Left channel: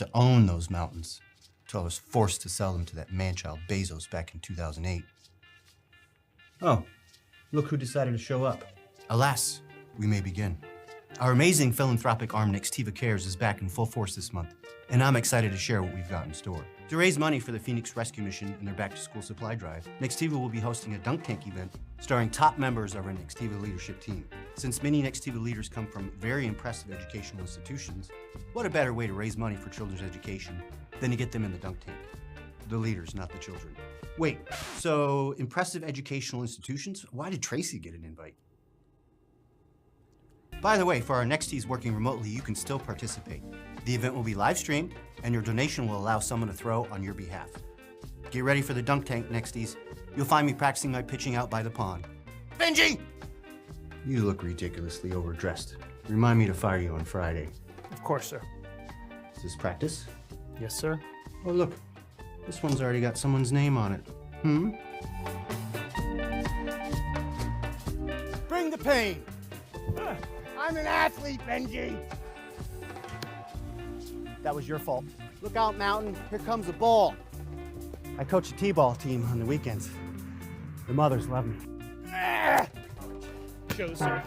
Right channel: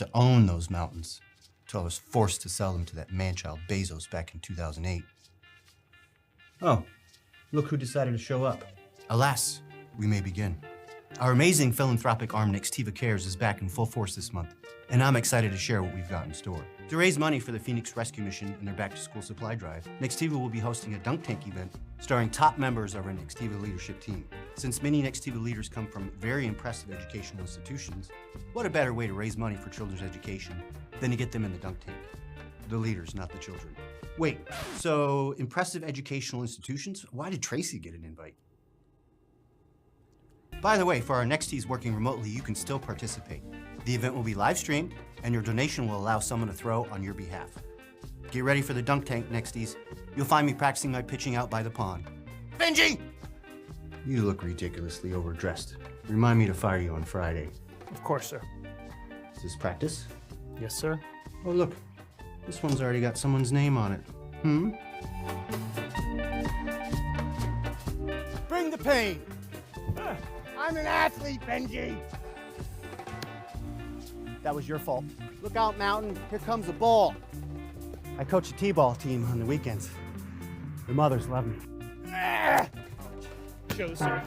to own those mountains until I was forced to sell them to that man-child Bezos back in 2008. Oh, look who decided to show up. Alas, we may begin. Our amazing philanthropic arm, Nextiva Cares, is back in full force this month, and I'm excited to share what we've got in store. To raise money for the Phoenix Rescue Mission and their back-to-school supply drive, Nextiva will be hosting a dunk tank event starring top members of our Nextiva leadership team. Since many Nextiva leaders come from very impressive educational institutions, what a better way to raise money for children's education than to get them in the dunk tank? The leaders, not the children. Wait, so impressive educational institutions? Why did Tracy get an invite? By the way, for our Nexties working remotely, you can still participate. The event will be live streamed, and your donation will allow someone to throw on your behalf. Get ready for the dunk tank, Nexties. You'll find me practicing my pitching out by the pond. Benji! You look ridiculously overdressed. Remind me to fire you on Friday. Of course, sir. Is this practice? Yes, sir. Oh, look. This one's already got someone's name on it. Bring the pain. I'm an athlete, Benji. That was your fault. Look out, Mountain. Here comes a ball. I coach a t-ball team on the weekends. The mothers love me. Show, sir.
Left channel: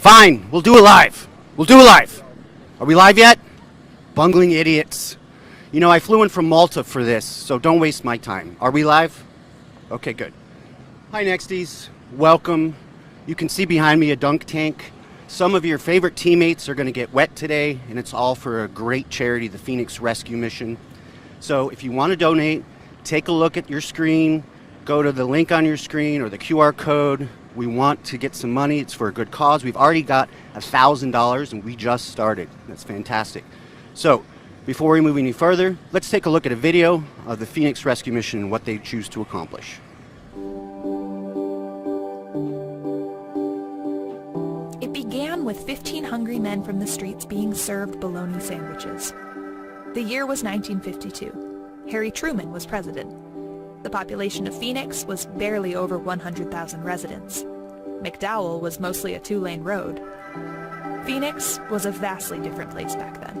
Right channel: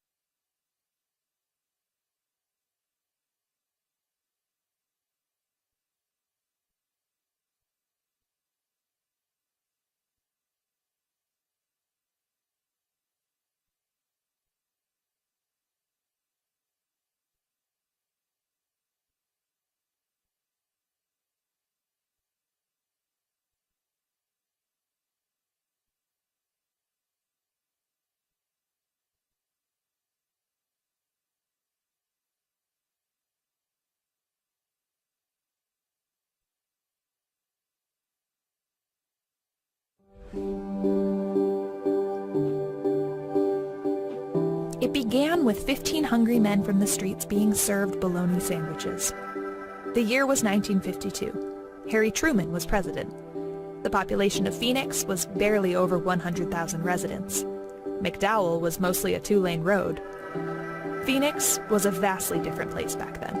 Fine, we'll do it live. We'll do it live. Are we live yet? Bungling idiots. You know, I flew in from Malta for this, so don't waste my time. Are we live? Okay, good. Hi, Nexties. Welcome. You can see behind me a dunk tank. Some of your favorite teammates are going to get wet today, and it's all for a great charity, the Phoenix Rescue Mission. So if you want to donate, take a look at your screen, go to the link on your screen or the QR code. We want to get some money. It's for a good cause. We've already got $1,000, and we just started. That's fantastic. So before we move any further, let's take a look at a video of the Phoenix Rescue Mission and what they choose to accomplish. It began with 15 hungry men from the streets being served bologna sandwiches. The year was 1952. Harry Truman was president. The population of Phoenix was barely over 100,000 residents. McDowell was mostly a two-lane road. Phoenix was a vastly different place back then.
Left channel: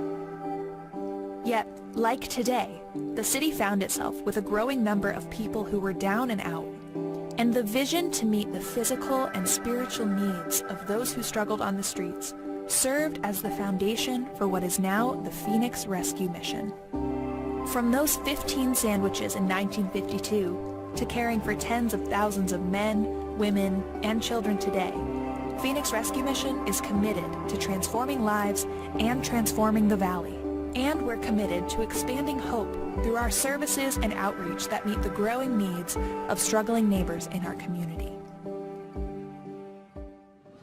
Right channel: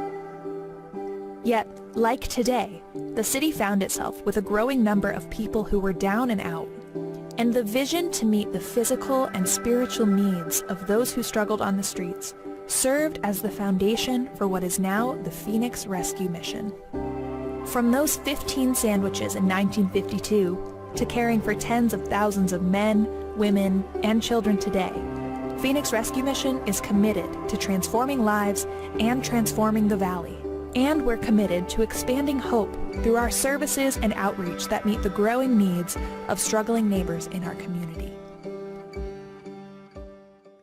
Yet, like today, the city found itself with a growing number of people who were down and out, and the vision to meet the physical and spiritual needs of those who struggled on the streets served as the foundation for what is now the Phoenix Rescue Mission. From those 15 sandwiches in 1952 to caring for tens of thousands of men, women, and children today, Phoenix Rescue Mission is committed to transforming lives and transforming the Valley. And we're committed to expanding hope through our services and outreach that meet the growing needs of struggling neighbors in our community.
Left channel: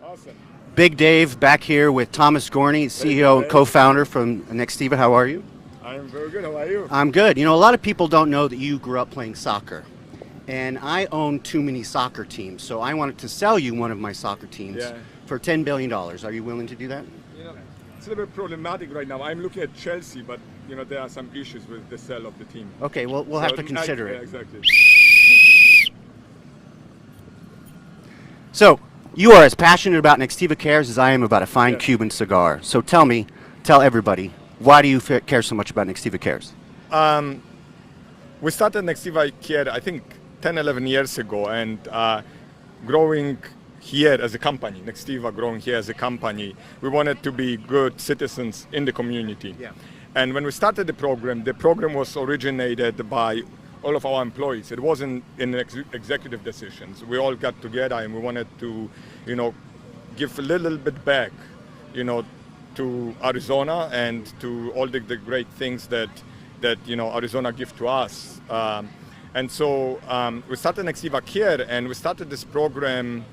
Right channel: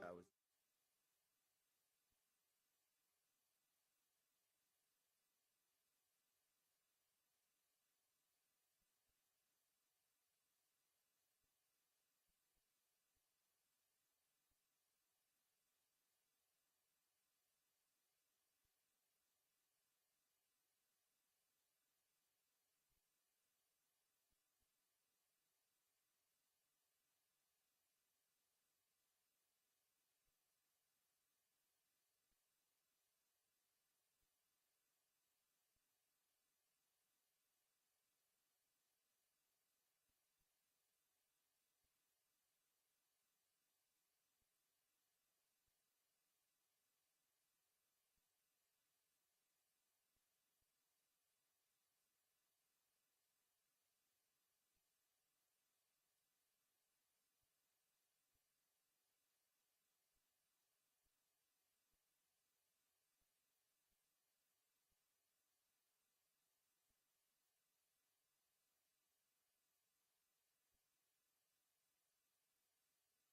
Awesome. Big Dave back here with Thomas Gorney, CEO and co-founder from Nextiva. How are you? I'm very good. How are you? I'm good. You know, a lot of people don't know that you grew up playing soccer. And I own too many soccer teams, so I wanted to sell you one of my soccer teams for $10 billion. Are you willing to do that? You know, it's a little bit problematic right now. I'm looking at Chelsea, but you know there are some issues with the sale of the team. Okay, well, we'll have to consider it. Yeah, exactly. So, you are as passionate about Nextiva Cares as I am about a fine Cuban cigar. So tell everybody, why do you care so much about Nextiva Cares? We started Nextiva Cares, I think, 10, 11 years ago, and growing here as a company, Nextiva growing here as a company, we wanted to be good citizens in the community. Yeah. And when we started the program was originated by all of our employees. It wasn't in executive decisions. We all got together and we wanted to, you know, give a little bit back, you know, to Arizona and to all the great things that you know Arizona give to us. And so we started Nextiva Cares, and we started this program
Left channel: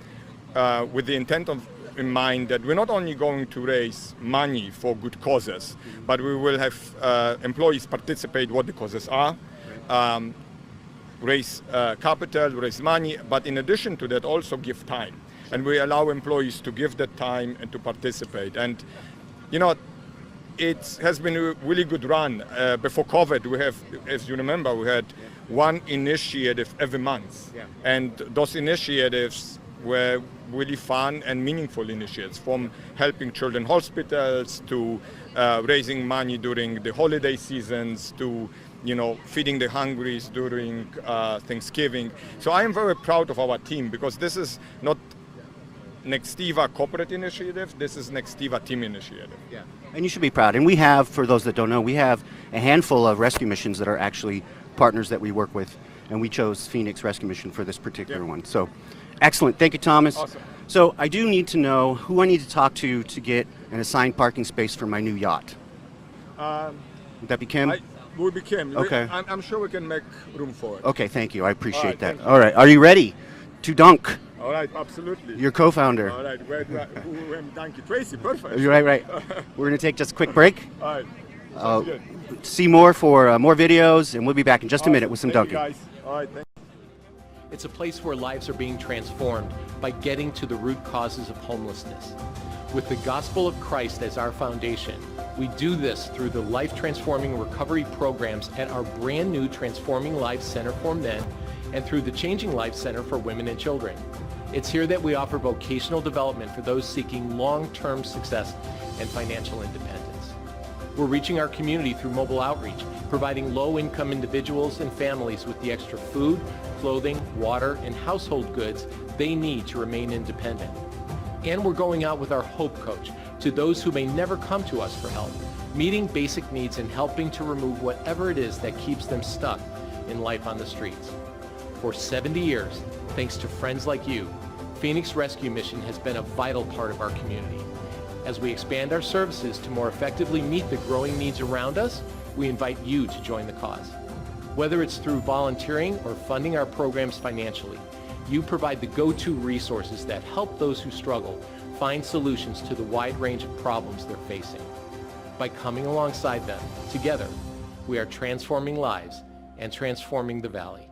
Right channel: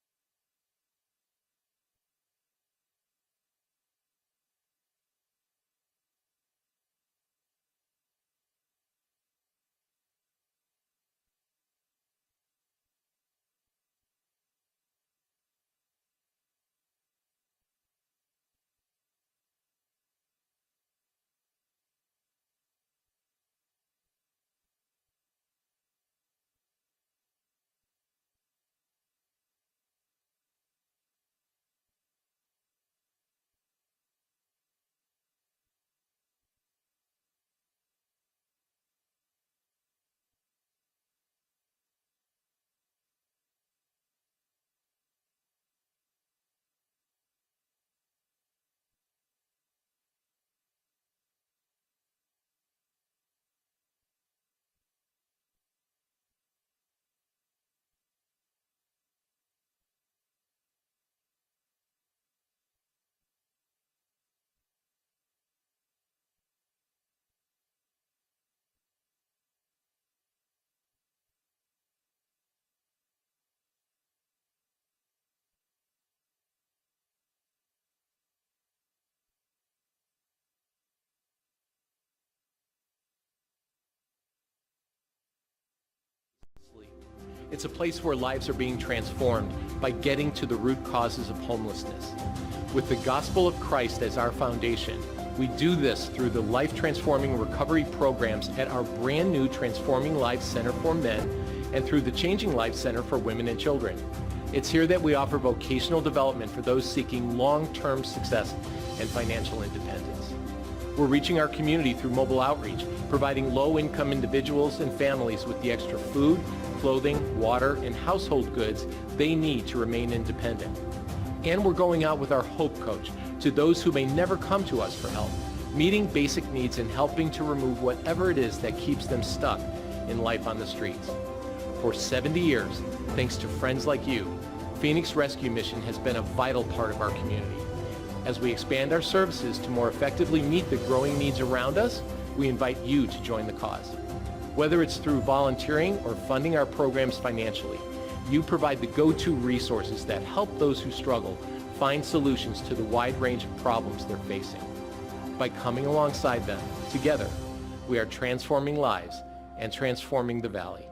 with the intent in mind that we're not only going to raise money for good causes, but we will have employees participate what the causes are, raise capital, raise money, but in addition to that also give time. And we allow employees to give that time and to participate. And you know, it has been a really good run. Before COVID, we have, as you remember, we had one initiative every month. Yeah. And those initiatives were really fun and meaningful initiatives, from helping children hospitals to raising money during the holiday seasons to, you know, feeding the hungries during Thanksgiving. So I am very proud of our team, because this is not Nextiva corporate initiative, this is Nextiva team initiative. Yeah. And you should be proud. And we have, for those that don't know, we have a handful of rescue missions that are actually partners that we work with, and we chose Phoenix Rescue Mission for this particular one. So, excellent. Thank you, Thomas. Awesome. So, I do need to know who I need to talk to get an assigned parking space for my new yacht. Would that be Kim? Will be Kim. Okay. I'm sure we can make room for it. Okay, thank you. I appreciate that. You. All right. Are you ready to dunk? All right, absolutely. Your co-founder. All right, who am Donkey Tracy? Perfect. Right. We're going to take just a quick break. All right. Sounds good. See more for more videos, and we'll be back in just a minute with some dunking. Thank you, guys. All right, thanks. It's a place where lives are being transformed by getting to the root causes of homelessness. With the gospel of Christ as our foundation, we do this through the life-transforming recovery programs at our brand new Transforming Lives Center for Men and through the Changing Lives Center for Women and Children. It's here that we offer vocational development for those seeking long-term success and financial independence. We're reaching our community through mobile outreach, providing low-income individuals and families with the extra food, clothing, water, and household goods they need to remain independent. And we're going out with our Hope Coach to those who may never come to us for help, meeting basic needs and helping to remove whatever it is that keeps them stuck in life on the streets. For 70 years, thanks to friends like you, Phoenix Rescue Mission has been a vital part of our community. As we expand our services to more effectively meet the growing needs around us, we invite you to join the cause. Whether it's through volunteering or funding our programs financially, you provide the go-to resources that help those who struggle find solutions to the wide range of problems they're facing. By coming alongside them, together, we are transforming lives and transforming the Valley.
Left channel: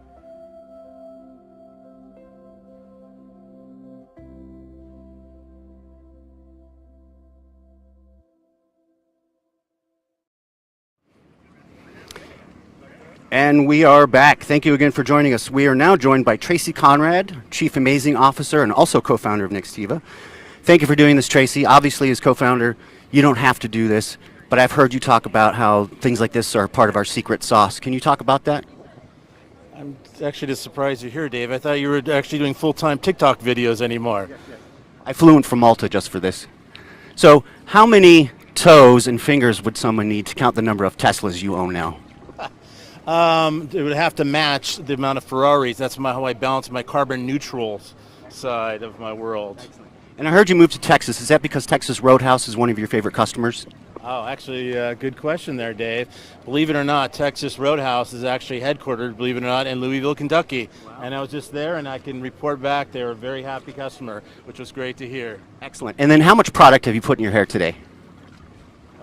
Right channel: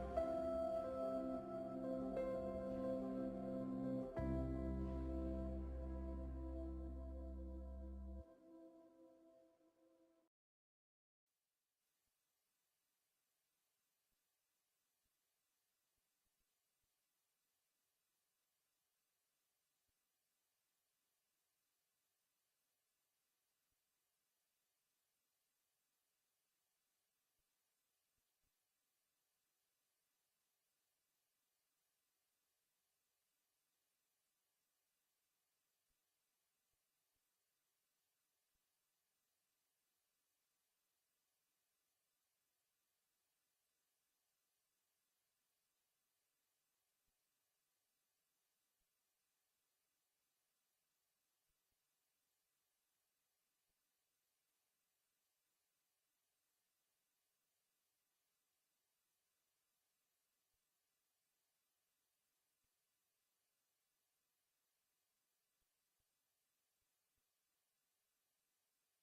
And we are back. Thank you again for joining us. We are now joined by Tracy Conrad, Chief Amazing Officer and also co-founder of Nextiva. Thank you for doing this, Tracy. Obviously, as co-founder, you don't have to do this, but I've heard you talk about how things like this are part of our secret sauce. Can you talk about that? I'm actually just surprised you're here, Dave. I thought you were actually doing full-time TikTok videos anymore. I flew in from Malta just for this. So how many toes and fingers would someone need to count the number of Teslas you own now? It would have to match the amount of Ferraris. That's how I balance my carbon neutral side of my world. And I heard you moved to Texas. Is that because Texas Roadhouse is one of your favorite customers? Oh, actually, good question there, Dave. Believe it or not, Texas Roadhouse is actually headquartered, believe it or not, in Louisville, Kentucky. Wow. And I was just there, and I can report back they were a very happy customer, which was great to hear. Excellent. And then how much product have you put in your hair today?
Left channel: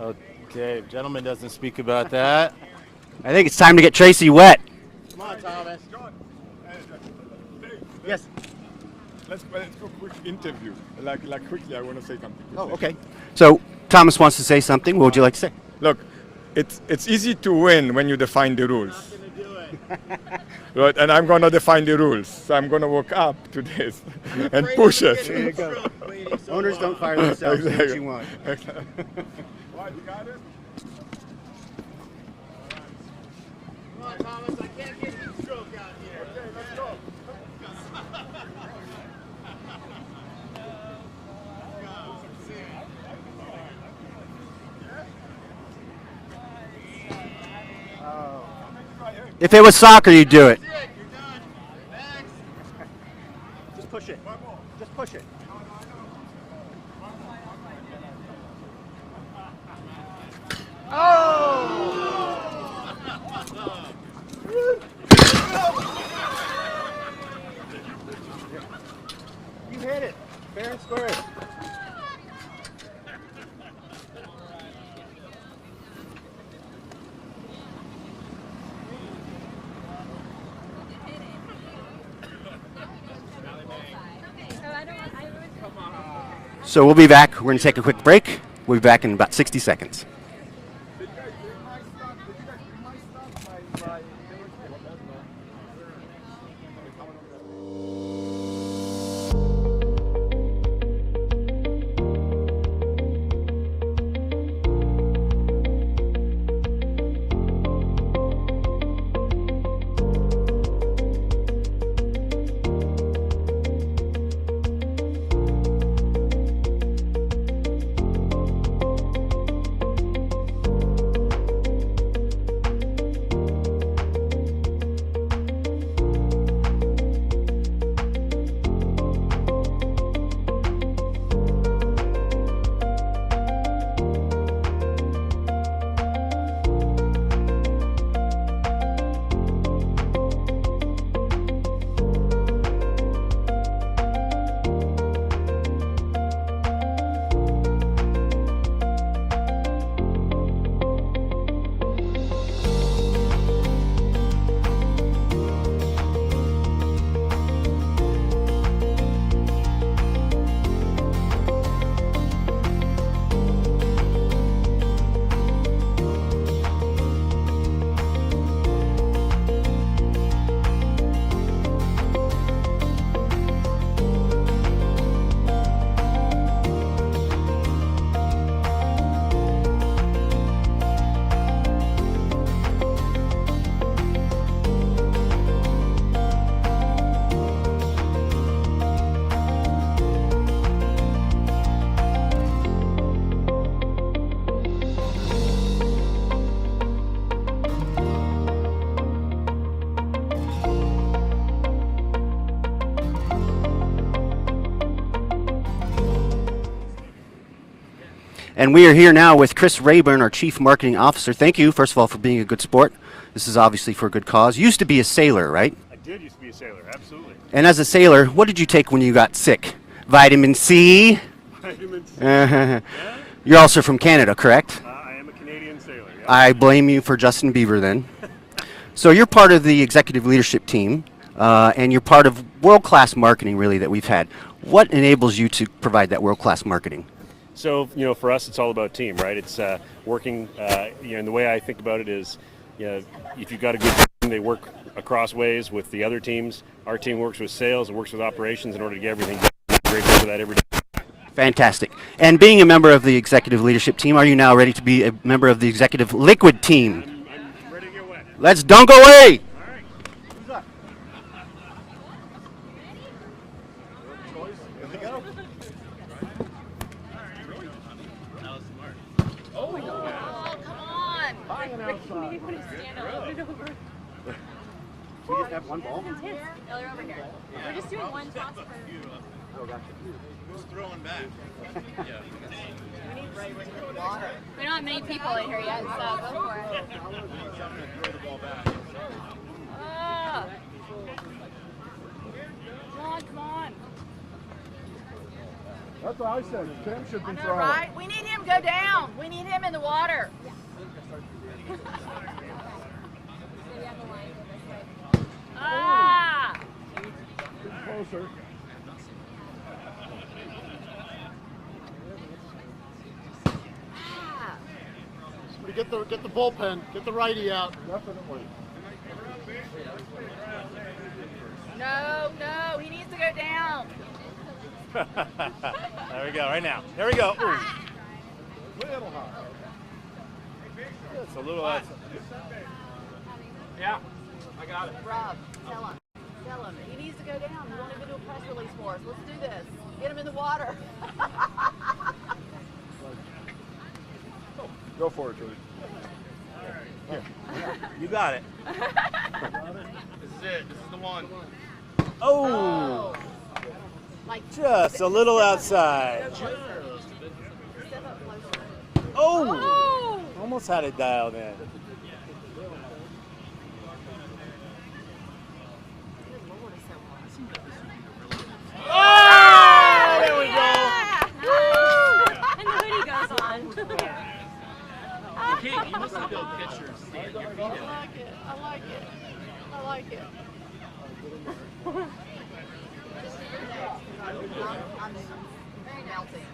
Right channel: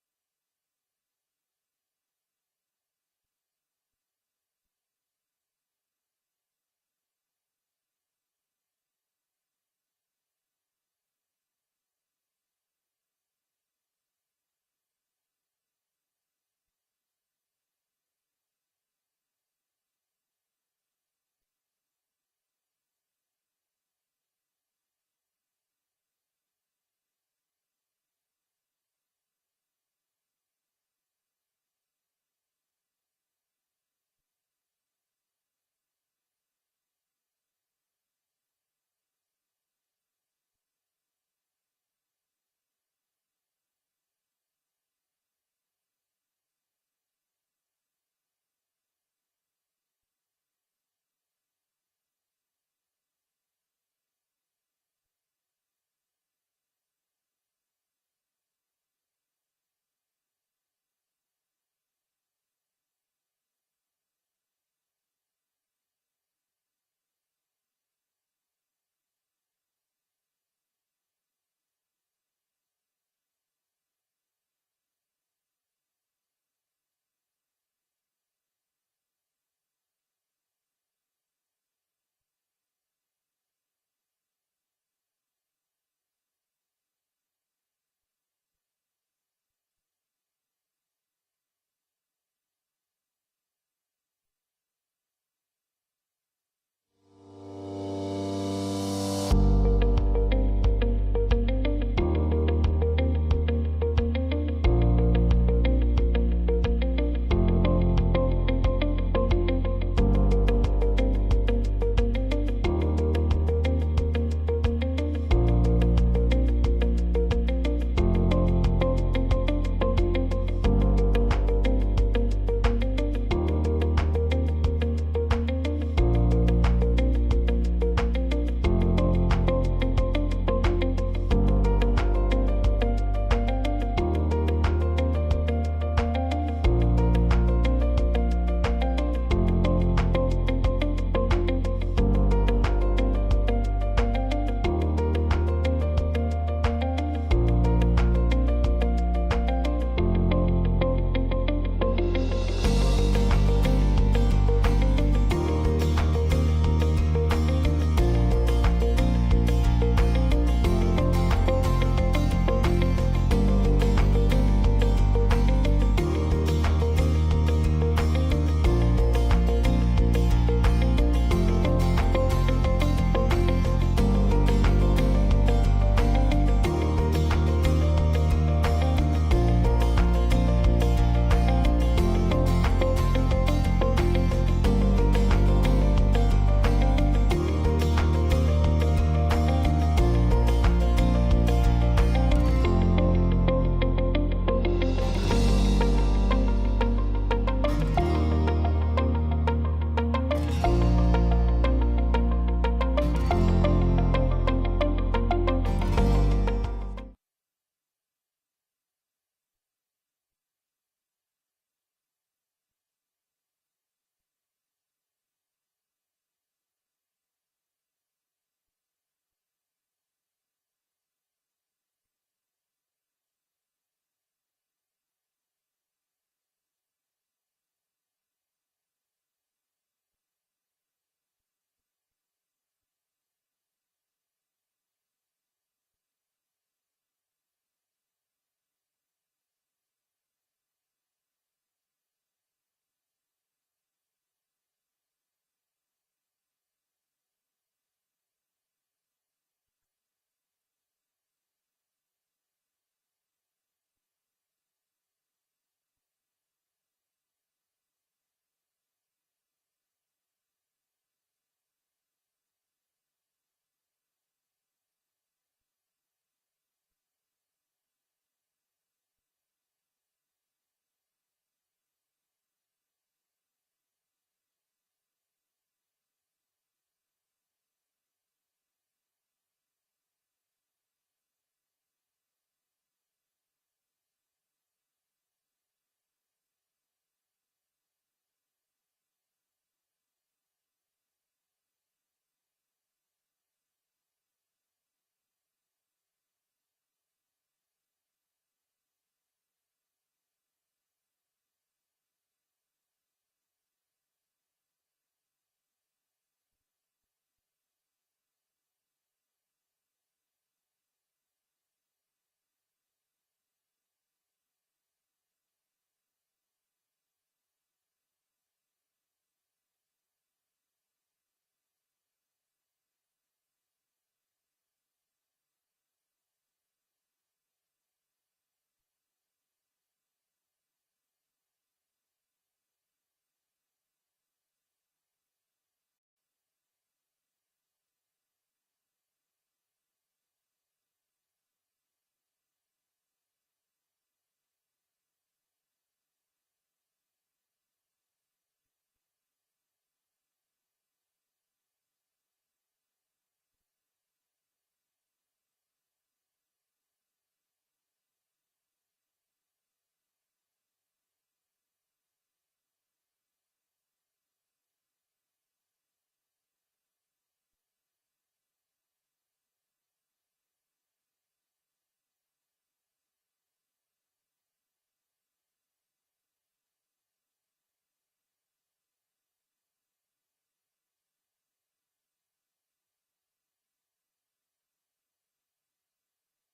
Okay, gentleman doesn't speak about that. I think it's time to get Tracy wet. Come on, Thomas. Yes. Let's go quick interview. Like quickly, I want to say something. Oh, okay. So Thomas wants to say something. What would you like to say? Look, it's easy to win when you define the rules. I'm gonna do it. Right, and I'm going to define the rules. So I'm going to walk up to this and push it. There you go. Owners don't fire themselves. Do what you want. What, you got it? Come on, Thomas. I can't get you stroke out here. Okay, let's go. If it was soccer, you'd do it. You're done. Next. Just push it. Just push it. You hit it. Fair and square. So we'll be back. We're going to take a quick break. We'll be back in about 60 seconds. And we are here now with Chris Rayburn, our Chief Marketing Officer. Thank you, first of all, for being a good sport. This is obviously for a good cause. You used to be a sailor, right? I did used to be a sailor, absolutely. And as a sailor, what did you take when you got sick? Vitamin C? Vitamin C. You're also from Canada, correct? I am a Canadian sailor. Yeah. I blame you for Justin Bieber then. So you're part of the executive leadership team, and you're part of world-class marketing, really, that we've had. What enables you to provide that world-class marketing? So, for us, it's all about team, right? It's working, and the way I think about it is, if you've got a good team, they work across ways with the other teams. Our team works with sales and works with operations in order to get everything done. We're grateful for that every day. Fantastic. And being a member of the executive leadership team, are you now ready to be a member of the executive liquid team? I'm ready to get wet. Let's dunk away! We just have one ball? Yeah, they're over here. We're just doing one toss per. Oh, gotcha. Who's throwing back? We don't have many people in here yet, so go for it. Ah. Come on. That's what I said. Tim should be I know, throwing. right? We need him to go down. We need him in the water. Ah! Closer. Get the bullpen. Get the righty out. Definitely. No, he needs to go down. There we go. Right now. There we go. Ooh. Little high. It's a little outside. Yeah, I got it. Rob, tell him. Tell him. He needs to go down. He won't even do a press release for us. Let's do this. Get him in the water. Go for it, Julie. You got it. This is it. This is the one. Oh. Like Just a little outside. Step up closer. Oh! Almost had it dialed in. Oh, there we go. And the hoodie goes on. You must have built pictures. Stand your feet in. I like it. I'm very melting.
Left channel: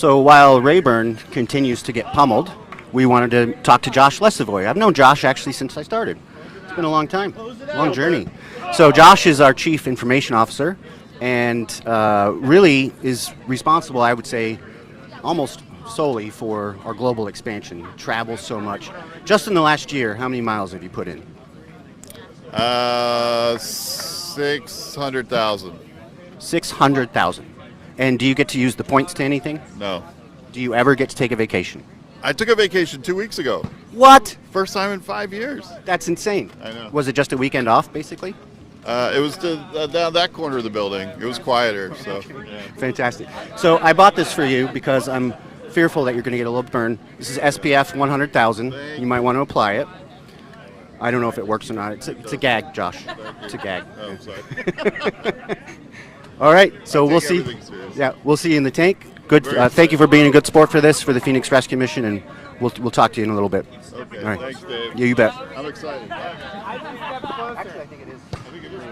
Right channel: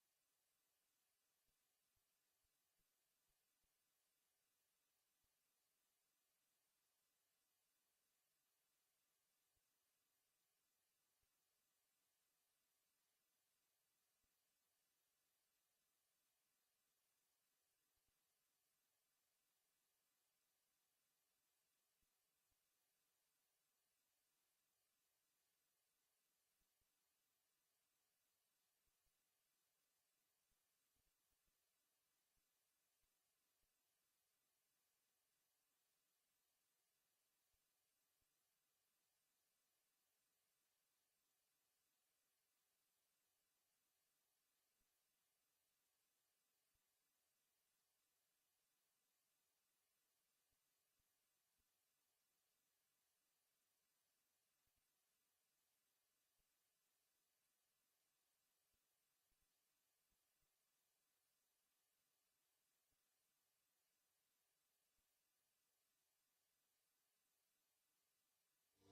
So while Rayburn continues to get pummeled, we wanted to talk to Josh Lesevoy. I've known Josh actually since I started. It's been a long time, long journey. So Josh is our Chief Information Officer and really is responsible, I would say, almost solely for our global expansion. Travels so much. Just in the last year, how many miles have you put in? 600,000. 600,000. And do you get to use the points to anything? No. Do you ever get to take a vacation? I took a vacation 2 weeks ago. What? First time in 5 years. That's insane. I know. Was it just a weekend off, basically? It was down that corner of the building. It was quieter, so. Fantastic. So I bought this for you because I'm fearful that you're going to get a little burn. This is SPF 100,000. You might want to apply it. I don't know if it works or not. It's a gag, Josh. It's a gag. Oh, sorry. All right. So we'll take see. everything serious. Yeah, we'll see you in the tank. Good. Very Thank you for being a good sport for this, for the Phoenix Rescue Mission, and we'll talk to you in a little bit. Okay, All right. thanks, Dave. Yeah, you bet. I'm excited. Actually, I think it is. I think it is real.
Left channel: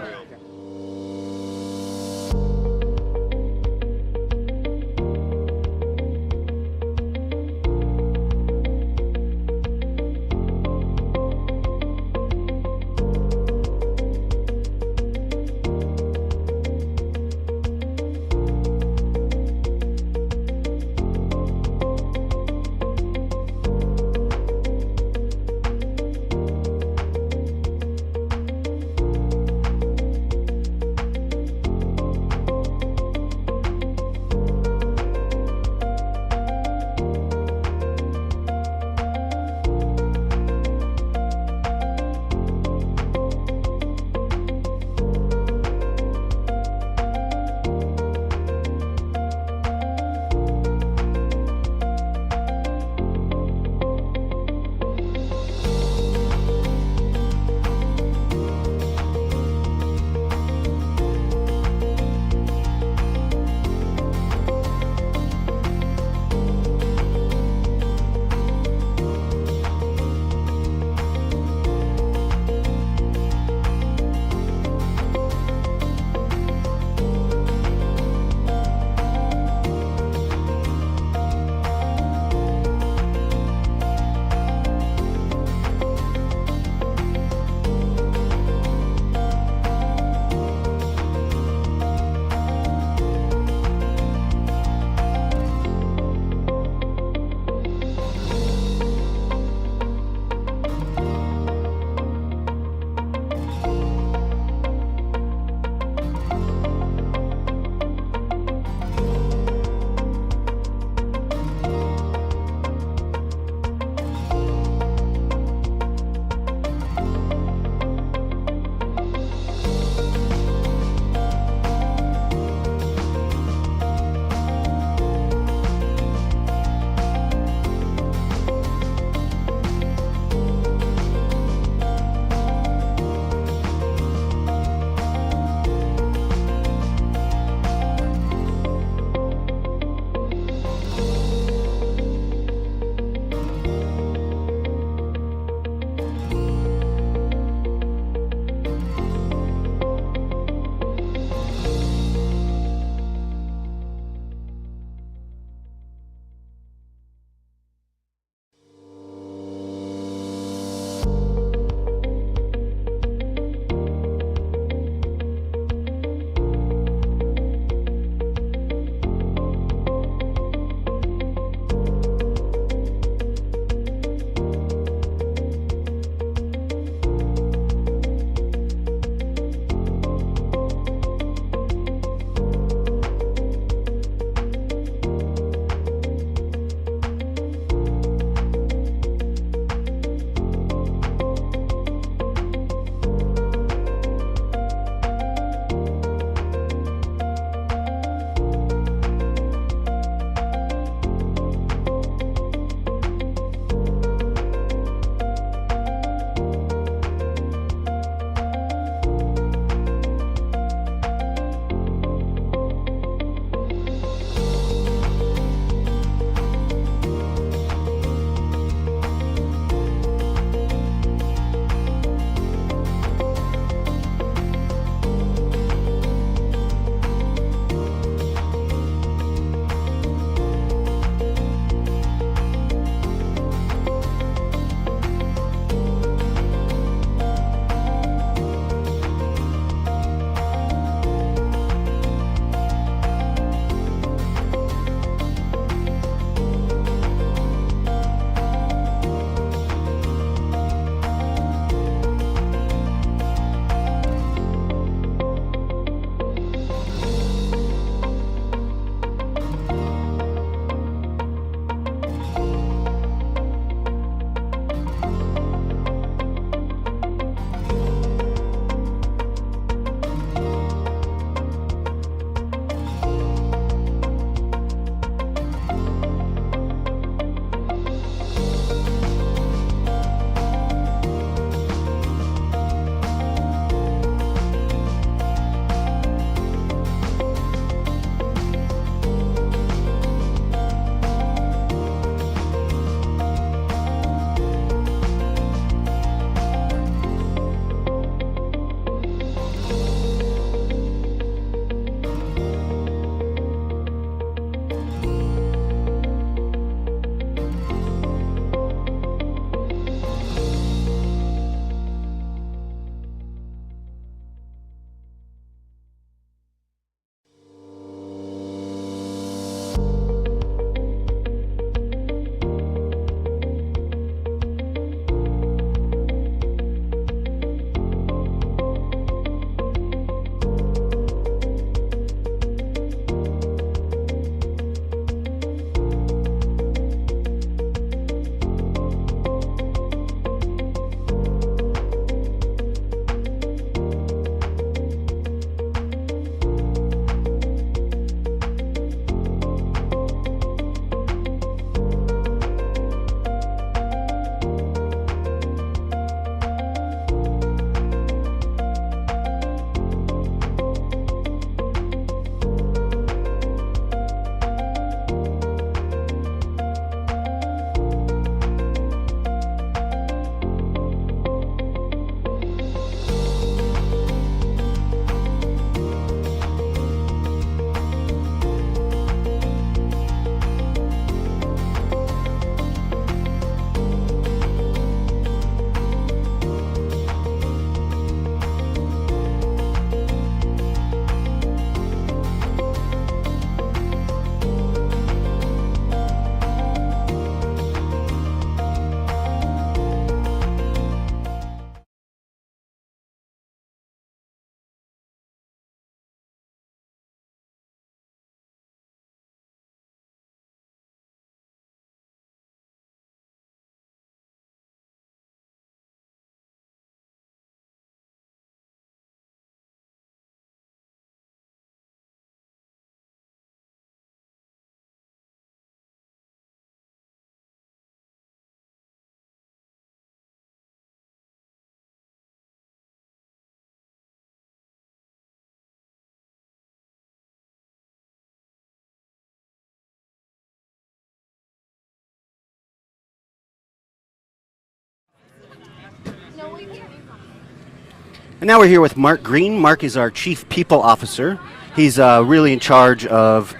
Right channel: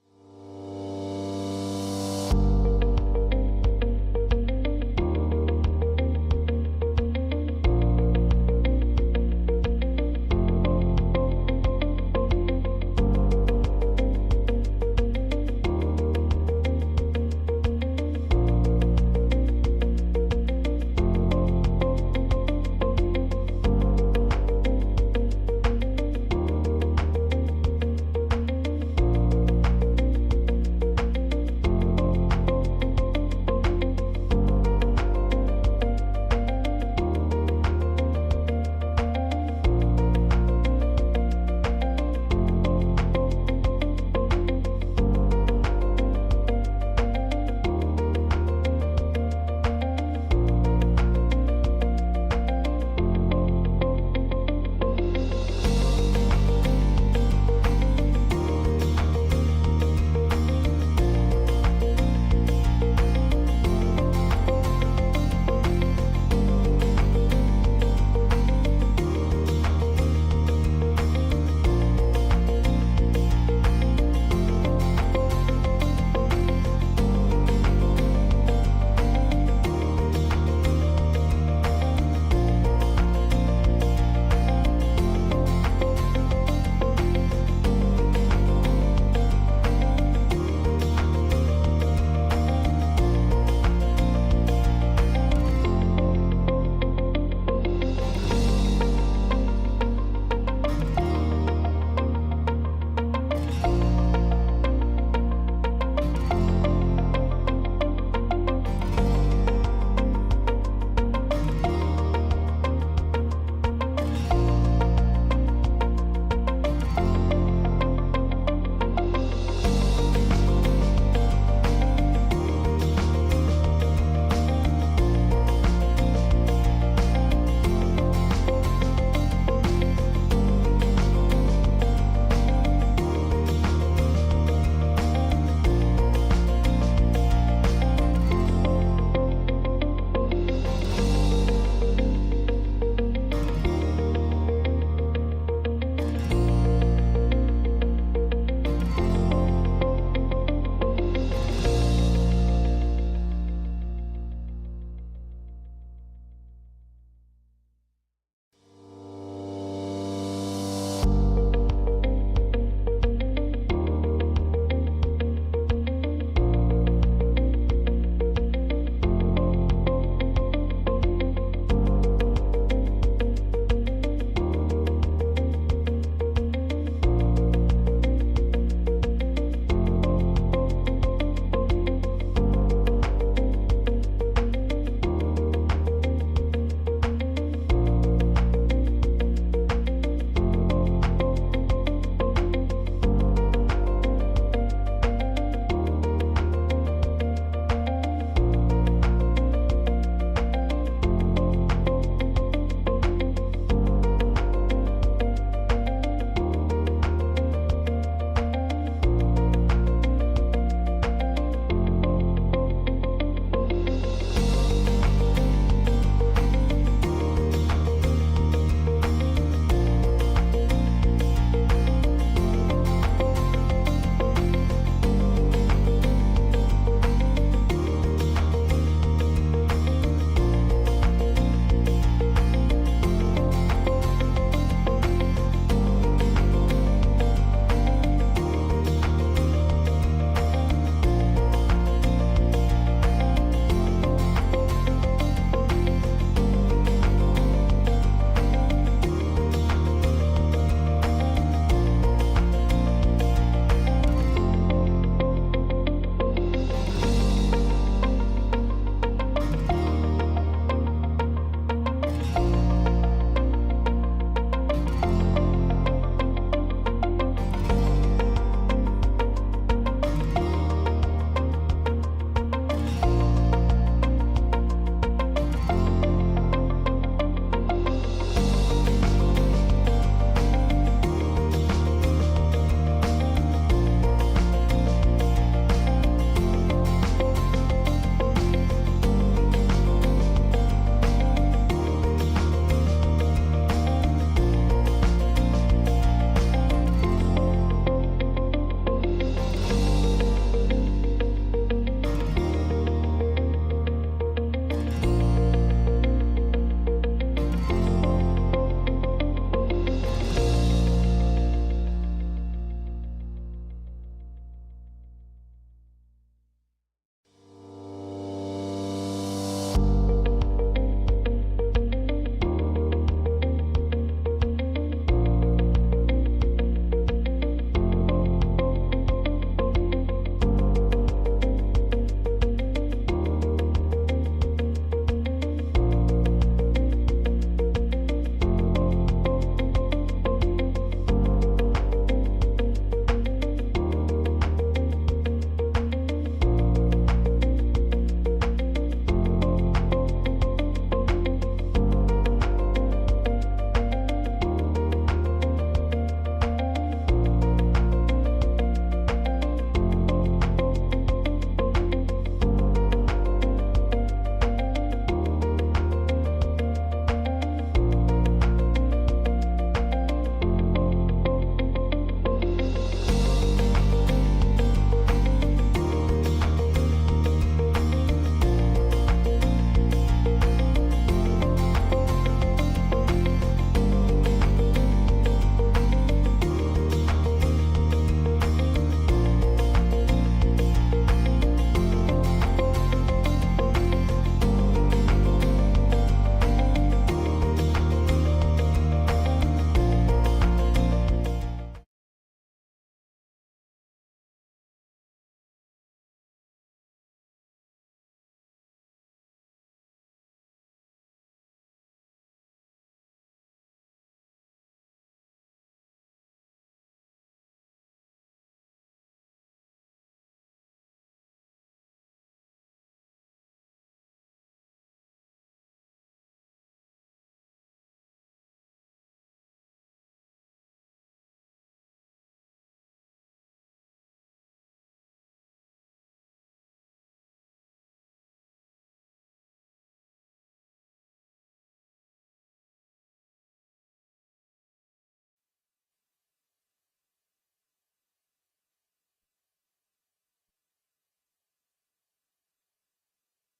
And now we're here with Mark Green. Mark is our Chief People Officer. He's really in charge of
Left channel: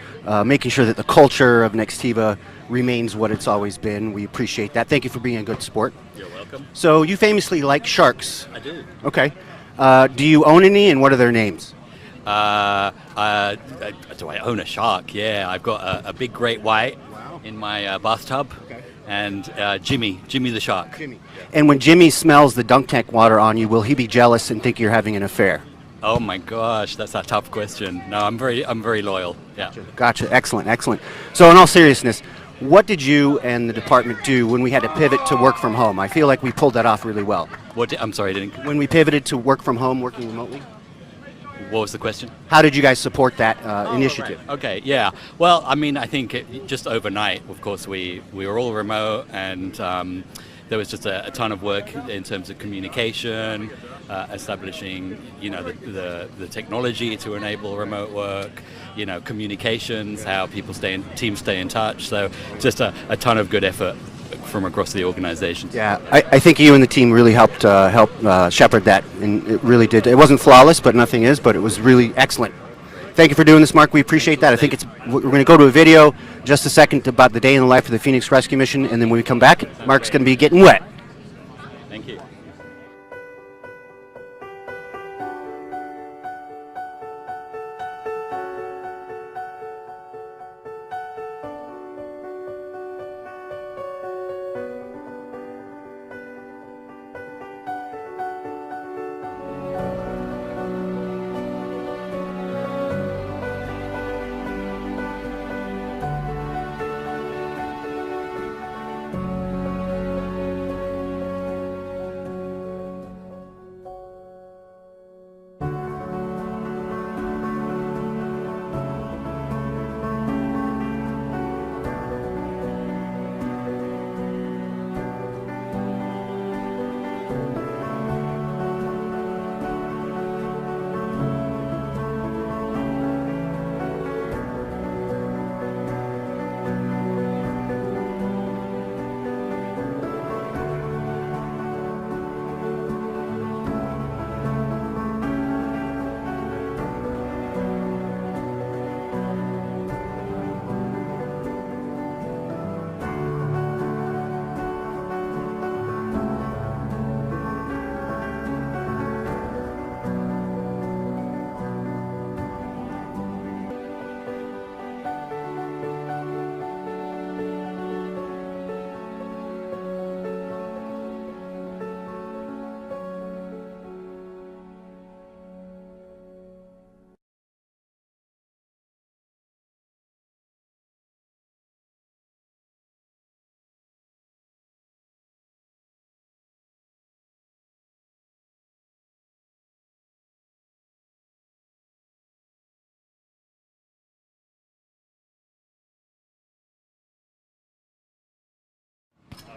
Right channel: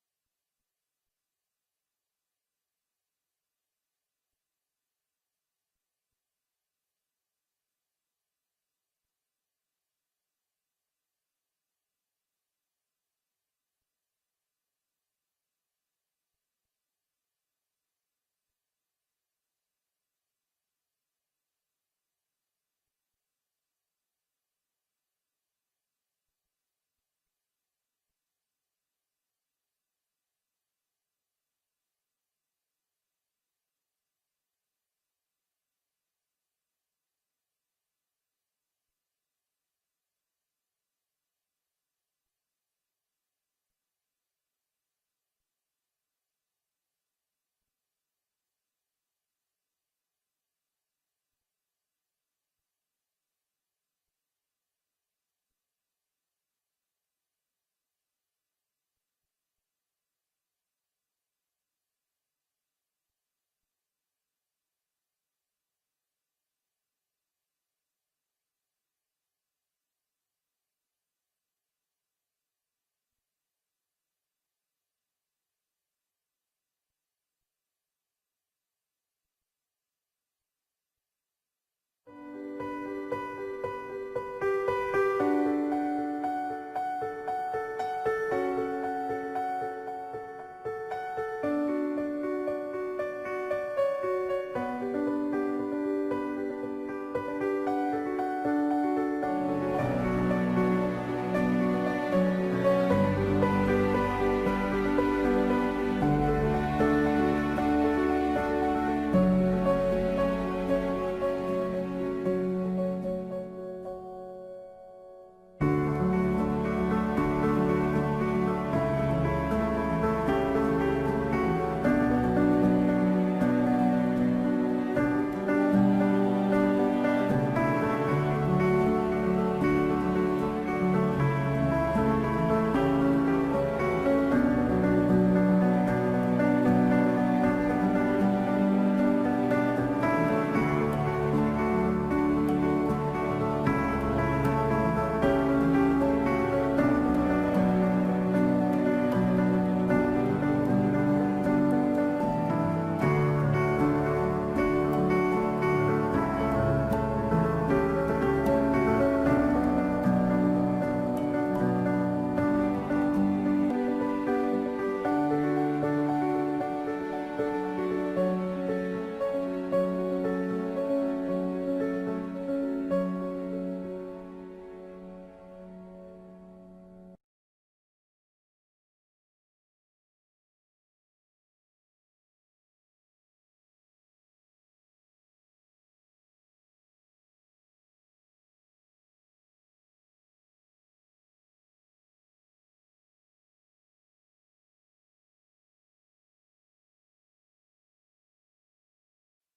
making sure that the culture of Nextiva remains what it's always been. We appreciate that. Thank you for being a good sport. You're welcome. So you famously like sharks. I do. Okay. Do you own any, and what are their names? Do I own a shark? Yeah, I've got a big great white in my bathtub, and Jimmy the shark. Jimmy. And when Jimmy smells the dunk tank water on you, will he be jealous and think you're having an affair? Oh my gosh, that's a tough question. No, I'm very loyal. Yeah. Gotcha. Excellent, excellent. So in all seriousness, what did you and the department do when we had to pivot to work from home? I feel like we pulled that off really well. I'm sorry, I didn't. When we pivoted to work from home, working remotely? What was the question? How did you guys support that initiative? Right. Okay, yeah. Well, I mean, I think just overnight, of course, we were all remote, and there was just a ton of work in terms of communication, establishing, the technology to enable remote work, communications, how teams stay in touch. So just a ton of good effort from across the organization. Yeah, I think you and the team really helped shepherd that, and it really did. It wasn't flawless, but nothing is, but it was really excellent. Thank you for doing this, Mark. We appreciate that. I think we're going to go to a video in just a second about the day in the life of the Phoenix Rescue Mission, and then when we come back, Mark's going to be getting wet. Thank you.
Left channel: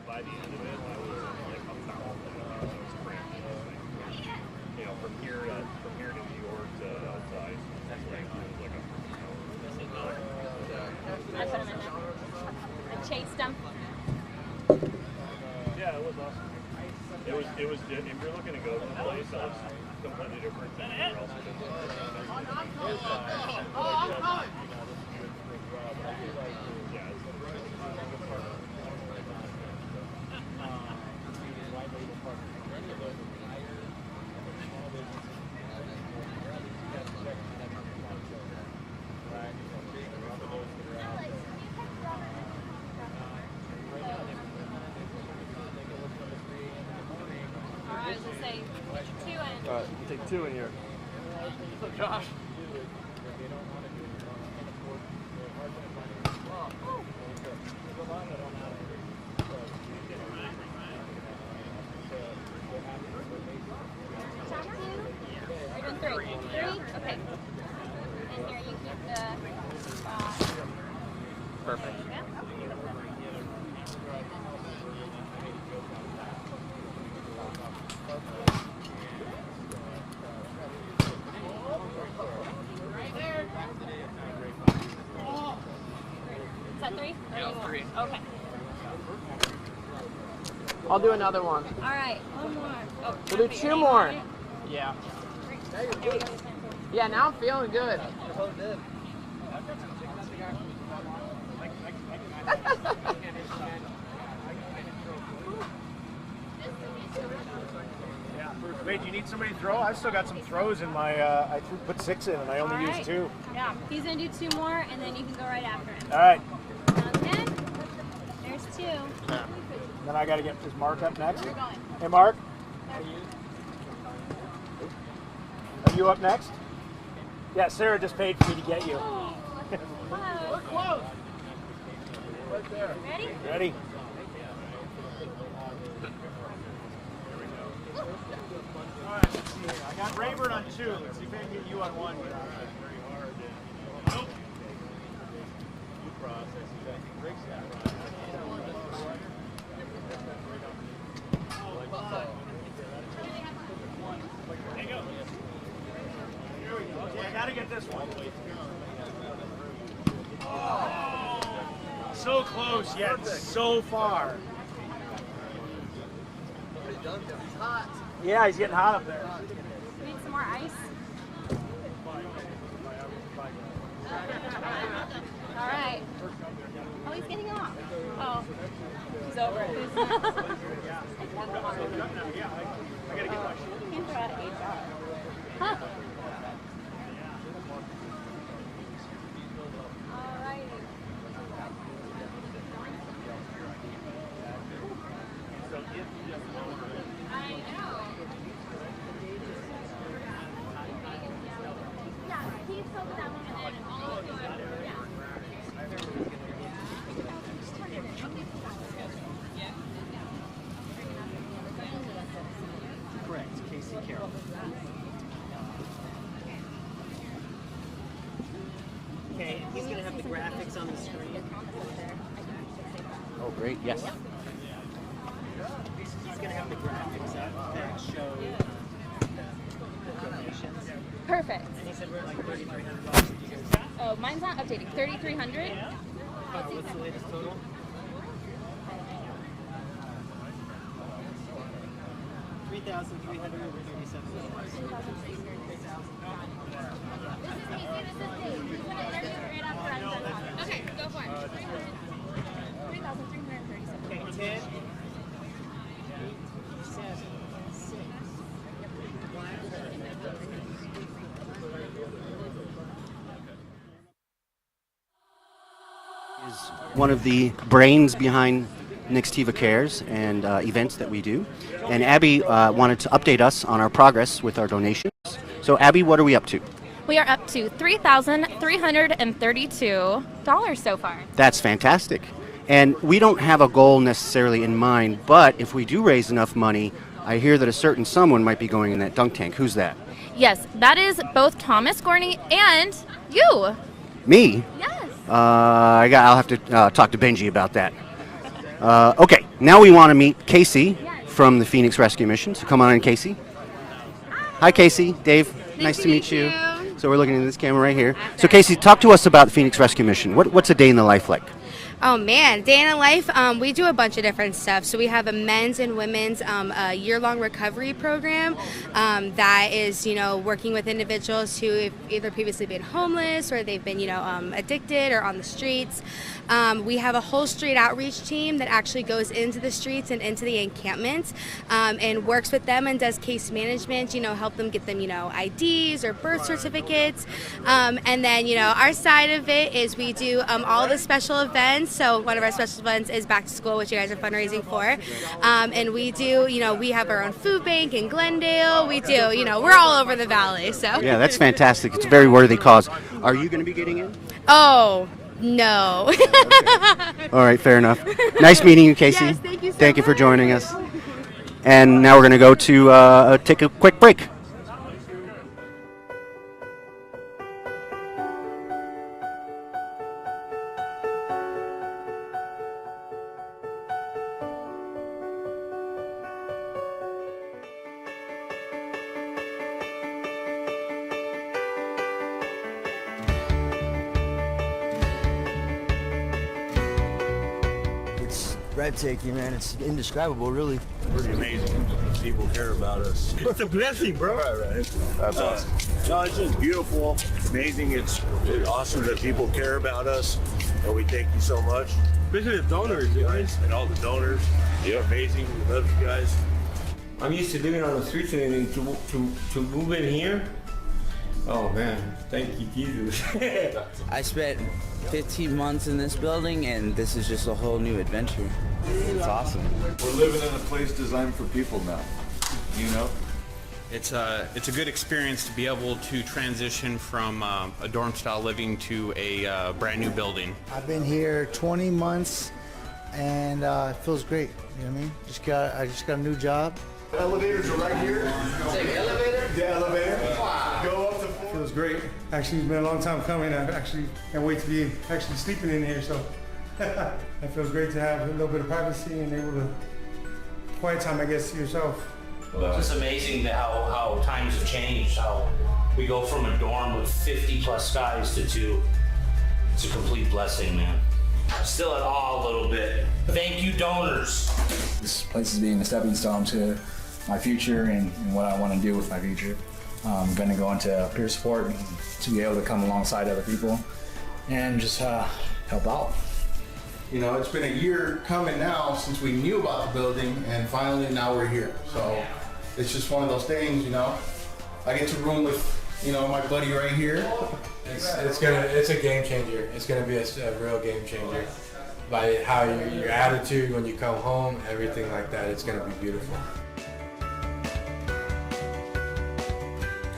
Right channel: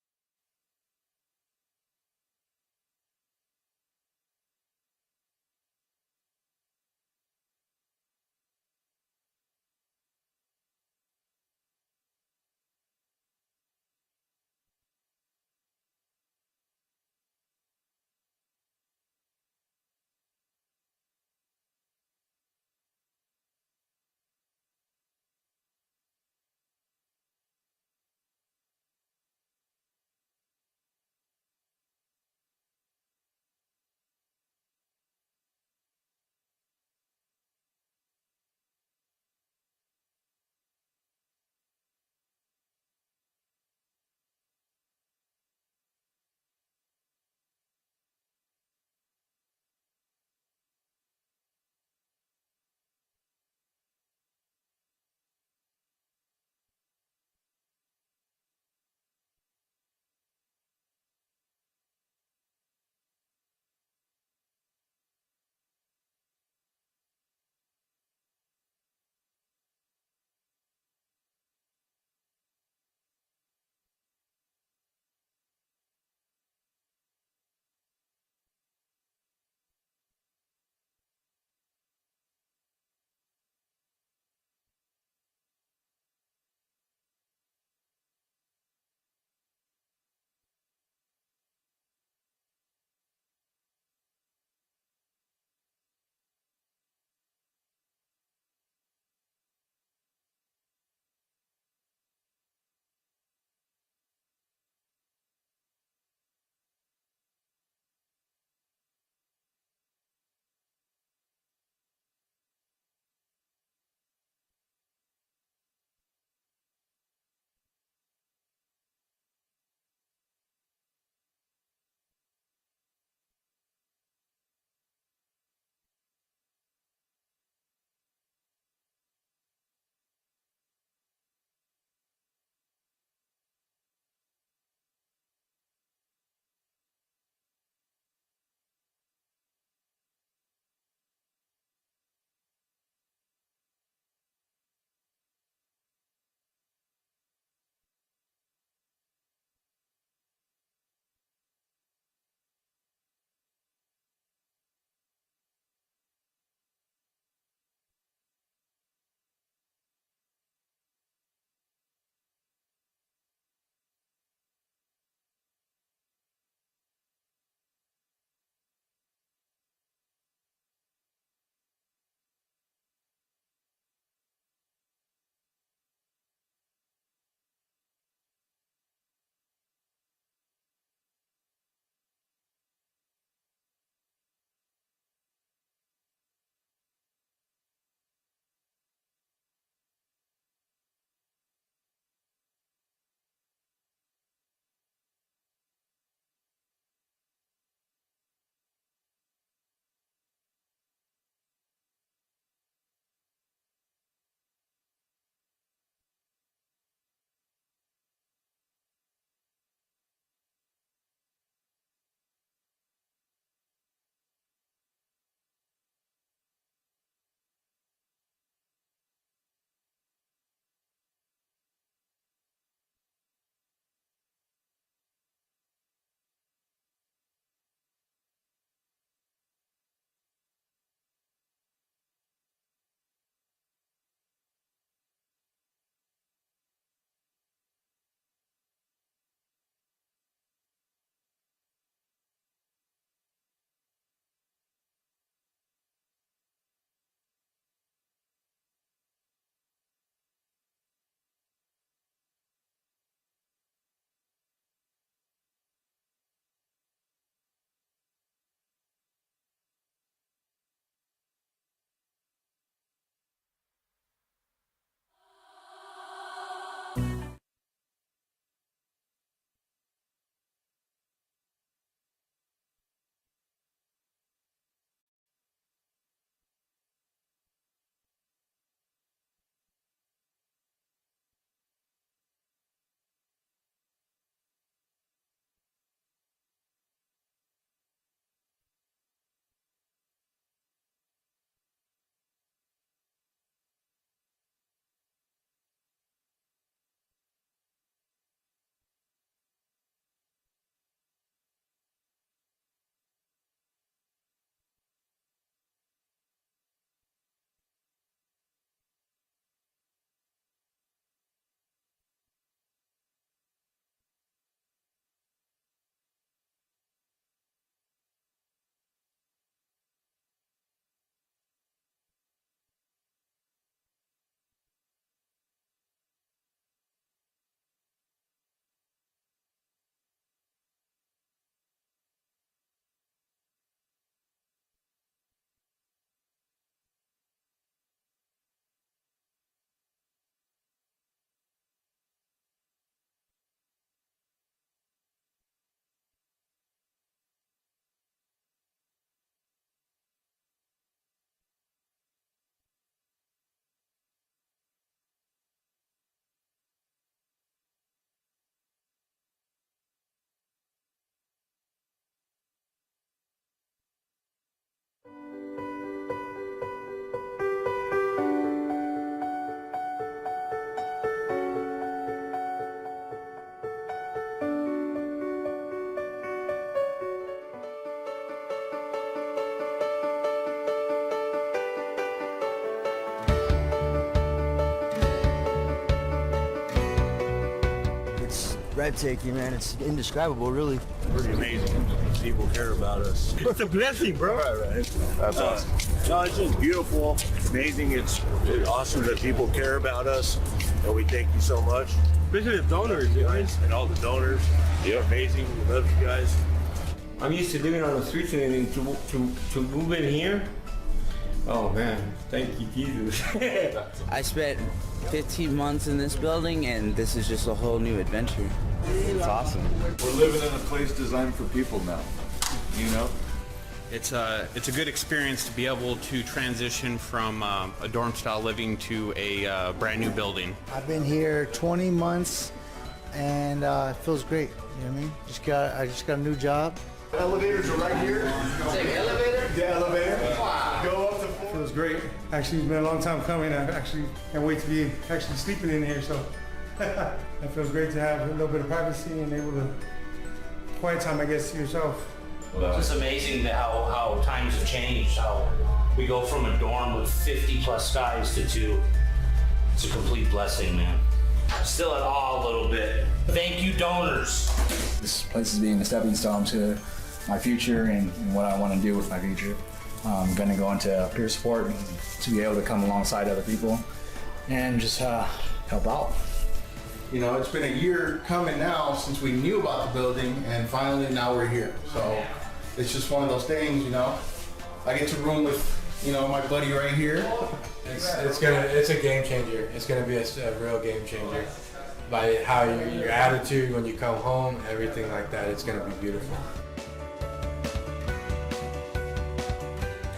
By the end of it, I was like a foul. From here to New York to outside, it was like I put him in there. I chased him. Yeah, it was awesome. It was. If you're looking to go to the place, it was completely different than anywhere else. Take two in here. What's up, Josh? Perfect. Okay. I'll do another one. All right. One more. Oh, We'll do two more. Yeah. Yeah, now I'm feeling good. Wait, do you need somebody to throw? I've still got some throws in my, I put 6 in and I only used 2. Yeah, he's gonna do 2 more, and then you can go right after him. All right. Sounds good? There's 2. Then I got to get, is Mark up next? Hey, Mark. Are you up next? Yeah, Sarah just paid for me to get you. We're close. Right there. Ready? Ready. All right, let's see here. I got Rayburn on 2. Let's see if I can get you on 1. Nope. I gotta get this one. So close yet so far. He's hot. Yeah, he's getting hot up there. Need some more ice? All right. Oh, he's getting off. Oh. He's over it. Can't throw out HR. Huh. All righty. I know. Yeah, he's over that one and then all of Correct, Casey Carroll. Okay, he's going to have the graphics on the screen. Oh, great. Yes. He's going to have the graphics up that show the donations. Perfect. And he said we're at like $3,300. Did you guys? Oh, mine's not updating. 3,300? What's the latest total? Okay, go for it. 3,337. Okay, 10. 7, 6. One of the brains behind Nextiva Cares and events that we do. And Abby wanted to update us on our progress with our donations. So Abby, what are we up to? We are up to $3,332 so far. That's fantastic. And we don't have a goal necessarily in mind, but if we do raise enough money, I hear that a certain someone might be going in that dunk tank. Who's that? Yes, that is both Thomas Gorney and you. Me? Yes. I'll have to talk to Benji about that. Okay, now we want to meet Casey from the Phoenix Rescue Mission. So come on in, Casey. Hi, Casey. Dave, nice to meet you. So we're looking at this camera right here. So Casey, talk to us about the Phoenix Rescue Mission. What's a day in the life like? Oh man, day in the life, we do a bunch of different stuff. So we have a men's and women's year-long recovery program that is, working with individuals who have either previously been homeless or they've been, addicted or on the streets. We have a whole street outreach team that actually goes into the streets and into the encampments and works with them and does case management, help them get them, IDs or birth certificates. And then, our side of it is we do all the special events. So one of our special events is Back to School, which you guys are fundraising for. And we do, we have our own food bank in Glendale. We do, we're all over the valley. So Yeah, that's fantastic. It's a very worthy cause. Are you going to be getting in? Oh, no. All right, fair enough. Nice meeting you, Casey. Yes, thank you so Thank you for much. joining us. And now we're going to go to take a quick break. It's breathtaking, man. It's indescribable, really. Pretty amazing. people care about us. It's a blessing, bro. Right. That's awesome. No, it's just beautiful, amazing. It's awesome that people care about us, and we thank you so much. Especially the donors, guys, and all the donors. You're amazing. We love you guys. I'm used to living on the streets and to move in here. Oh man, thank you, Jesus. I spent 15 months in this building, and this is just a whole new adventure. It's awesome. We're living in a place designed for people now, you know? It's a good experience to be able to transition from a dorm style living to a brand new building. I've been here 20 months and it feels great. You know what I mean? I just got a new job. The elevators are right here. Say the elevator? The elevator. Wow. Go up the floor. Feels great. Actually, it's been a long time coming. I actually can't wait to be actually sleeping in here. So it feels great to have a little bit of privacy and able to quiet time, I guess, to yourself. Well, it's amazing how times have changed, how we go from a dorm with 50 plus guys to 2. It's a complete blessing, man. Still at awe a little bit. Thank you, donors. This place is being a stepping stone to my future and what I want to do with my future. I'm going to go into peer support and to be able to come alongside other people and just help out. You know, it's been a year coming now since we knew about the building, and finally now we're here. So it's just one of those things, you know. I get to room with, you know, my buddy right here. It's a game changer. It's gonna be a real game changer. By how your attitude when you come home, everything like that, it's gonna be beautiful.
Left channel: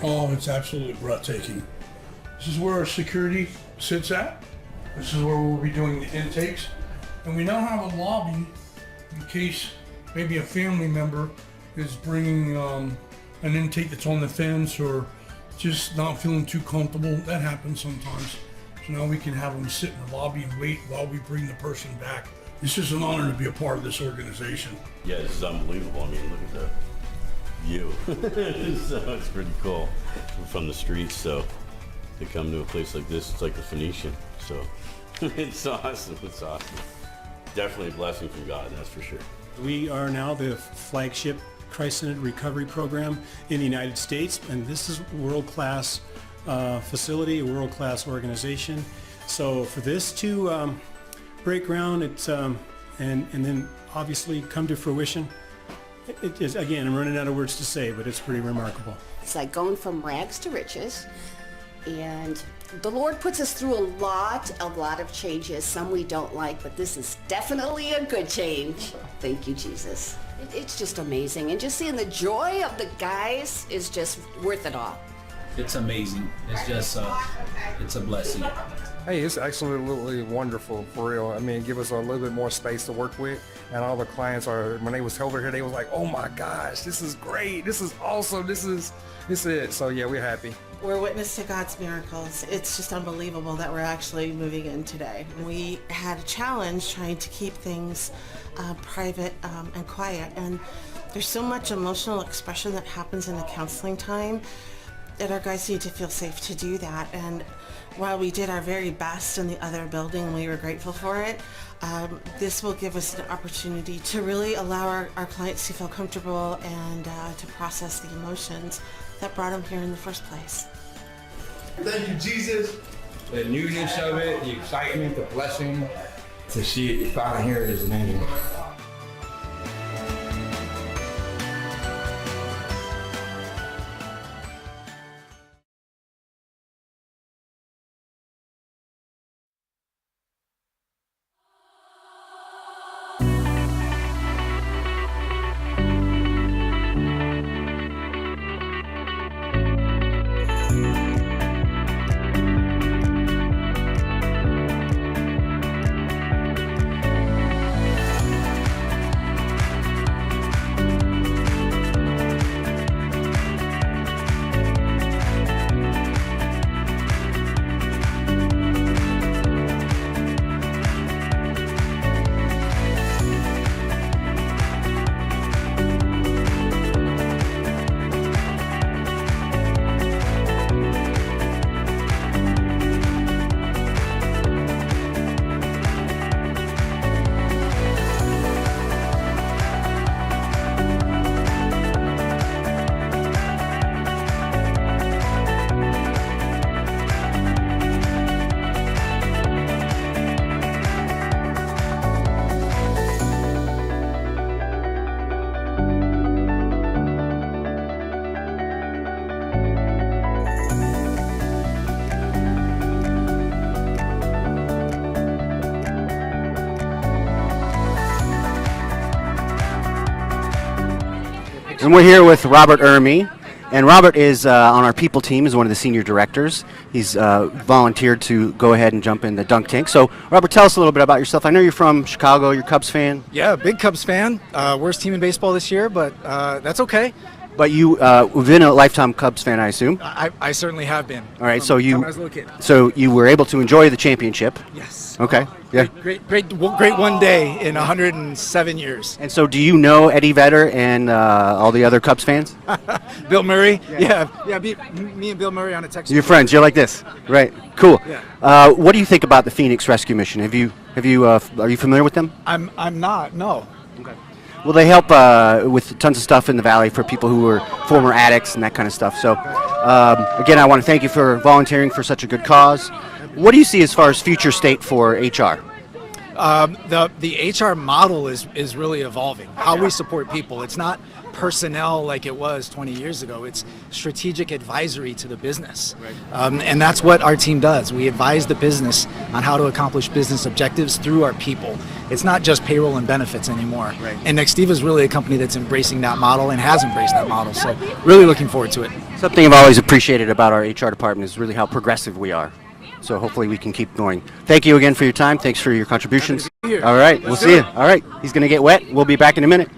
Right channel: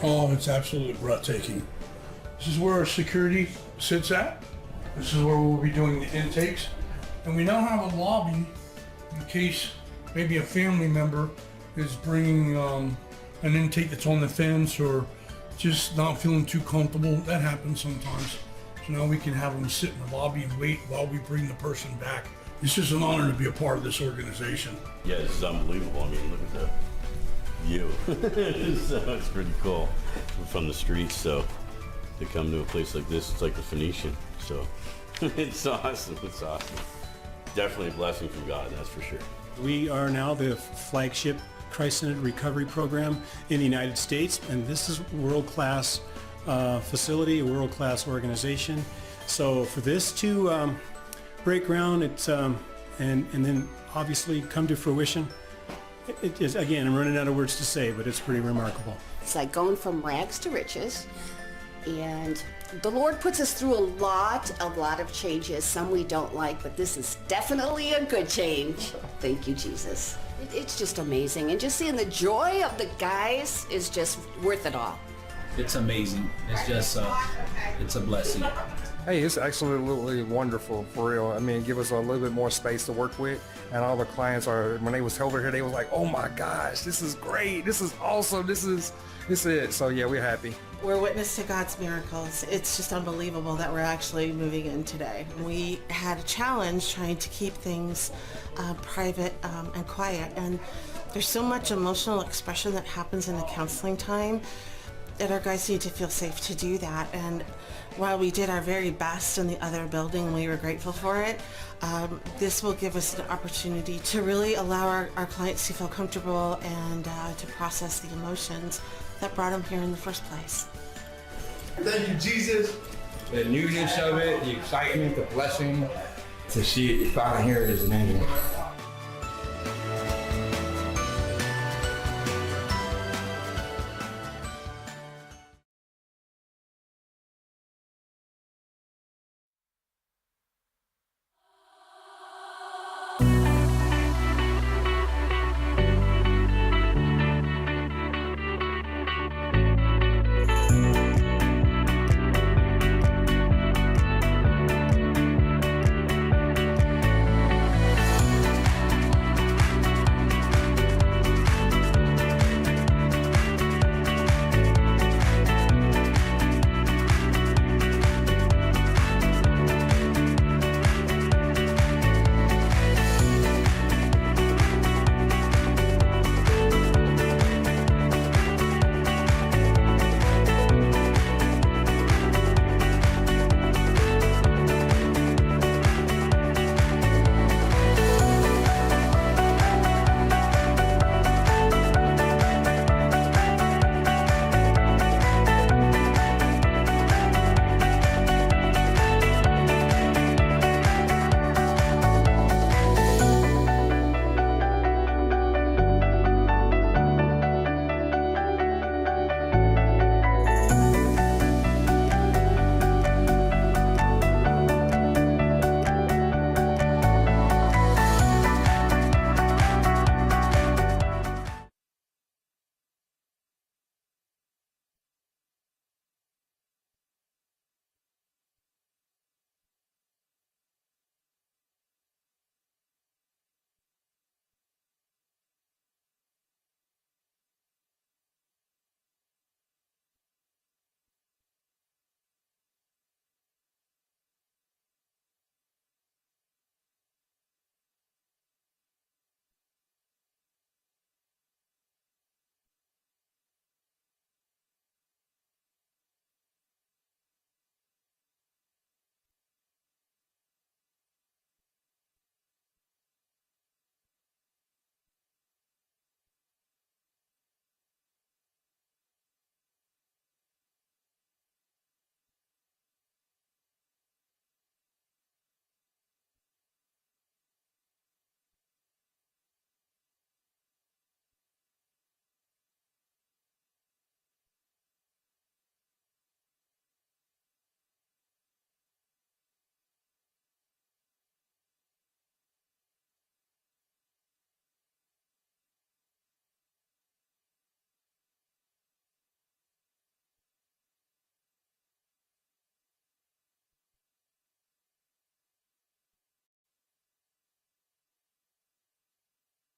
Oh, it's absolutely breathtaking. This is where our security sits at. This is where we'll be doing the intakes. And we now have a lobby in case maybe a family member is bringing an intake that's on the fence or just not feeling too comfortable. That happens sometimes. So now we can have them sit in the lobby and wait while we bring the person back. It's just an honor to be a part of this organization. Yeah, this is unbelievable. I mean, look at the view. So it's pretty cool. We're from the streets, so to come to a place like this, it's like the Phoenician. So it's awesome. It's awesome. Definitely a blessing from God, that's for sure. We are now the flagship Christ-centered recovery program in the United States, and this is a world-class facility, a world-class organization. So for this to break ground, it's and then obviously come to fruition, it is, again, I'm running out of words to say, but it's pretty remarkable. It's like going from rags to riches, and the Lord puts us through a lot of changes, some we don't like, but this is definitely a good change. Thank you, Jesus. It's just amazing, and just seeing the joy of the guys is just worth it all. It's amazing. It's just, it's a blessing. Hey, it's absolutely wonderful, for real. I mean, give us a little bit more space to work with, and all the clients are, when they was over here, they was like, oh my gosh, this is great, this is awesome, this is it. So yeah, we're happy. We're witness to God's miracles. It's just unbelievable that we're actually moving in today. We had a challenge trying to keep things private and quiet, and there's so much emotional expression that happens in the counseling time that our guys need to feel safe to do that. And while we did our very best in the other building, we were grateful for it, this will give us an opportunity to really allow our clients to feel comfortable and to process the emotions that brought them here in the first place. Thank you, Jesus. The newness of it, the excitement, the blessing, to see it finally here is amazing. And we're here with Robert Ermey. And Robert is on our people team, is one of the senior directors. He's volunteered to go ahead and jump in the dunk tank. So, Robert, tell us a little bit about yourself. I know you're from Chicago. You're a Cubs fan. Yeah, big Cubs fan. Worst team in baseball this year, but that's okay. But you've been a lifetime Cubs fan, I assume. I certainly have been. All right, from when I was a little kid. so you were able to enjoy the championship. Yes. Okay. Yeah. Great one day in 107 years. And so, do you know Eddie Vedder and all the other Cubs fans? Bill Murray. Yeah. Me and Bill Murray on a text. You're friends. You're like this, right? Cool. Yeah. What do you think about the Phoenix Rescue Mission? Are you familiar with them? I'm not. No. Well, they help with tons of stuff in the valley for people who are former addicts and that kind of stuff. So, again, I want to thank you for volunteering for such a good cause. What do you see as far as future state for HR? The HR model is really evolving. How we support people. It's not personnel like it was 20 years ago. It's strategic advisory to the business. Right. And that's what our team does. We advise the business on how to accomplish business objectives through our people. It's not just payroll and benefits anymore. Right. And Nextiva is really a company that's embracing that model and has embraced that model. So really looking forward to it. Something I've always appreciated about our HR department is really how progressive we are. So hopefully we can keep going. Thank you again for your time. Thanks for your contributions. All right, we'll see you. All right, he's going to get wet. We'll be back in a minute.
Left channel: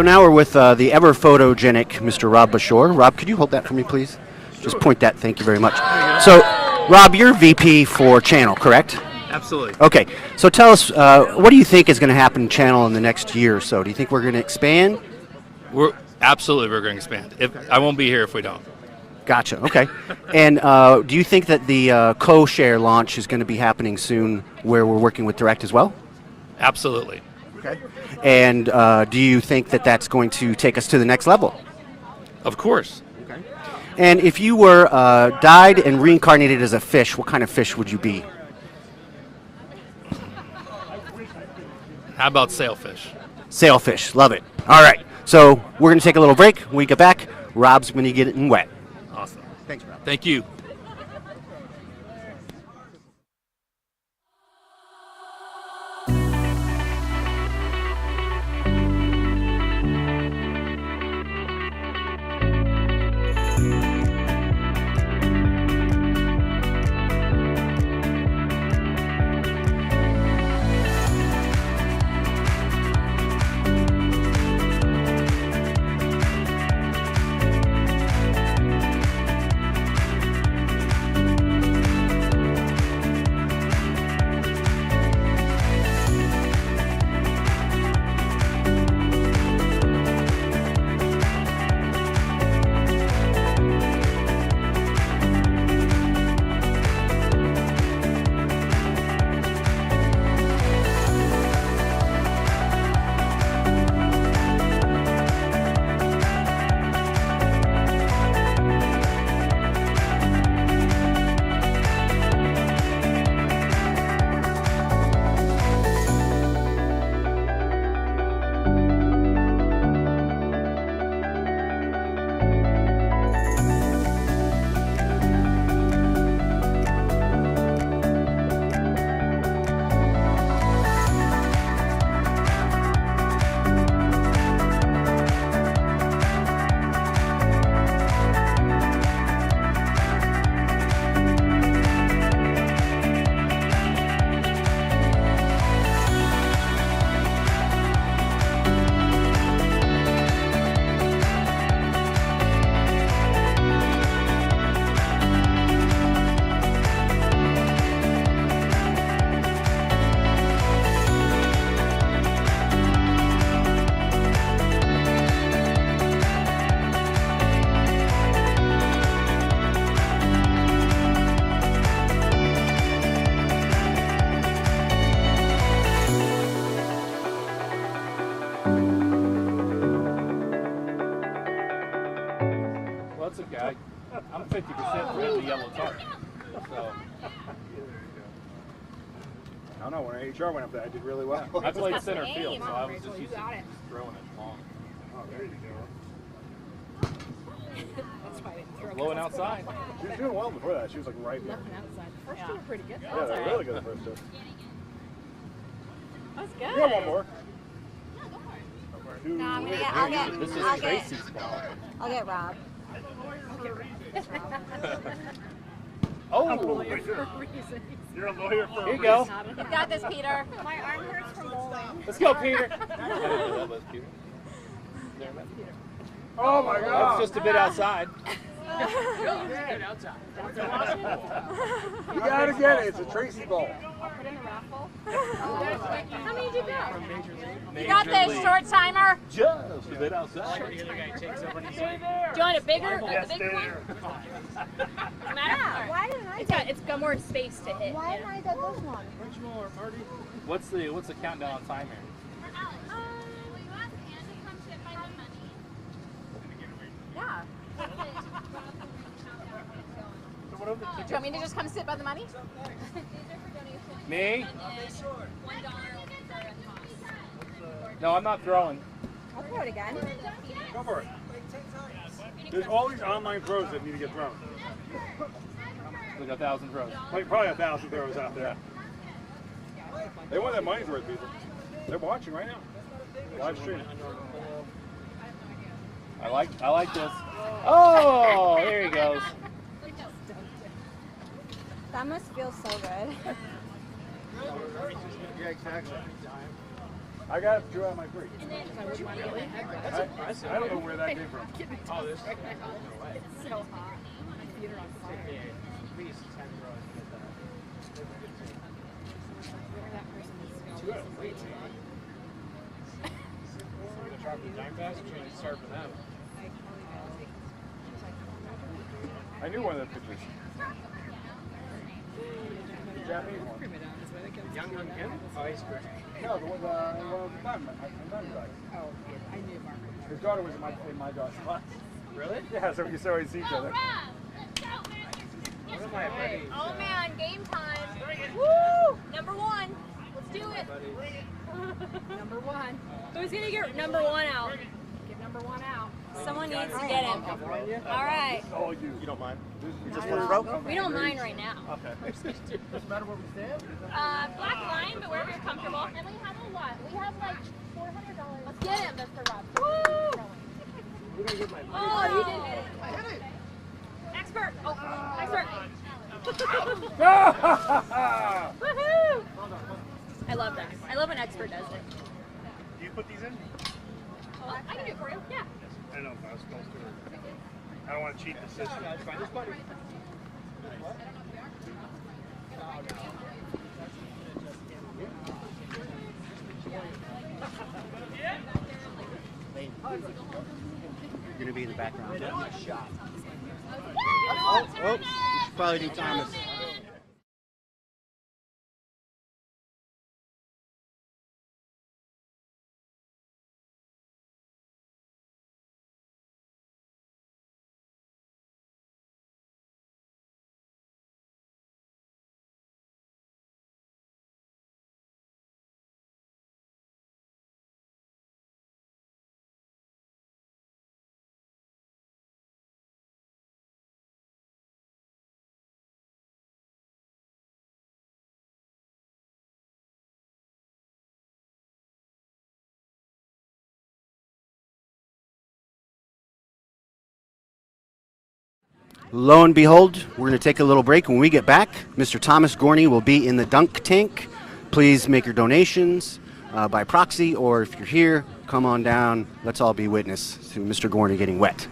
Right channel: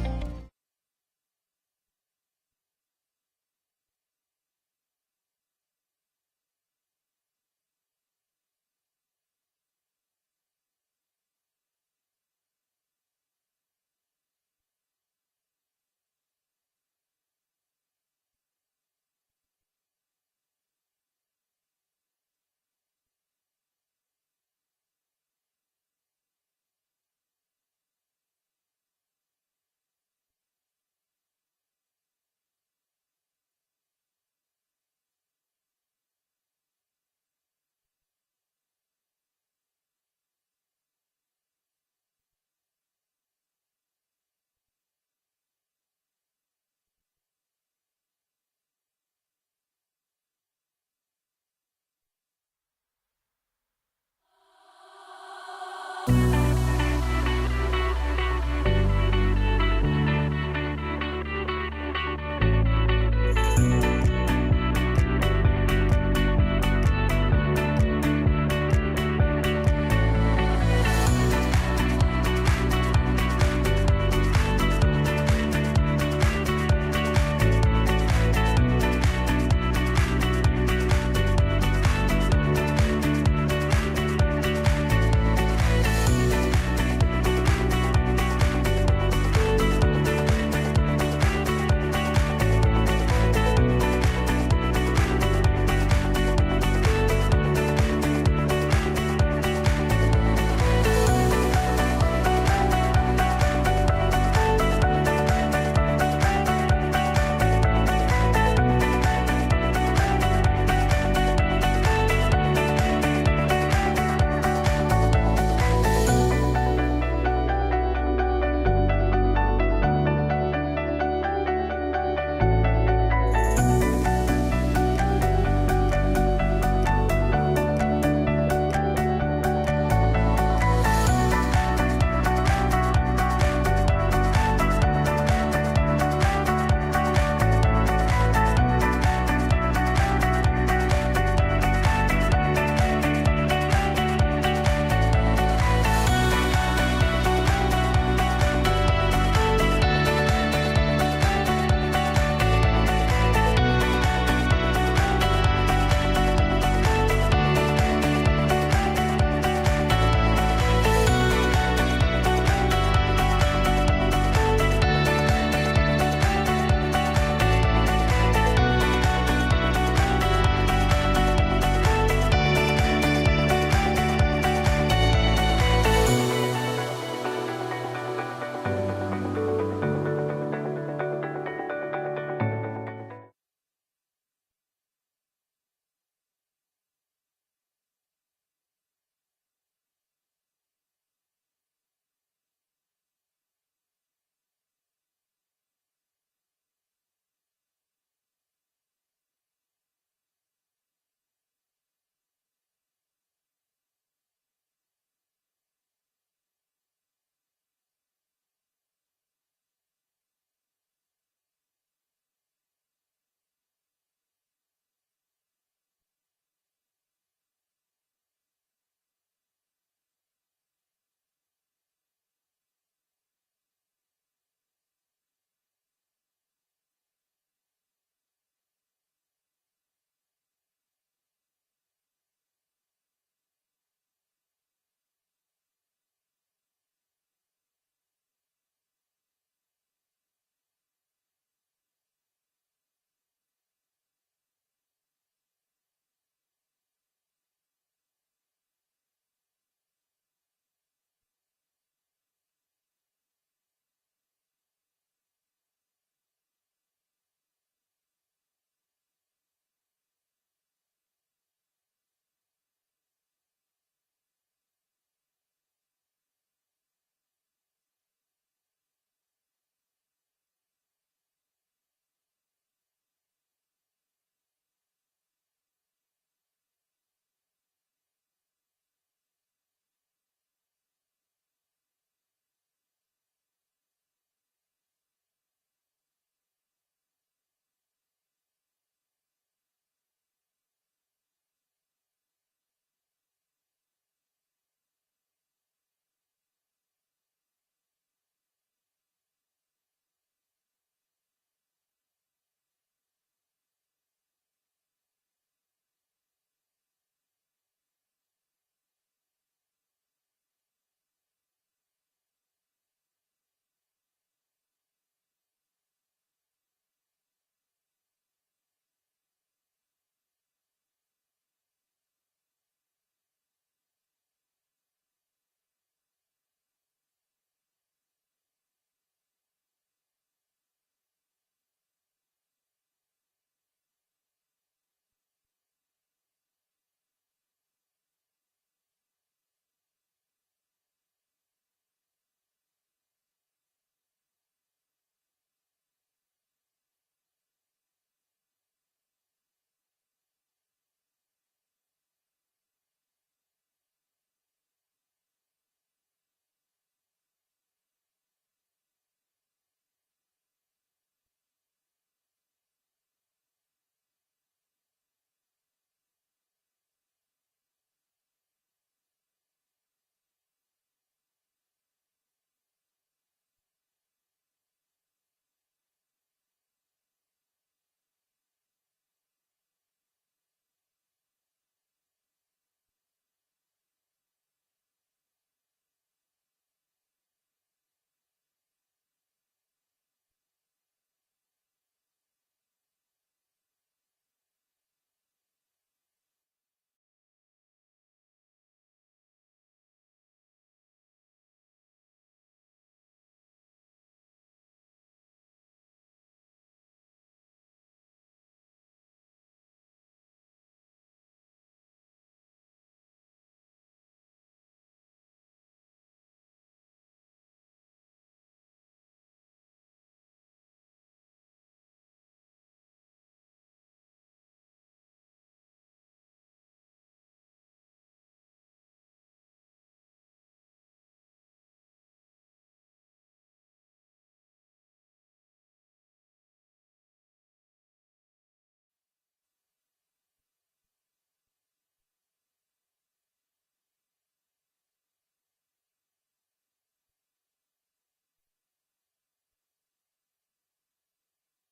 So now we're with the ever photogenic Mr. Rob Bashore. Rob, could you hold that for me, please? Just point that. Thank you very much. So, Rob, you're VP for Channel, correct? Absolutely. Okay. So tell us, what do you think is going to happen in Channel in the next year or so? Do you think we're going to expand? We're going to expand. I won't be here if we don't. Gotcha. Okay. And do you think that the co-share launch is going to be happening soon, where we're working with Direct as well? Absolutely. Okay. And do you think that that's going to take us to the next level? Of course. Okay. And if you were died and reincarnated as a fish, what kind of fish would you be? How about sailfish? Sailfish. Love it. All right. So we're going to take a little break. When we get back, Rob's going to get it in wet. Awesome. Thanks, Rob. Thank you. I'm 50% for the yellow tarp. So. I don't know, when HR went up there, I did really well. I played center field, so I was just used to throwing it long. Oh, there you go. That's why I didn't throw it. Blowing outside. She was doing well before that. She was like right there. Blowing outside. The first two were pretty good. Yeah, they were really good the first two. That was good. You got one more. No, I'm gonna get. I'll get. This is I'll Tracy's get, ball. I'll get Rob. Oh, you're a lawyer for Here you go. You got this, Peter. My arm hurts from bowling. Let's go, Peter. Oh my God! That's just a bit outside. You gotta get it. It's a Tracy ball. I'll put in the raffle. How many did you get? You got this, short timer. Just a bit outside. Do you want a bigger? Yes, the bigger one? No matter. Yeah, why didn't I? It's got more space to hit. Why didn't I get this one? Which more, Marty? What's the countdown on time here? Yeah. Do you want me to just come sit by the money? Me? No, I'm not throwing. I'll throw it again. Go for it. There's all these online throws that need to get thrown. Like 1,000 throws. Like probably 1,000 throws out there. They want that money's worth, people. They're watching right now. Live stream. I like this. Oh, there he goes. That must feel so good. Yeah, exactly. I got 2 out of my 3. Really? That's impressive. I don't know where that came from. Oh, this. It's so hot. My feet are on fire. Please, 10 rows. That person needs to go. 2 out of 3. The chocolate giant bass are trying to start for them. I knew one of the pictures. The Japanese one. Young Kim? Oh, he's great. No, the one with the diamondback. Oh, I knew Mark. His daughter was in my daughter's class. Really? Yeah, so we used to always see each other. One of my buddies. Oh man, game time. Woo! Number 1. Let's do it. Number 1. Who's gonna get number 1 out? Get number 1 out. Someone needs to get him. All right. Oh, you don't mind? Just one throw? We don't mind right now. Okay. Doesn't matter where we stand? Black line, but wherever you're comfortable. And we have a lot. We have like $400. Let's get him, Mr. Rob. Woo! Oh, you didn't hit it. I hit it. Expert. Oh, expert. Woohoo! I love that. I love when expert does it. Do you put these in? Oh, I can do it for you. Yeah. I don't know if I was supposed to. I don't want to cheat the system. Find this buddy. You're gonna be in the background. Shot. Oh, you should probably do Thomas. Lo and behold, we're going to take a little break. When we get back, Mr. Thomas Gorney will be in the dunk tank. Please make your donations by proxy, or if you're here, come on down. Let's all be witness to Mr. Gorney getting wet.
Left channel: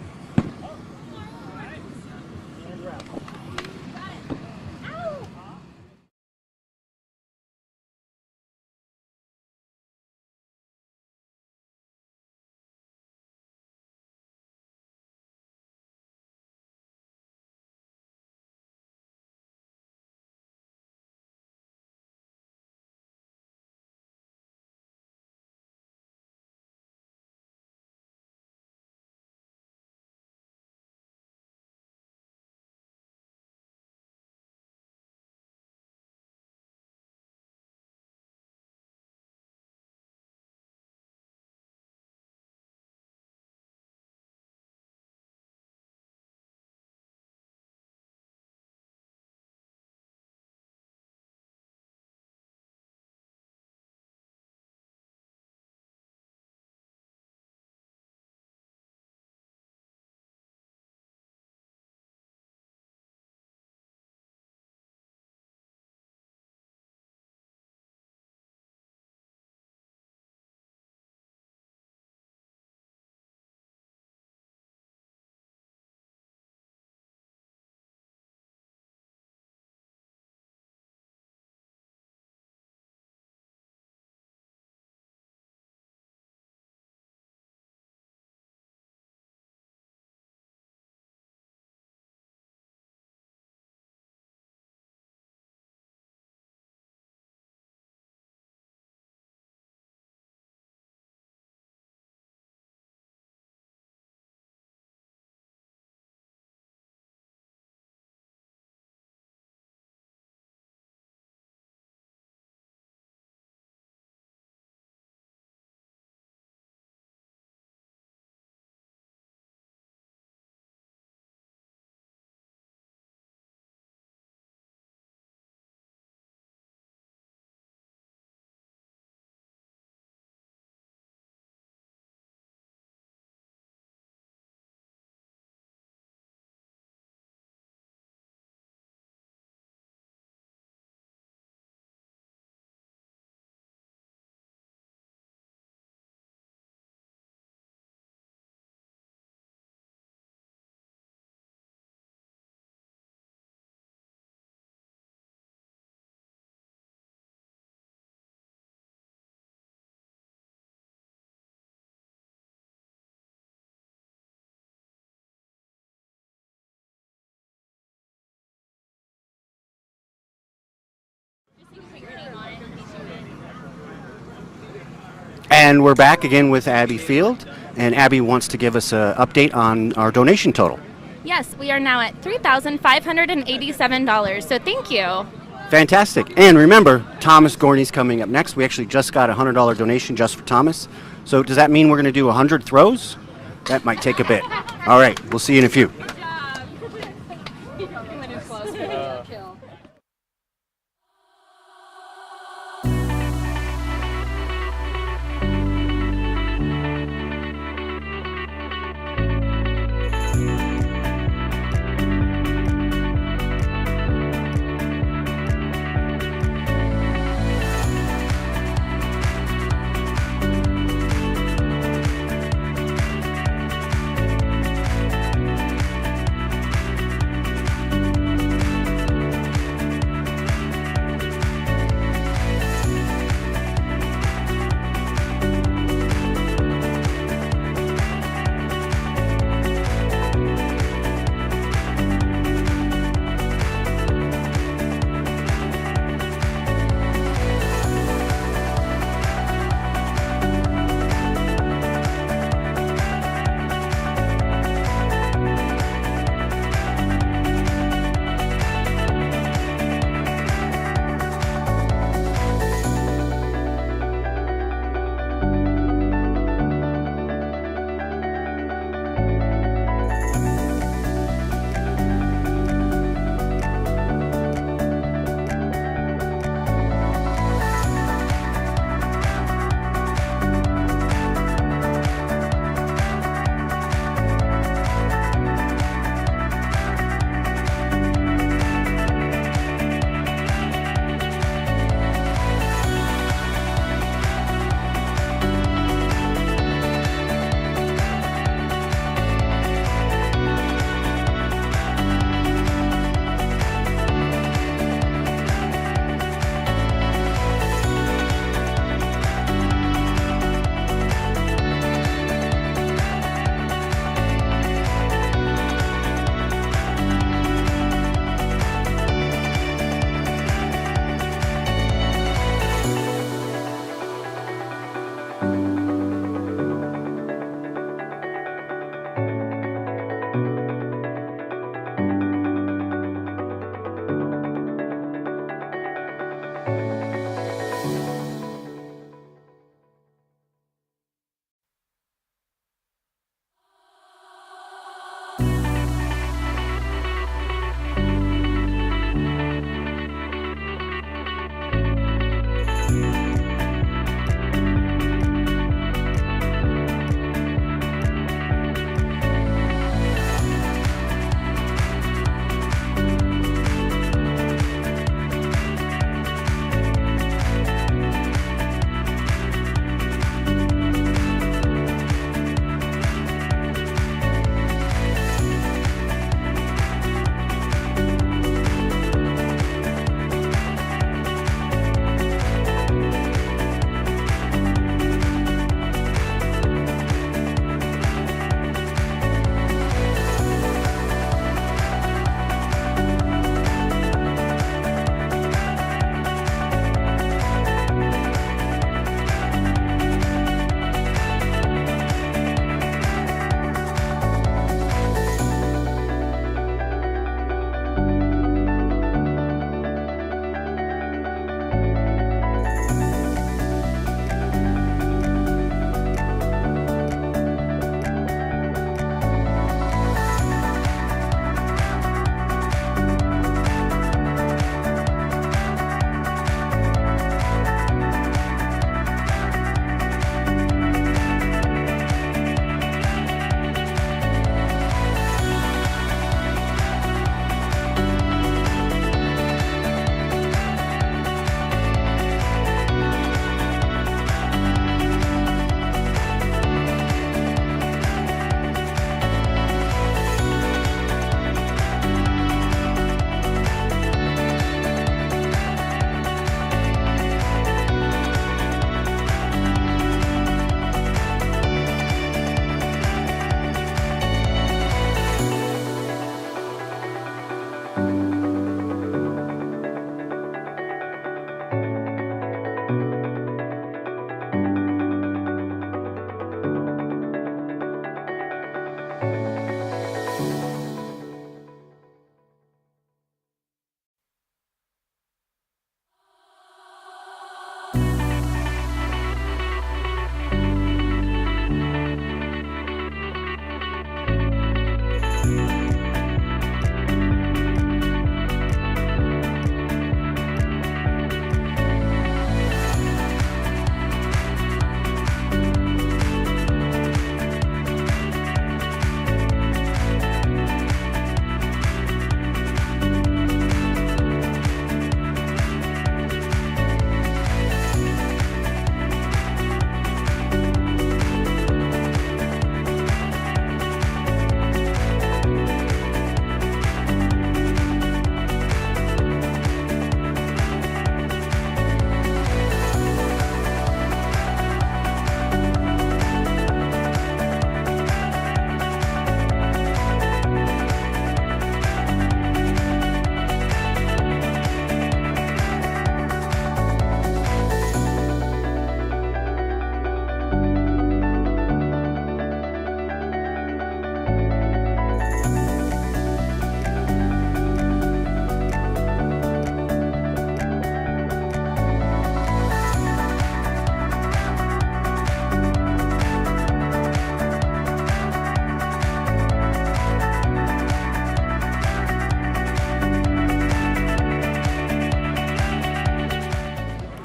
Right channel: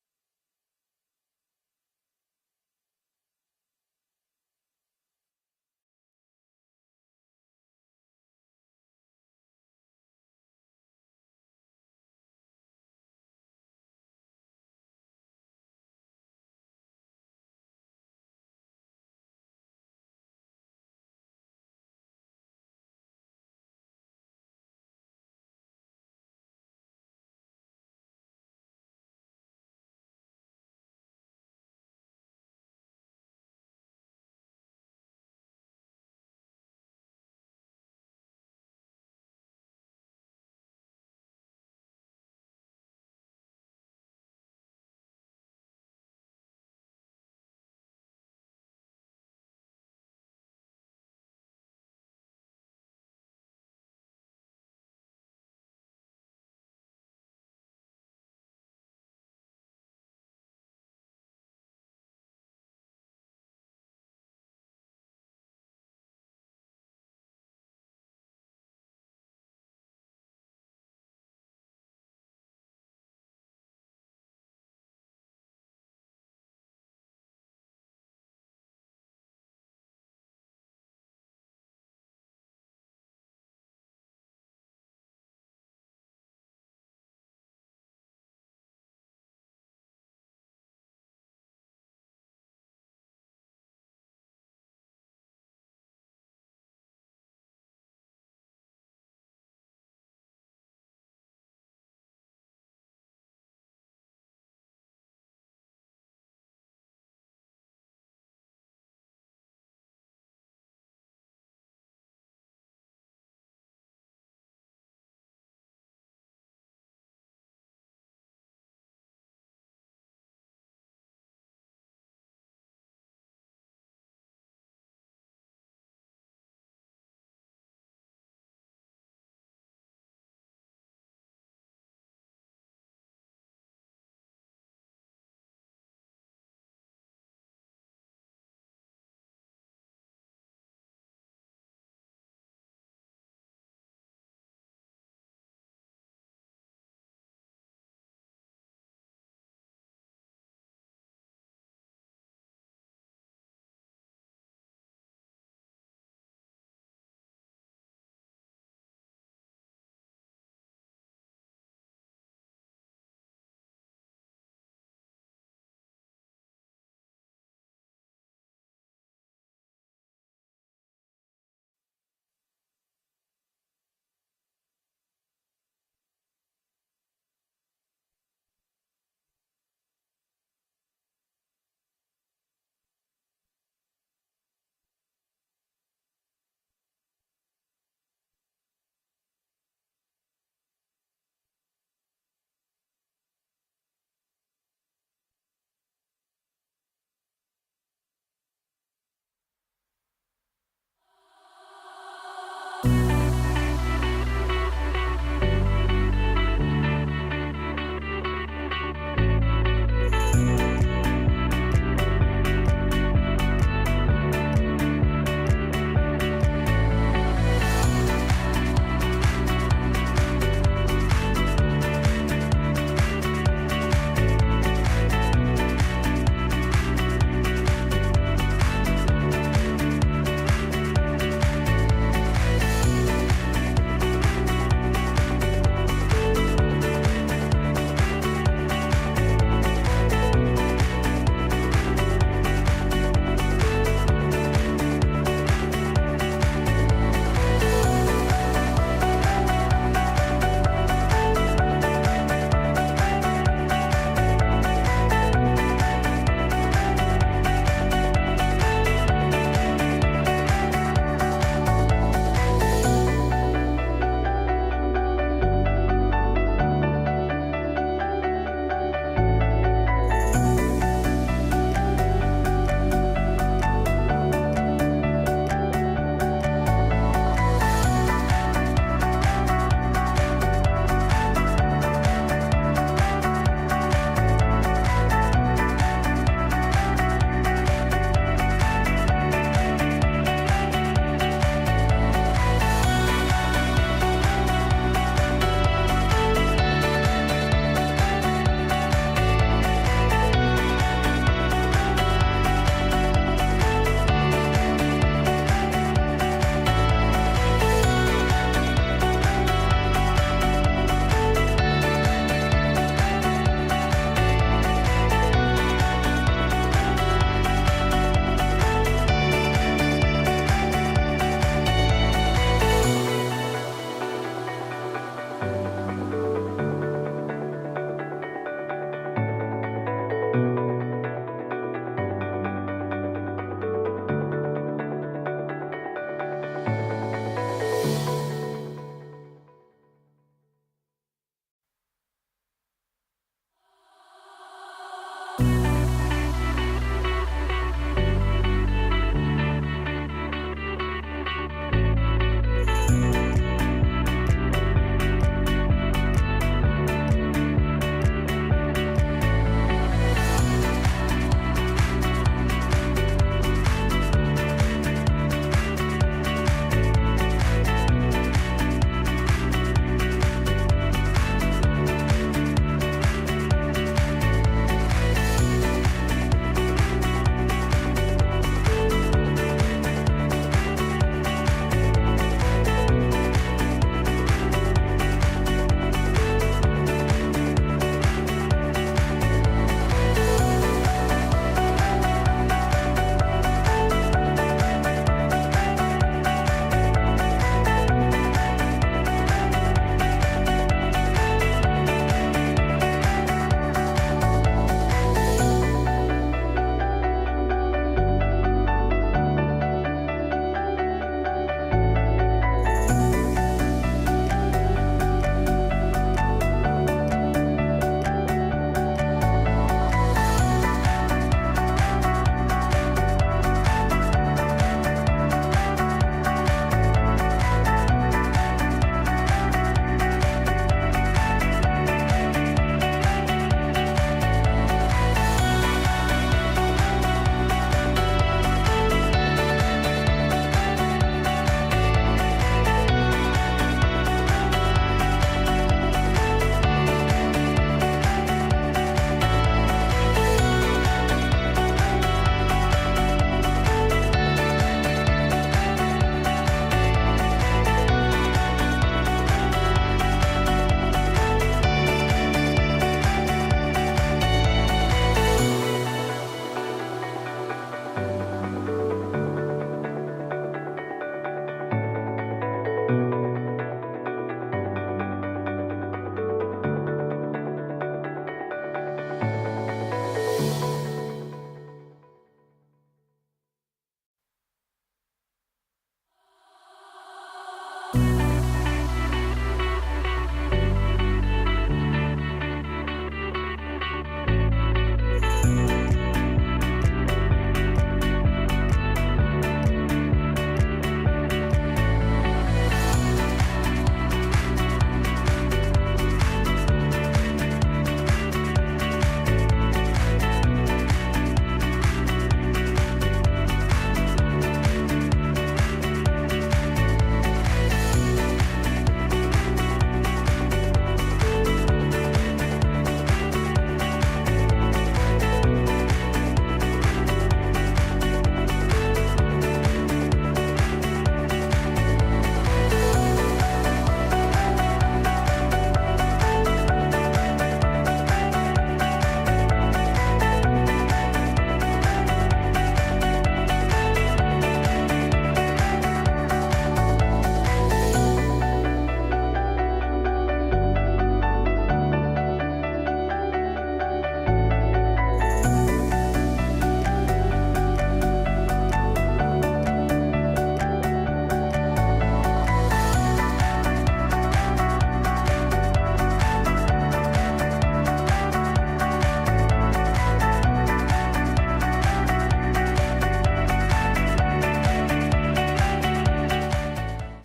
And we're back again with Abby Field, and Abby wants to give us an update on our donation total. Yes, we are now at $3,587, so thank you. Fantastic. And remember, Thomas Gorney's coming up next. We actually just got a $100 donation just for Thomas. So does that mean we're going to do 100 throws? That might take a bit. All right, we'll see you in a few.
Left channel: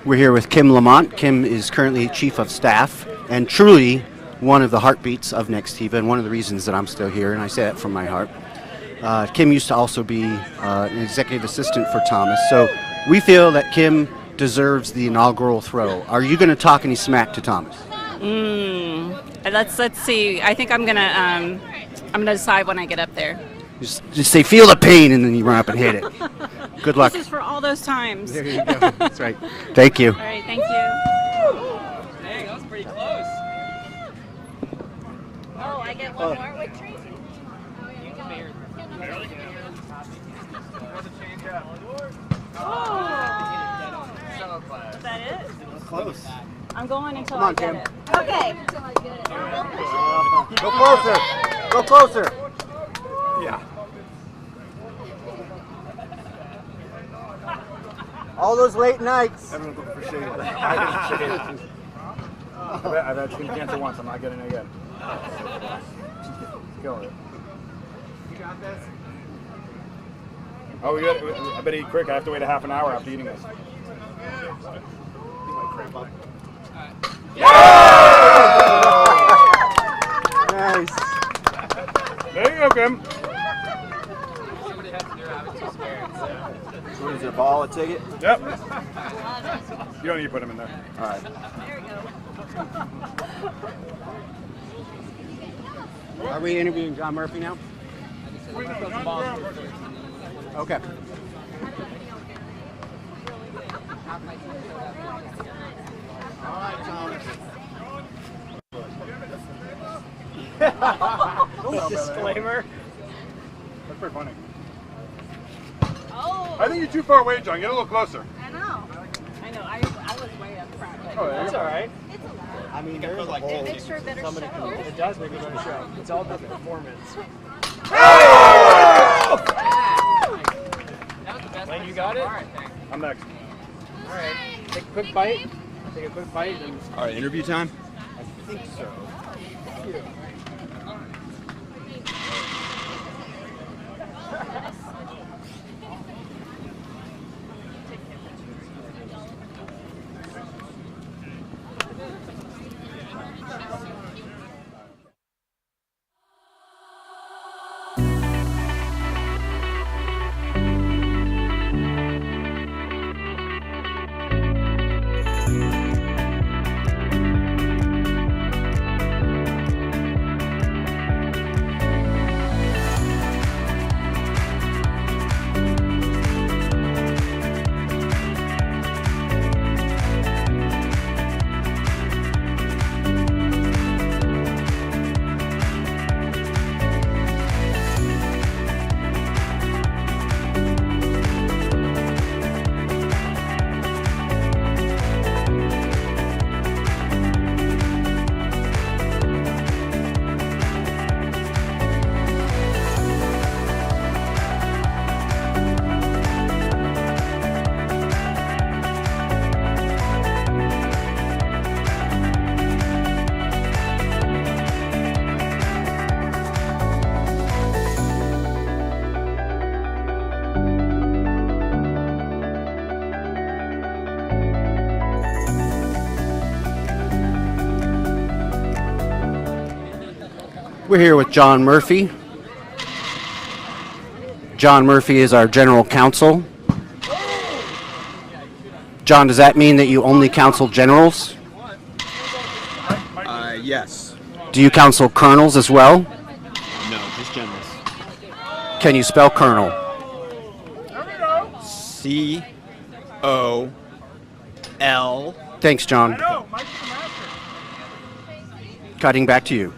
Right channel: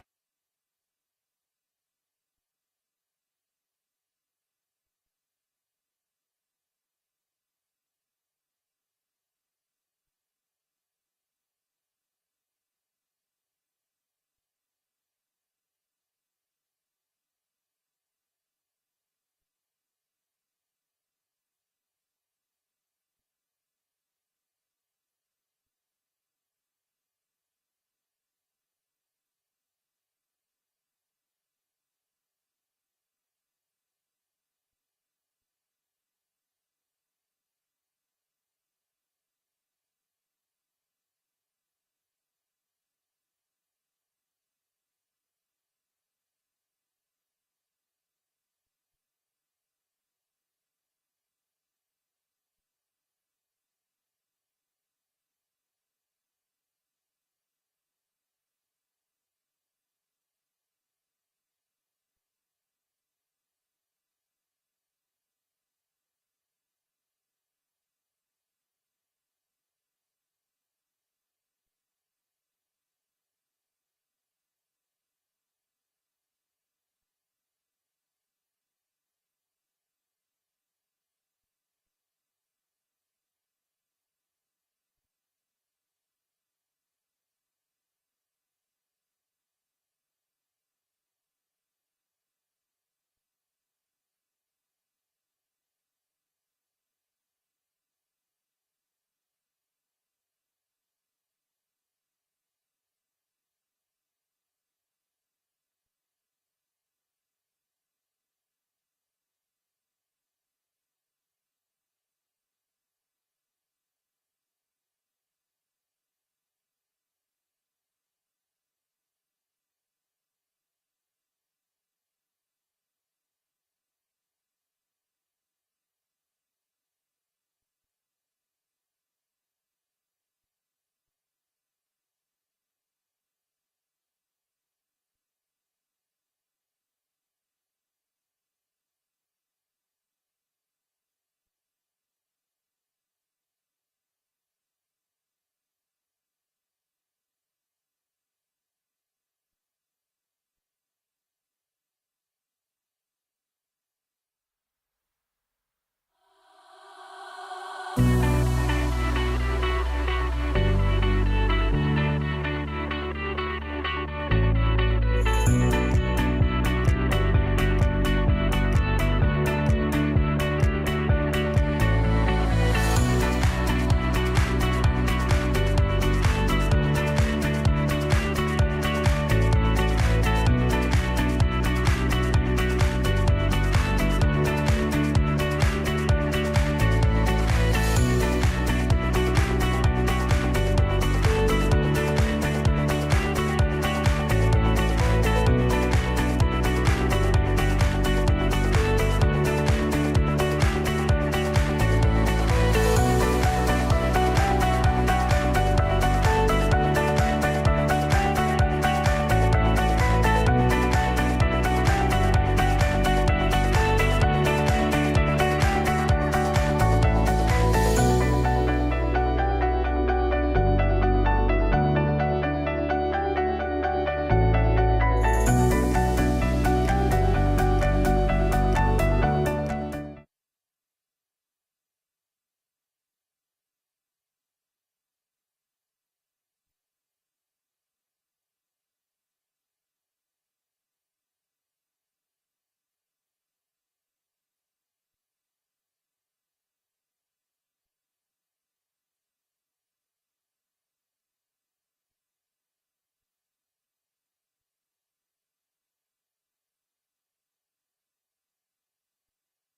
We're here with Kim Lamont. Kim is currently Chief of Staff and truly one of the heartbeats of Nextiva and one of the reasons that I'm still here, and I say that from my heart. Kim used to also be an executive assistant for Thomas, so we feel that Kim deserves the inaugural throw. Are you going to talk any smack to Thomas? Let's see. I think I'm gonna decide when I get up there. Just say, feel the pain, and then you run up and hit it. Good luck. This is for all those times. There you go. That's right. Thank you. All right, thank you. Dang, that was pretty close. Oh, I get one more with Tracy. Is that it? Close. I'm going until Come on, I get Kim. it. Okay. Go closer. Go closer. Yeah. All those late nights. Everyone's looking for shade. I've had skin cancer once. I'm not getting it again. Killing it. You got this? Oh, I better eat quick. I have to wait a half an hour after eating this. Nice. There you go, Kim. What is it, a ball, a ticket? Yep. You don't need to put them in there. All right. Are we interviewing John Murphy now? Okay. Disclaimer. That's pretty funny. Oh. I think you're too far away, John. Get a little closer. I know. I was way up front. Oh, that's all right. I mean, there's a whole... It makes for a better show. It does make a better show. It's all about the performance. Lane, you got it? All right, thanks. I'm next. All right. Take a quick bite. Take a quick bite. And... All right, interview time? I think so. We're here with John Murphy. John Murphy is our general counsel. John, does that mean that you only counsel generals? Yes. Do you counsel colonels as well? No, just generals. Can you spell colonel? C-O-L. Thanks, John. Cutting back to you.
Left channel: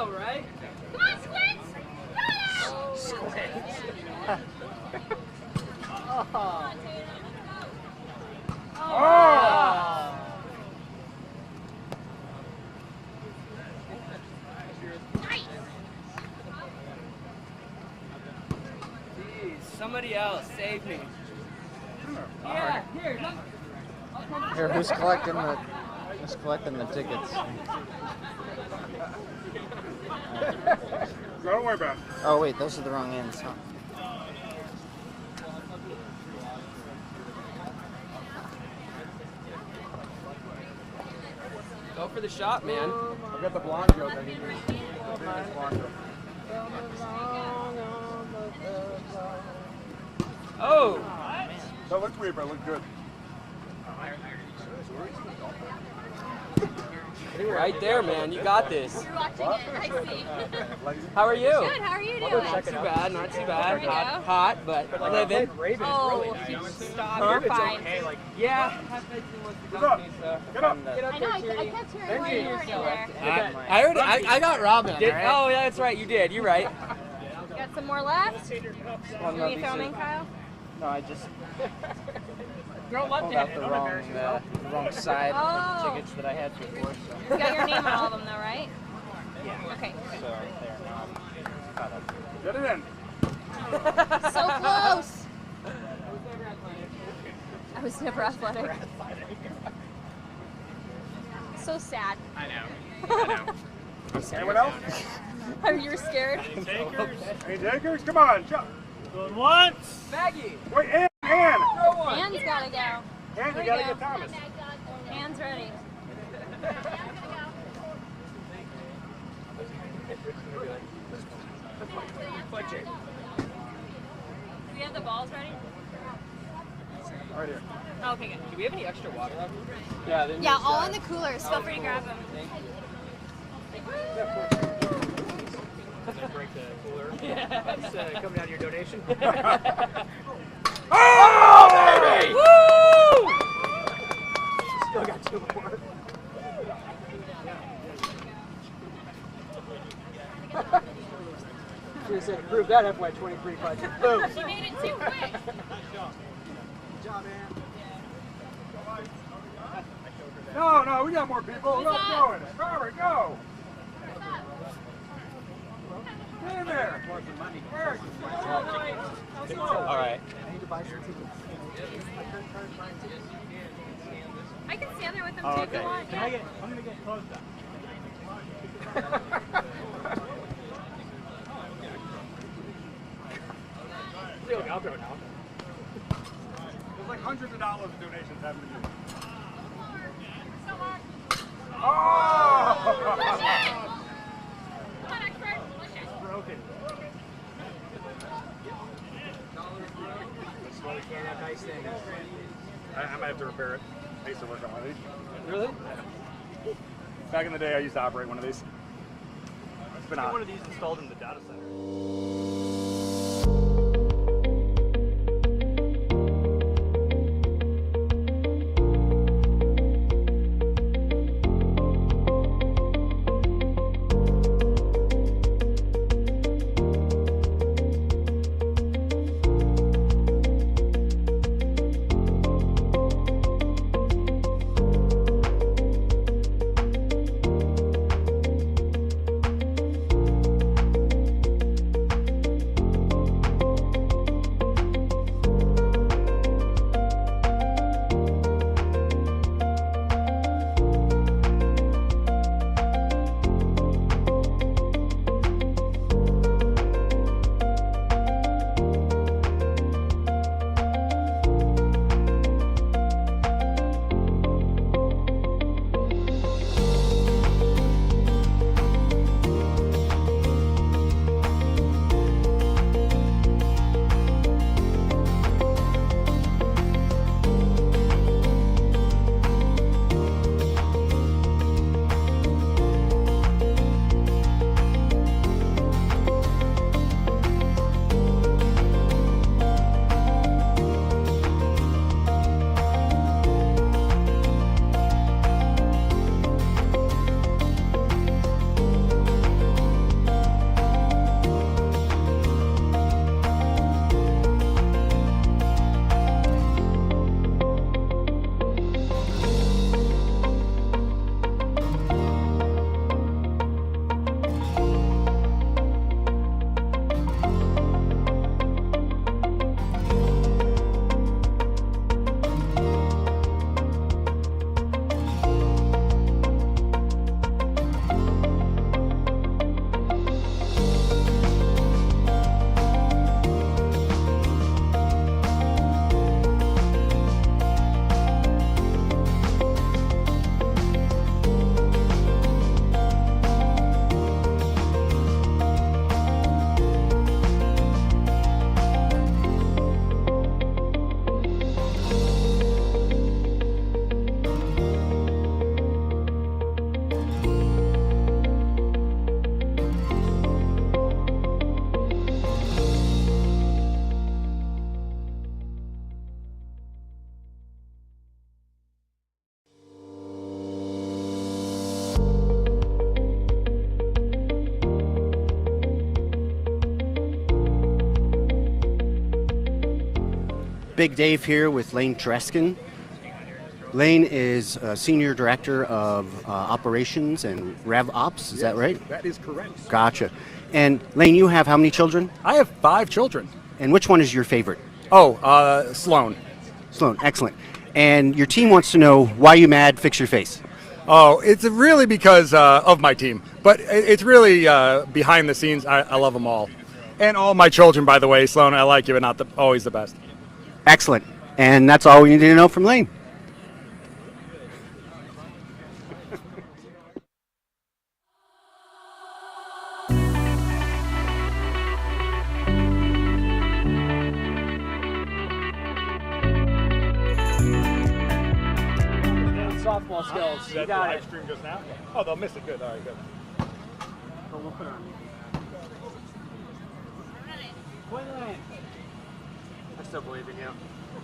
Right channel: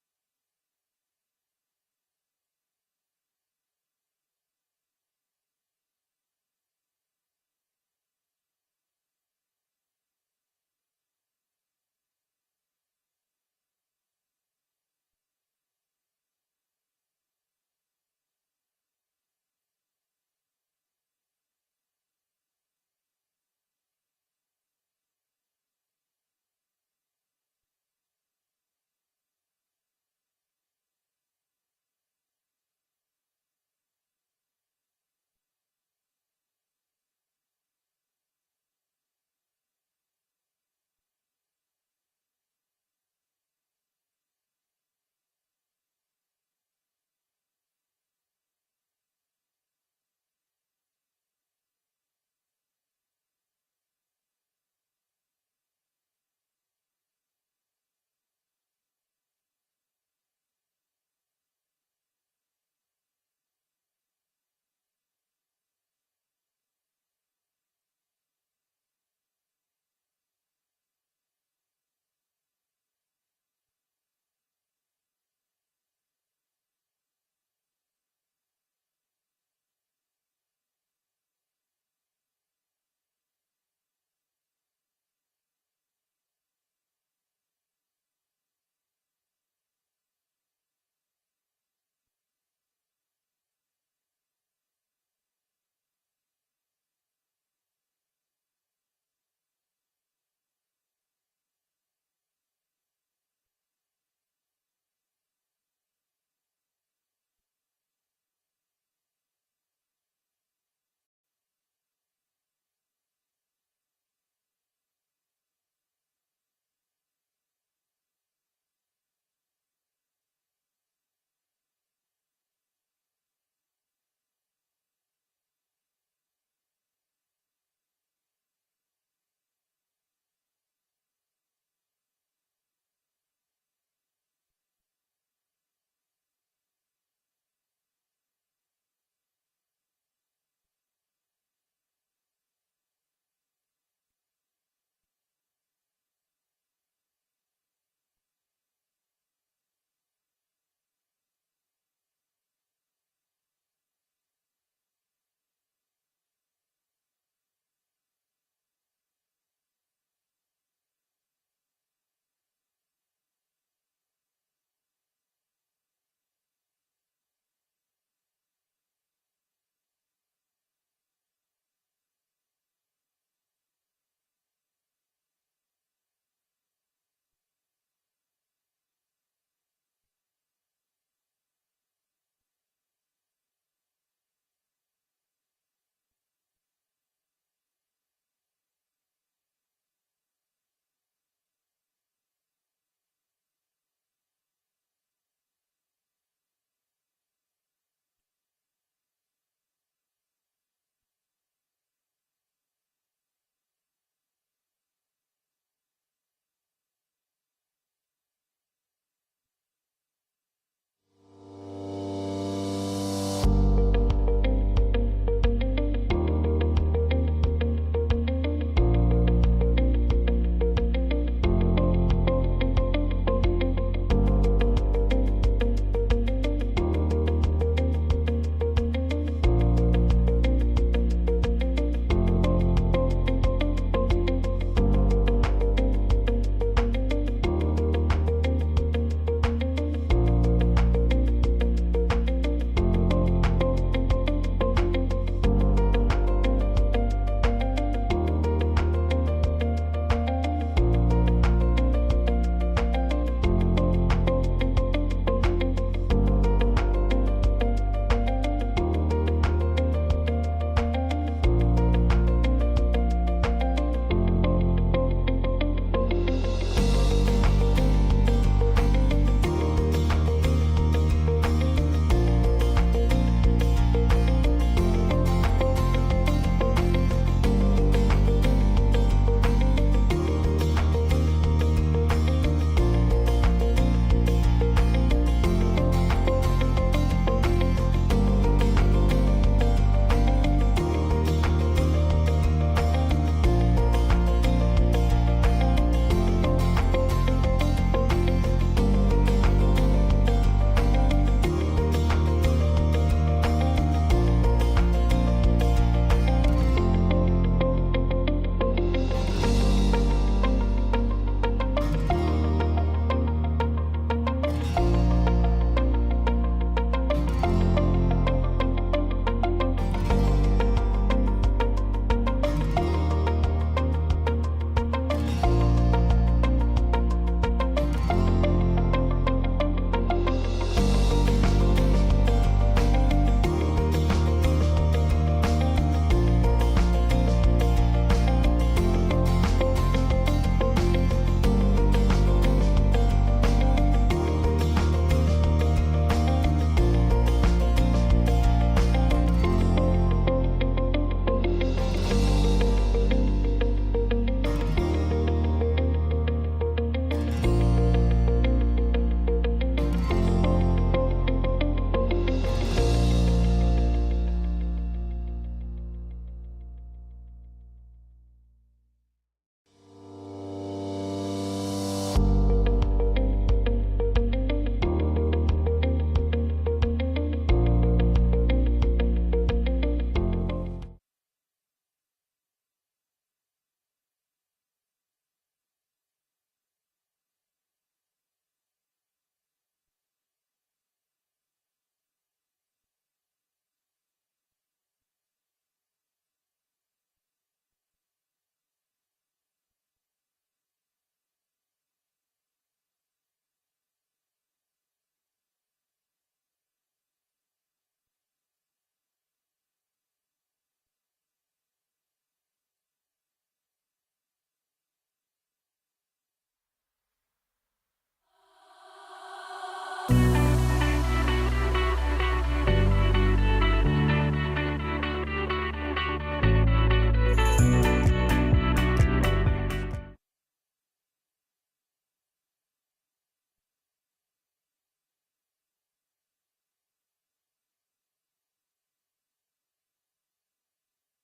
know, right? Come on, Squints! Jeez, somebody else, save me. Yeah, here, look. Here, who's collecting the tickets? Don't worry about it. Oh wait, those are the wrong ends, huh? Go for the shot, man. I got the blonde joke. I need blonde joke. Oh! That looked weird, but it looked good. Right there, man. You got this. You're watching it, I see. How are you? Good, how are you doing? Not too bad, not too bad. There we go. Hot, but living. Oh, Huh? you're fine. Yeah. Get up. Get up. I know, I kept hearing where you were in there. I heard it. I got Robin. Oh, yeah, that's right. You did. You're right. Got some more left? Are you filming, Kyle? No, I just Throw pulled out the wrong side of the tickets that I had before. So. You got your name on all of them, though, right? Yeah. Okay. So right there. Now I'm caught up. Get it in. So close. I was never athletic. So sad. I know. Anyone else? Are you scared? Any takers? Come on, jump. Going once. Maggie. Wait, Ann. Anne's gotta go. Ann, There you we gotta go. get Thomas. Anne's ready. Do we have the balls ready? Right here. Oh, okay, good. Do we have any extra water left? Yeah, all in the coolers. Feel free to grab them. Break the cooler. Yeah. Coming down to your donation. Oh, baby! Woo! Still got 2 more. Should have said approve that FY23 budget. Boom. She made it too quick. Good job, man. No, we got more people. Let's go in it. Robert, go. Get in there. All right. I can stand there with them Oh, too okay. if you want. Yeah. I'm gonna get close up. I'll throw it out. There's like hundreds of dollars of donations happening here. Oh! Come on, expert. Push it. Broken. Slowly can that nice thing. I might have to repair it. I used to work on one of these. Really? Back in the day, I used to operate one of these. It's been Get on. one of these installed in the data center. Big Dave here with Lane Dreskin. Lane is Senior Director of Operations and Rev Ops, is that right? That is correct. Gotcha. And Lane, you have how many children? I have 5 children. And which one is your favorite? Oh, Sloan. Sloan, excellent. And your team wants to know why you mad, fix your face. Oh, it's really because of my team. But it's really behind the scenes. I love them all. And all my children, by the way. Sloan, I like you, but not always the best. Excellent. And that's all we need to know from Lane. Softball skills. You got it. Stream just now? Oh, they'll miss it. Good. All right, good. We'll put it on. I still believe in you.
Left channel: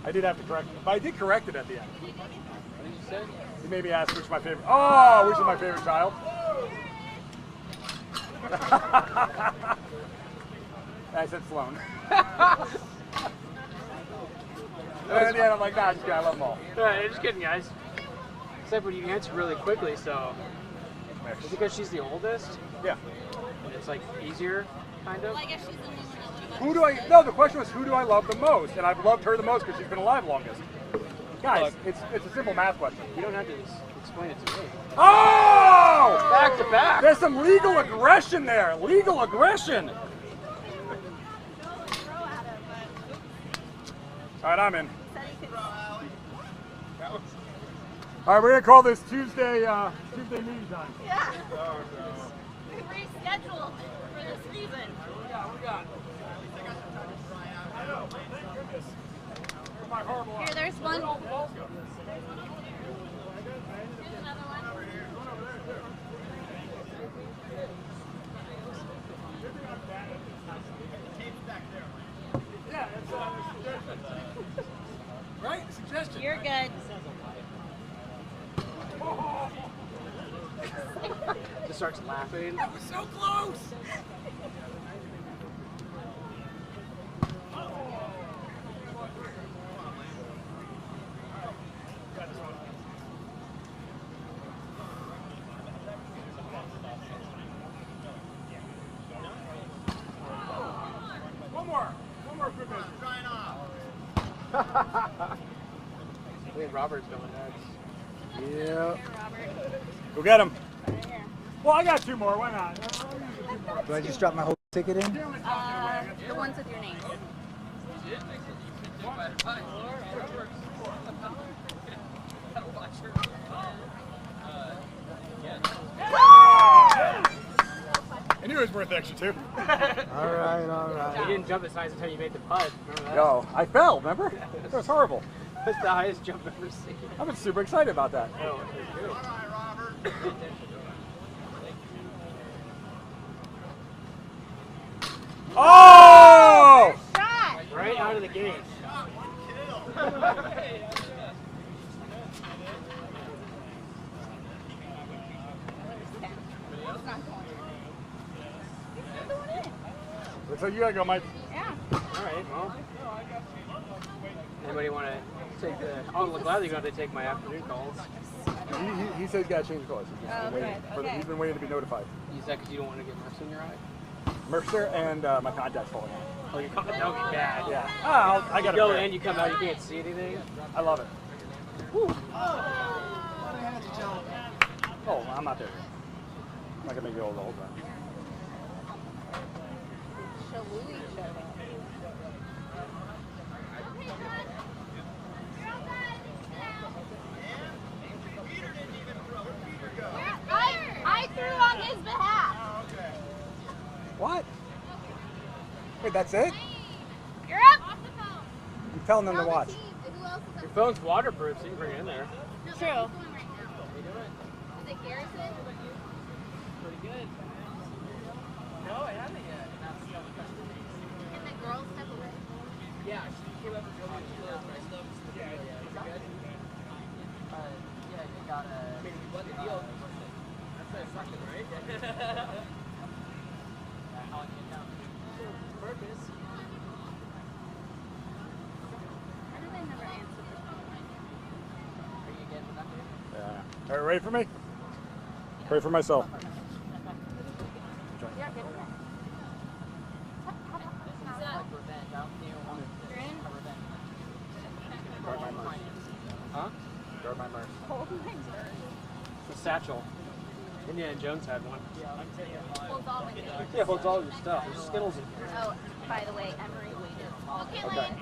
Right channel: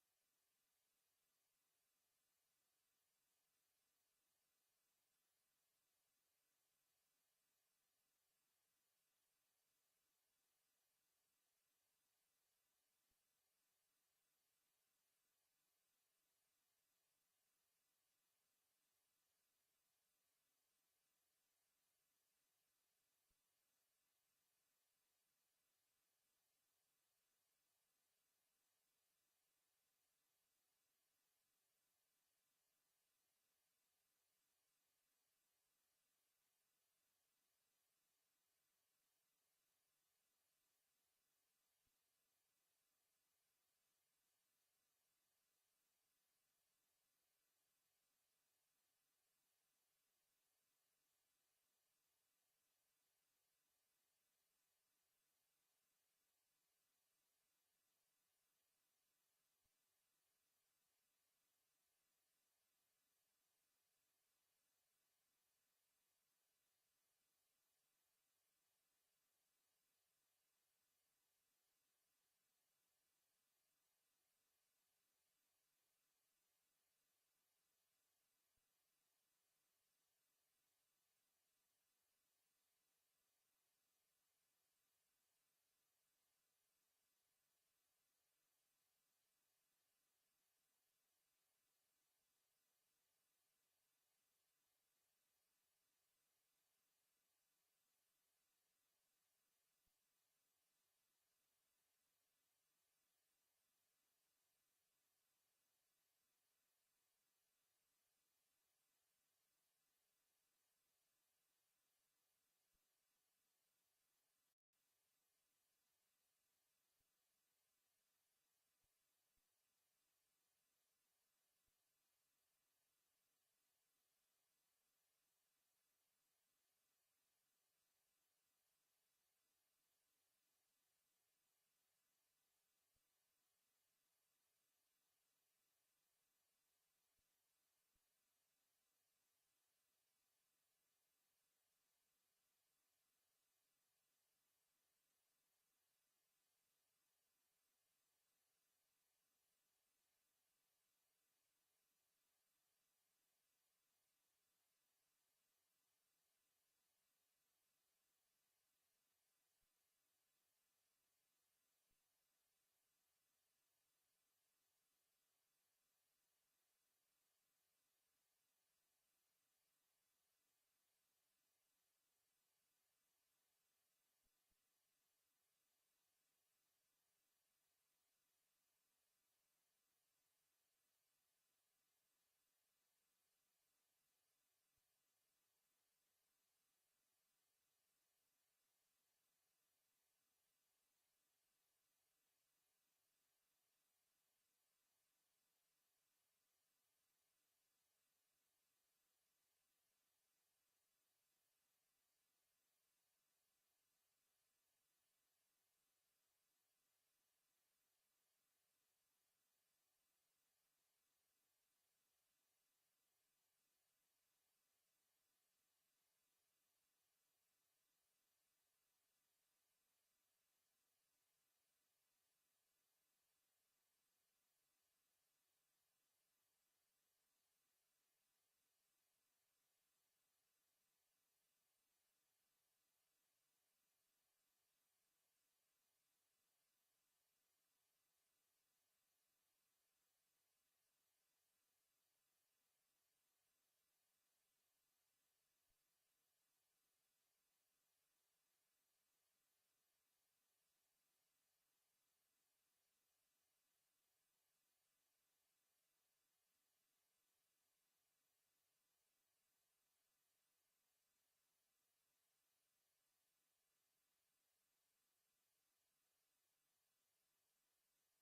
I did have to correct it, but I did correct it at the end. What did you say? You made me ask which is my favorite. Oh, which is my favorite child? I said Sloan. And at the end, I'm like, nah, just kidding. I love them all. Just kidding, guys. Except when you answer really quickly, so. Is it because she's the oldest? Yeah. And it's like easier, kind of? Who do I? No, the question was who do I love the most, and I've loved her the most because she's been alive longest. Guys, Look, it's a simple math question. You don't have to explain it to me. Oh! Back to back. There's some legal aggression there. Legal aggression. All right, I'm in. All right, we're gonna call this Tuesday meeting time. Yeah. We rescheduled for this reason. We got. Here, there's one. Right? Suggestion. You're good. Just starts laughing. That was so close. One more quick minute. I think Robert's going next. Yeah. Go get him. Well, I got 2 more. Why not? Do I just drop my whole ticket in? The ones with your name. I knew it was worth extra too. All right. You didn't jump as high until you made the putt. Remember that? Yo, I fell, remember? That was horrible. That's the highest jump I've ever seen. I've been super excited about that. Oh, it was good. Oh! Right out of the gate. So you gotta go, Mike. Yeah. All right, well. Anybody want to take the... I'll gladly go to take my afternoon calls. He said he's gotta change clothes. He's been waiting to be notified. Is that because you don't want to get Mercer in your eye? Mercer and my contact's falling out. Oh, that would be bad. Yeah. I got You go in, you come out, you can't see anything. I love it. Woo. Oh, I'm not there. I'm not gonna make you old the whole time. I threw on his behalf. What? Wait, that's it? You're up. I'm telling them to watch. Your phone's waterproof, so you can bring it in there. True. Is it Garrison? Pretty good. No, I haven't yet. Can the girls step away? Yeah, she came up and told me she lives, but I still haven't seen the video yet. Is it good? Yeah, you got a... I mean, we won the deal. That's something, right? How I came down. Purpose. All right, ready for me? Pray for myself. Huh? Guard my merch. It's a satchel. Indiana Jones had one. Holds all my things. Yeah, holds all your stuff. There's Skittles in here. Oh, by the way, Emery waited. Okay, Okay. Lance.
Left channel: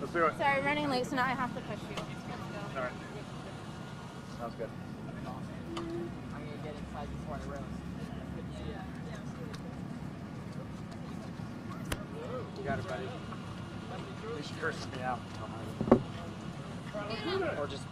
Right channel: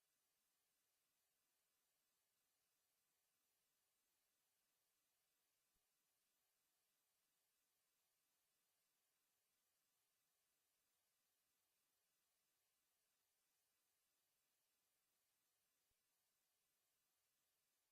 Let's do it. Sorry, I'm running late, so now I have to push you. Let's go. All right. Sounds good. I'm gonna get inside before I roast. You got it, buddy. They should curse me out. Or just.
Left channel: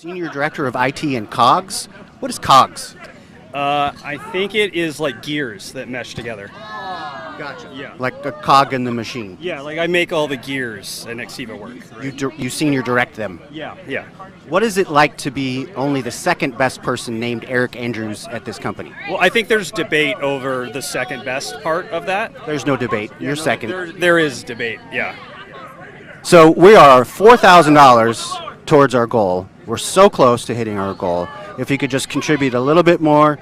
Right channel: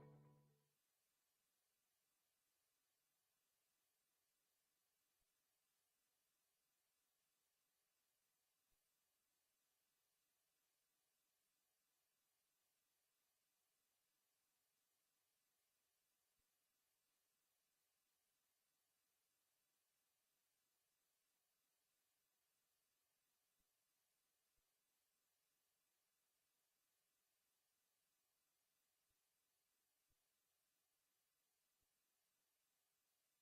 Senior Director of IT and COGS. What is COGS? I think it is like gears that mesh together. Gotcha. Yeah. Like a cog in the machine. Yeah, like I make all the gears at Nextiva work. Right? You senior direct them. Yeah, yeah. What is it like to be only the second best person named Eric Andrews at this company? Well, I think there's debate over the second best part of that. There's no debate. You're second. There is debate, yeah. So we are $4,000 towards our goal. We're so close to hitting our goal. If you could just contribute a little bit more,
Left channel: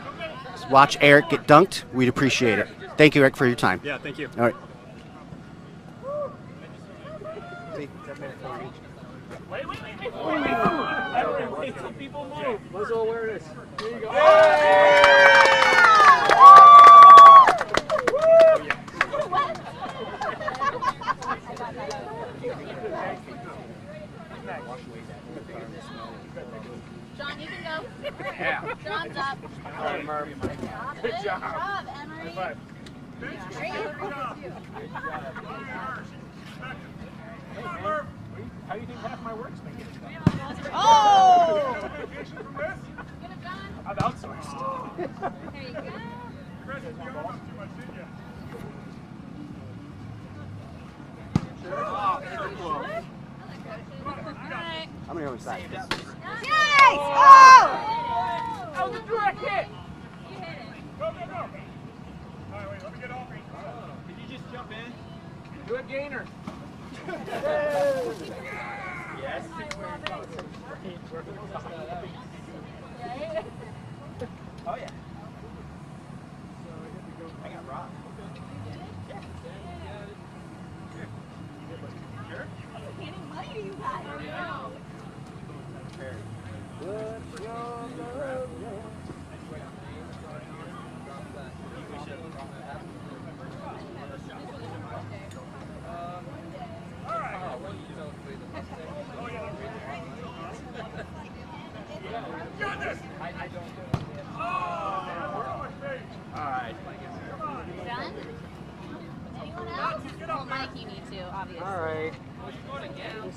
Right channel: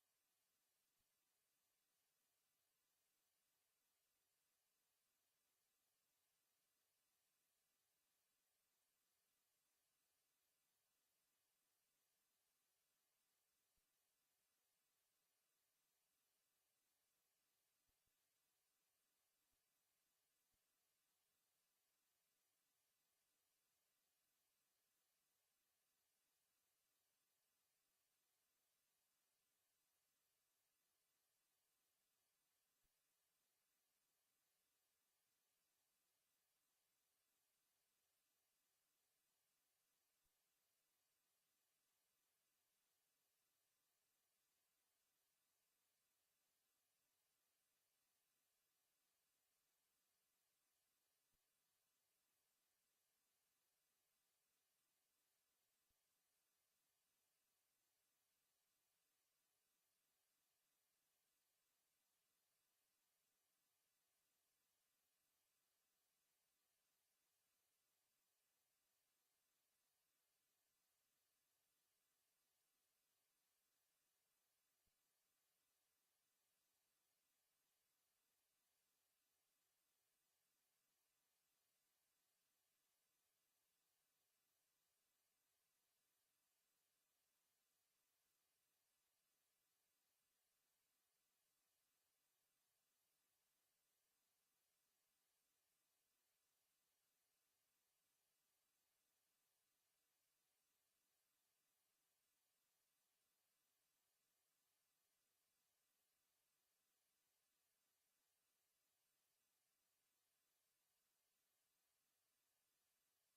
watch Eric get dunked, we'd appreciate it. Thank you, Eric, for your time. Yeah, thank you. All right. Wait, some people move. Muzzle awareness. Here you go. John, you can go. Yeah. John's up. All right, Murph. Good job. Emery. High five. Great. How do you think half my work's been getting done? Oh! I've outsourced. There you go. I'm going to go inside. Yes! Oh! That was a direct hit. You hit it. Go, go, go. All right, wait, let me get off. Did you just jump in? Do a gainer. Yes. Oh, yeah. I got robbed.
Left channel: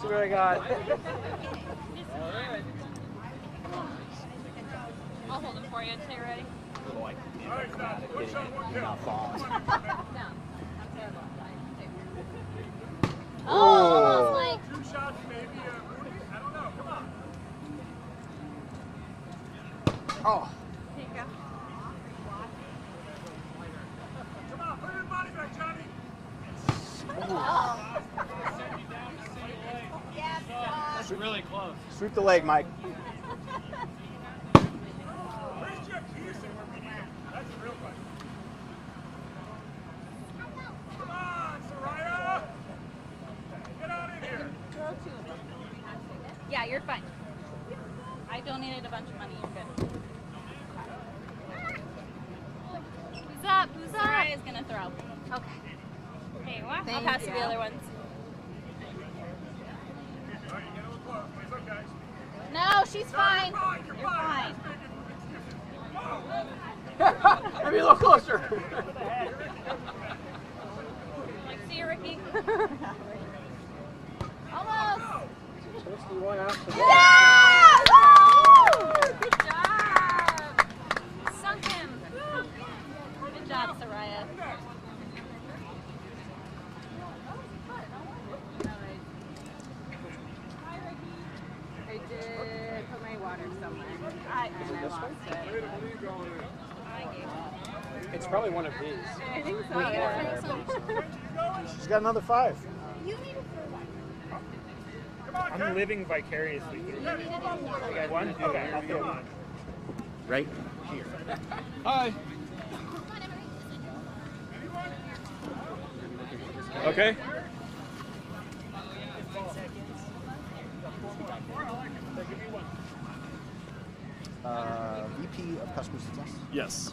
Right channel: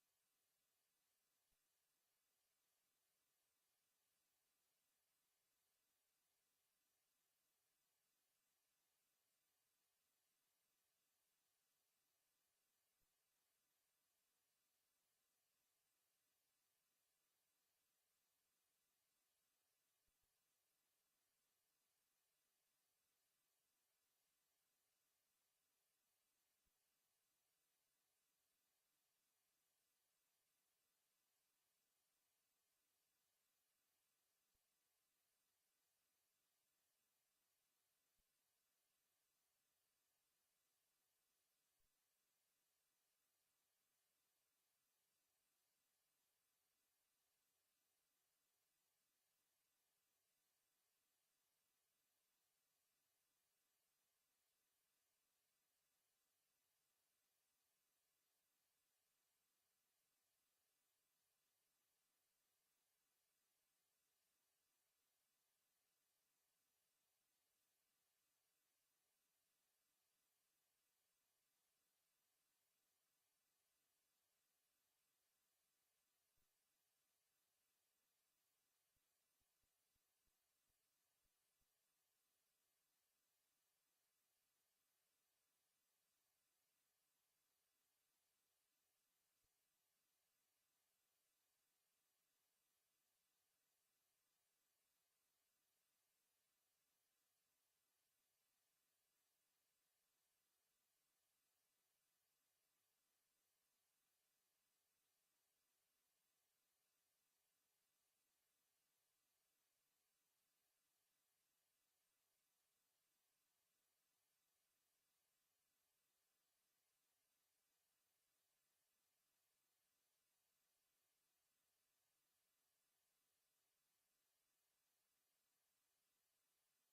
See what I got. I'll hold them for you until you're ready. Oh, almost like. 2 shots, maybe. I don't know. Come on. Oh. Here you go. Come on, put your body back, Johnny. That's really close. Sweep the leg, Mike. Where's Jeff Houston where we need him? That's the real question. Come on, Soraya. Get out in here. Yeah, you're fine. I donated a bunch of money. You're good. Who's up? Who's up? Soraya's gonna throw. Okay. There you are. I'll pass you the other ones. No, she's fine. You're fine. Maybe a little closer. Like, see you, Ricky. Almost. Yeah! Woo! Good job. Sunk him. Good job, Soraya. I did put my water somewhere. And I lost it. It's probably one of these. I think so. Yeah. She's got another 5. You need to throw one. I'm living vicariously through you. You guys one? Okay, I'll throw one. Right here. Hi. Okay. VP of Customer Success. Yes.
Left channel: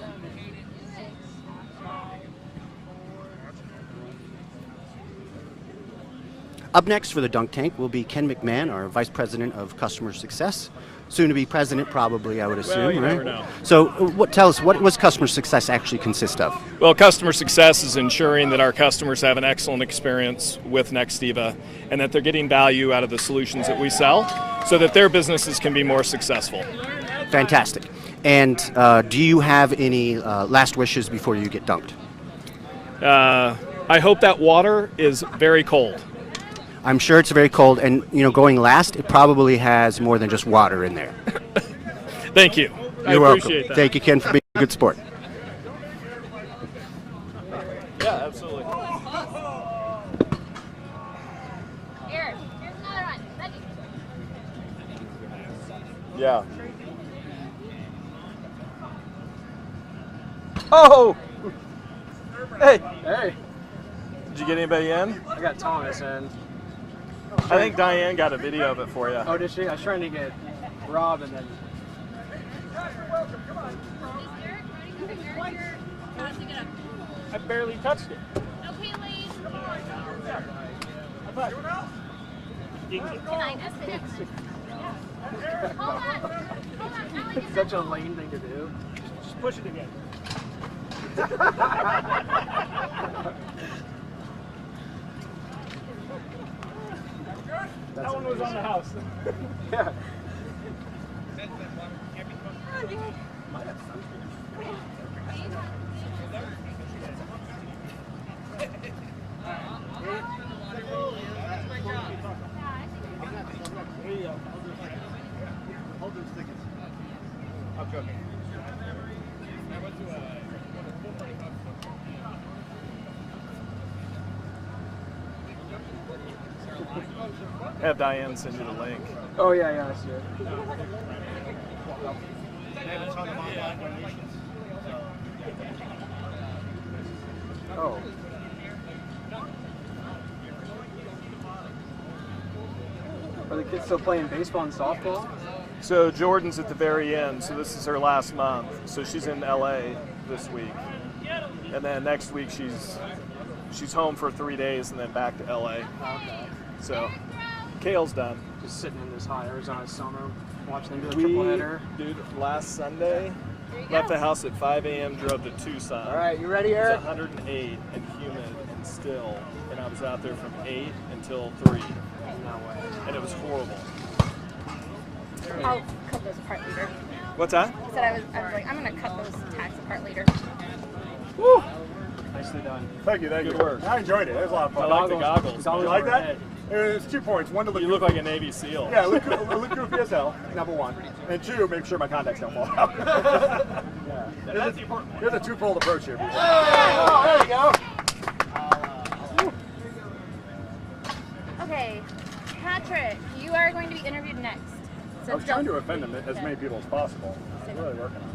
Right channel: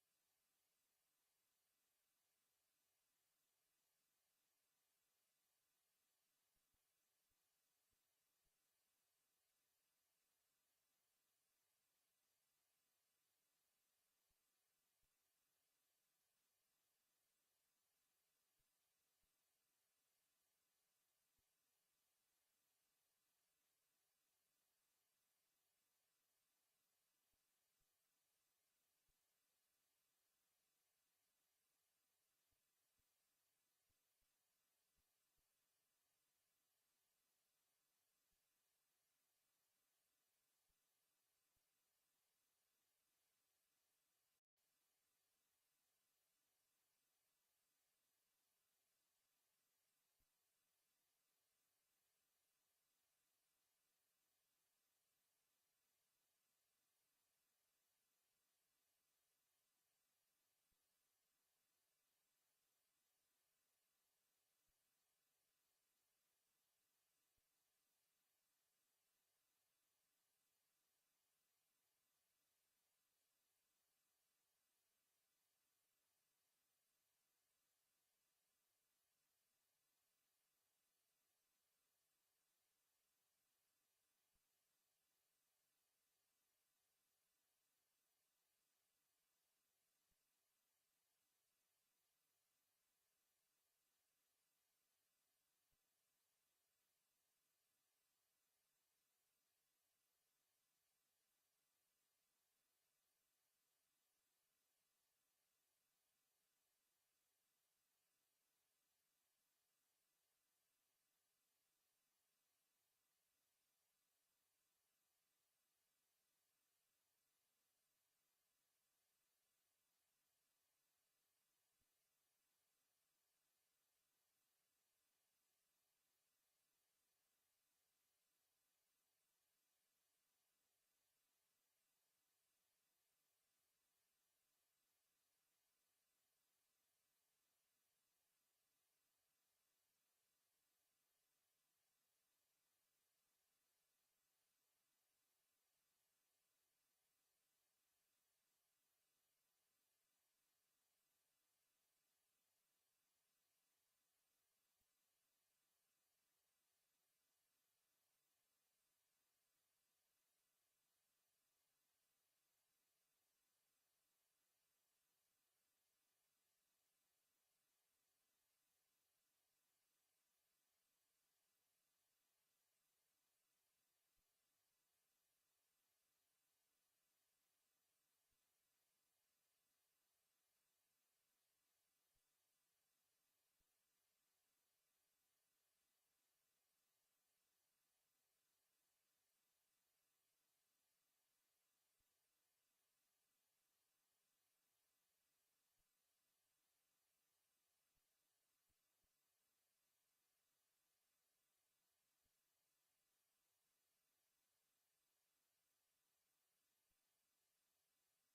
Up next for the dunk tank will be Ken McMahon, our Vice President of Customer Success. Soon to be president, probably, I would assume, Well, you right? never know. So, tell us, what does customer success actually consist of? Well, customer success is ensuring that our customers have an excellent experience with Nextiva and that they're getting value out of the solutions that we sell so that their businesses can be more successful. Fantastic. And do you have any last wishes before you get dunked? I hope that water is very cold. I'm sure it's very cold, and going last, it probably has more than just water in there. Thank you. You're I welcome. appreciate that. Thank you, Ken, for being a good sport. Yeah, absolutely. Here's another one. Ready? Yeah. Oh! Hey! Hey. Did you get anybody in? I got Thomas in. I think Diane got a video of it for you. Oh, did she? I was trying to get Rob and then. I barely touched it. Okay, Lane. Can I just sit? Hold on. It's such a lame thing to do. Just push it again. That one was on the house. Yeah. I'm joking. Have Diane send you the link. Oh, yeah, I see it. Oh. Are the kids still playing baseball and softball? So Jordan's at the very end, so this is her last month. So she's in LA this week. And then next week she's home for 3 days and then back to LA. Okay. So Kale's done. Just sitting in this hot Arizona summer, watching them do the triple header. Dude, last Sunday, left the house at 5 a.m., drove to Tucson. All right, you ready, Eric? It's 108 and humid and still, and I was out there from 8 until 3. No way. was horrible. I'll cut those apart later. What's that? I said I was like, I'm gonna cut those tags apart later. Woo! Nicely done. Thank you, thank Good you. work. I enjoyed it. It was a lot of fun. I like the goggles. You like that? It's 2 points. One to look. You look like a Navy SEAL. Yeah, look goofy as hell. Number one, and two, make sure my contacts don't fall out. That's the important one. There's a twofold approach here. People. Oh, there you go. Okay, Patrick, you are going to be interviewed next. So I was trying to offend them as many people as possible. I'm really working on it.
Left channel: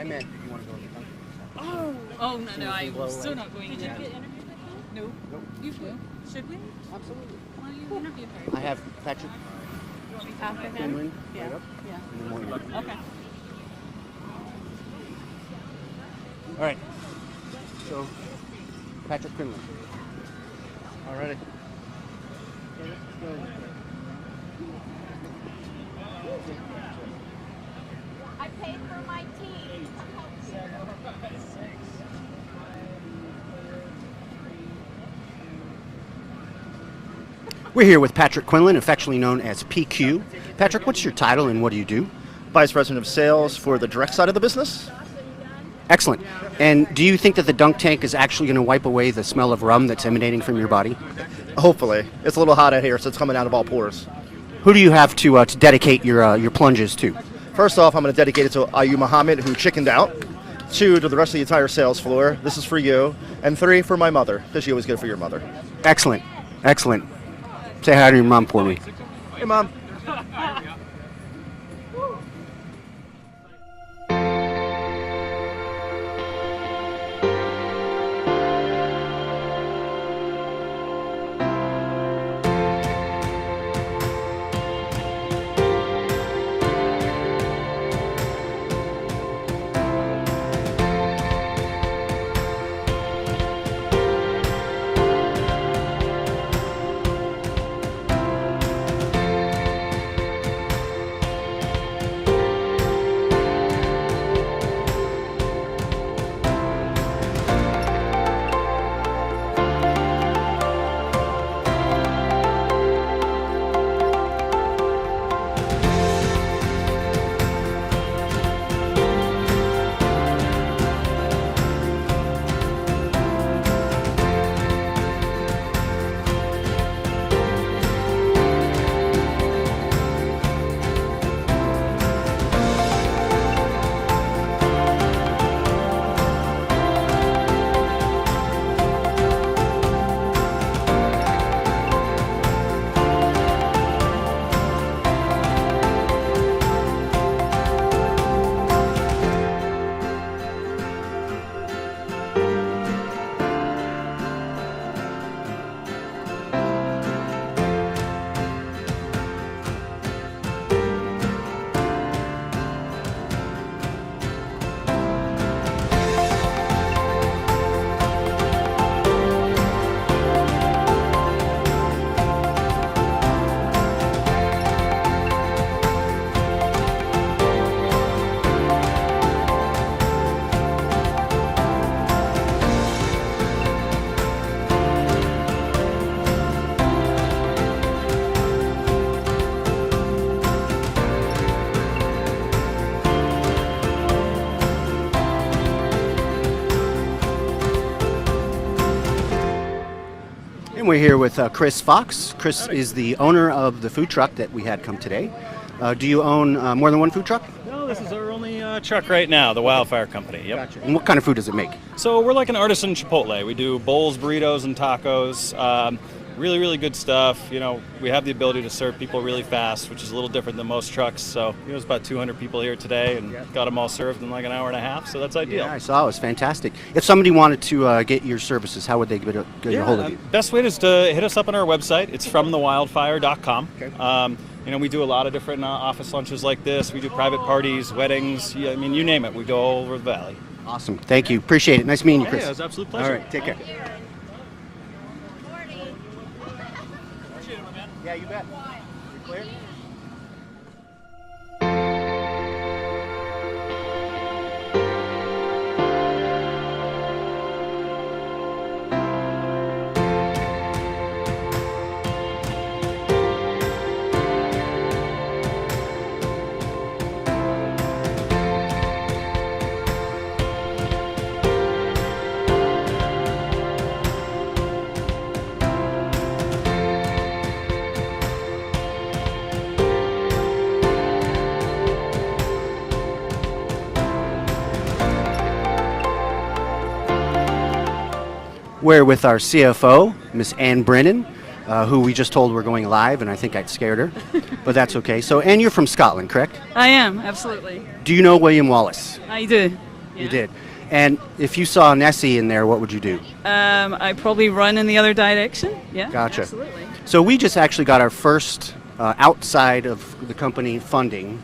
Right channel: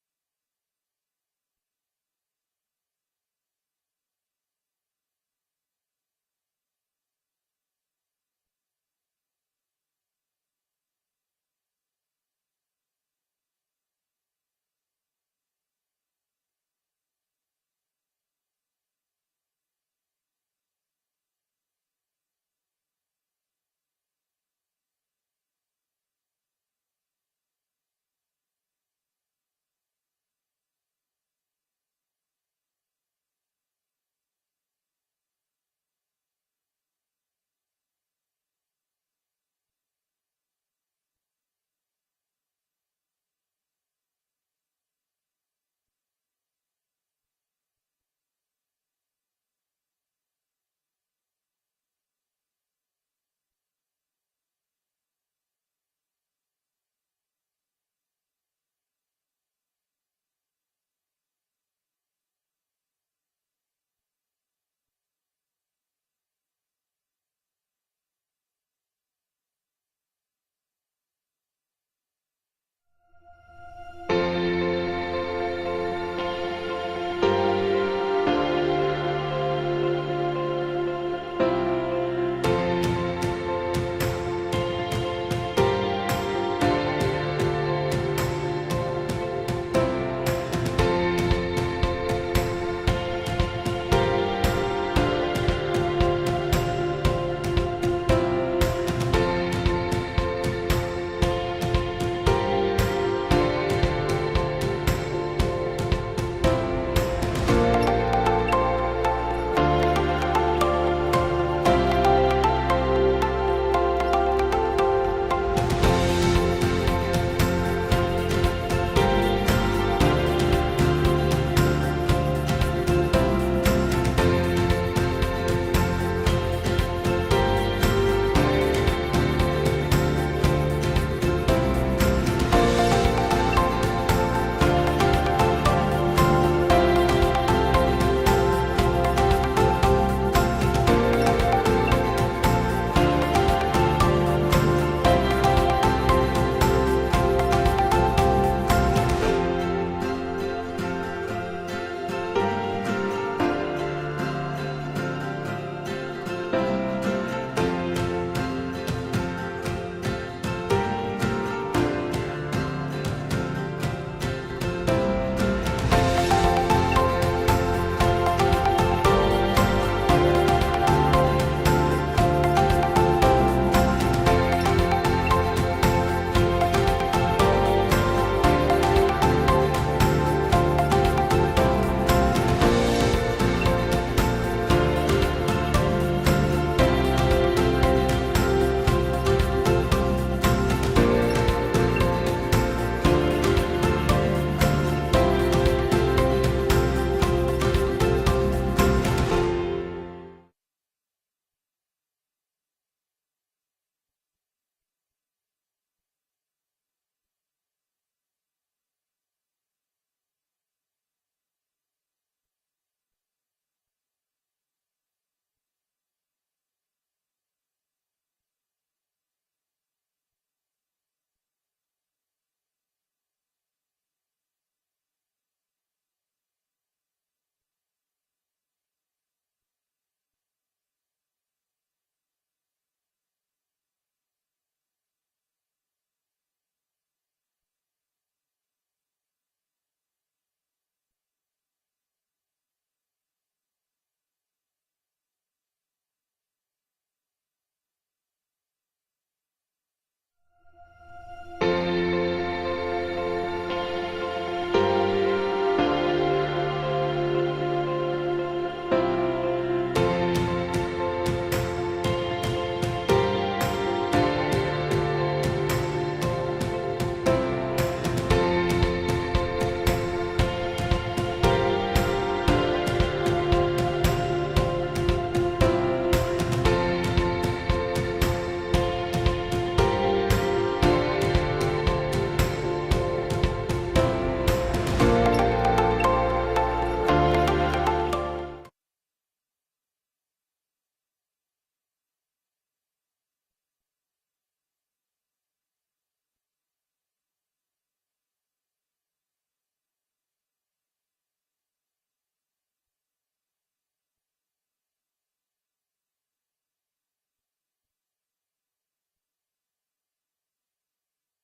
I meant if you want to go in the Dunkin'. Oh, no, I'm still not going Did in. you get interviewed with them? No. Nope. You should. Should we? Absolutely. Why don't you interview her? I have Patrick After him? Quinlan. Yeah. Right up. Yeah. And then one more. Okay. All right. So, Patrick Quinlan. All righty. I paid for my tea. We're here with Patrick Quinlan, affectionately known as PQ. Patrick, what's your title and what do you do? Vice President of Sales for the direct side of the business. Excellent. And do you think that the dunk tank is actually going to wipe away the smell of rum that's emanating from your body? Hopefully. It's a little hot out here, so it's coming out of all pores. Who do you have to dedicate your plunges to? First off, I'm going to dedicate it to Ayu Muhammad, who chickened out. 2, to the rest of the entire sales floor. This is for you. And 3, for my mother, because she always good for your mother. Excellent. Excellent. Say hi to your mom for me. Hey, Mom. And we're here with Chris Fox. Chris is the owner of the food truck that we had come today. Do you own more than one food truck? No, this is our only truck right now, the Wildfire Company. Yep. Gotcha. And what kind of food does it make? So we're like an artisan Chipotle. We do bowls, burritos, and tacos. Really, really good stuff. You know, we have the ability to serve people really fast, which is a little different than most trucks. So, you know, it's about 200 people here today and got them all served in like an hour and a half. So that's ideal. Yeah, I saw. It was fantastic. If somebody wanted to get your services, how would they get a hold of you? Best way is to hit us up on our website. It's fromthewildfire.com. Okay. You know, we do a lot of different office lunches like this. We do private parties, weddings. Yeah, I mean, you name it. We go all over the valley. Awesome. Thank you. Appreciate it. Nice meeting you, Chris. Yeah, it was an absolute pleasure. All right. Take care. Yeah, you bet. You clear? We're with our CFO, Miss Ann Brennan, who we just told we're going live, and I think I'd scared her, but that's okay. So, Ann, you're from Scotland, correct? I am, absolutely. Do you know William Wallace? I do. You did. And if you saw Nessie in there, what would you do? I probably run in the other direction. Yeah. Gotcha. Absolutely. So we just actually got our first outside of the company funding,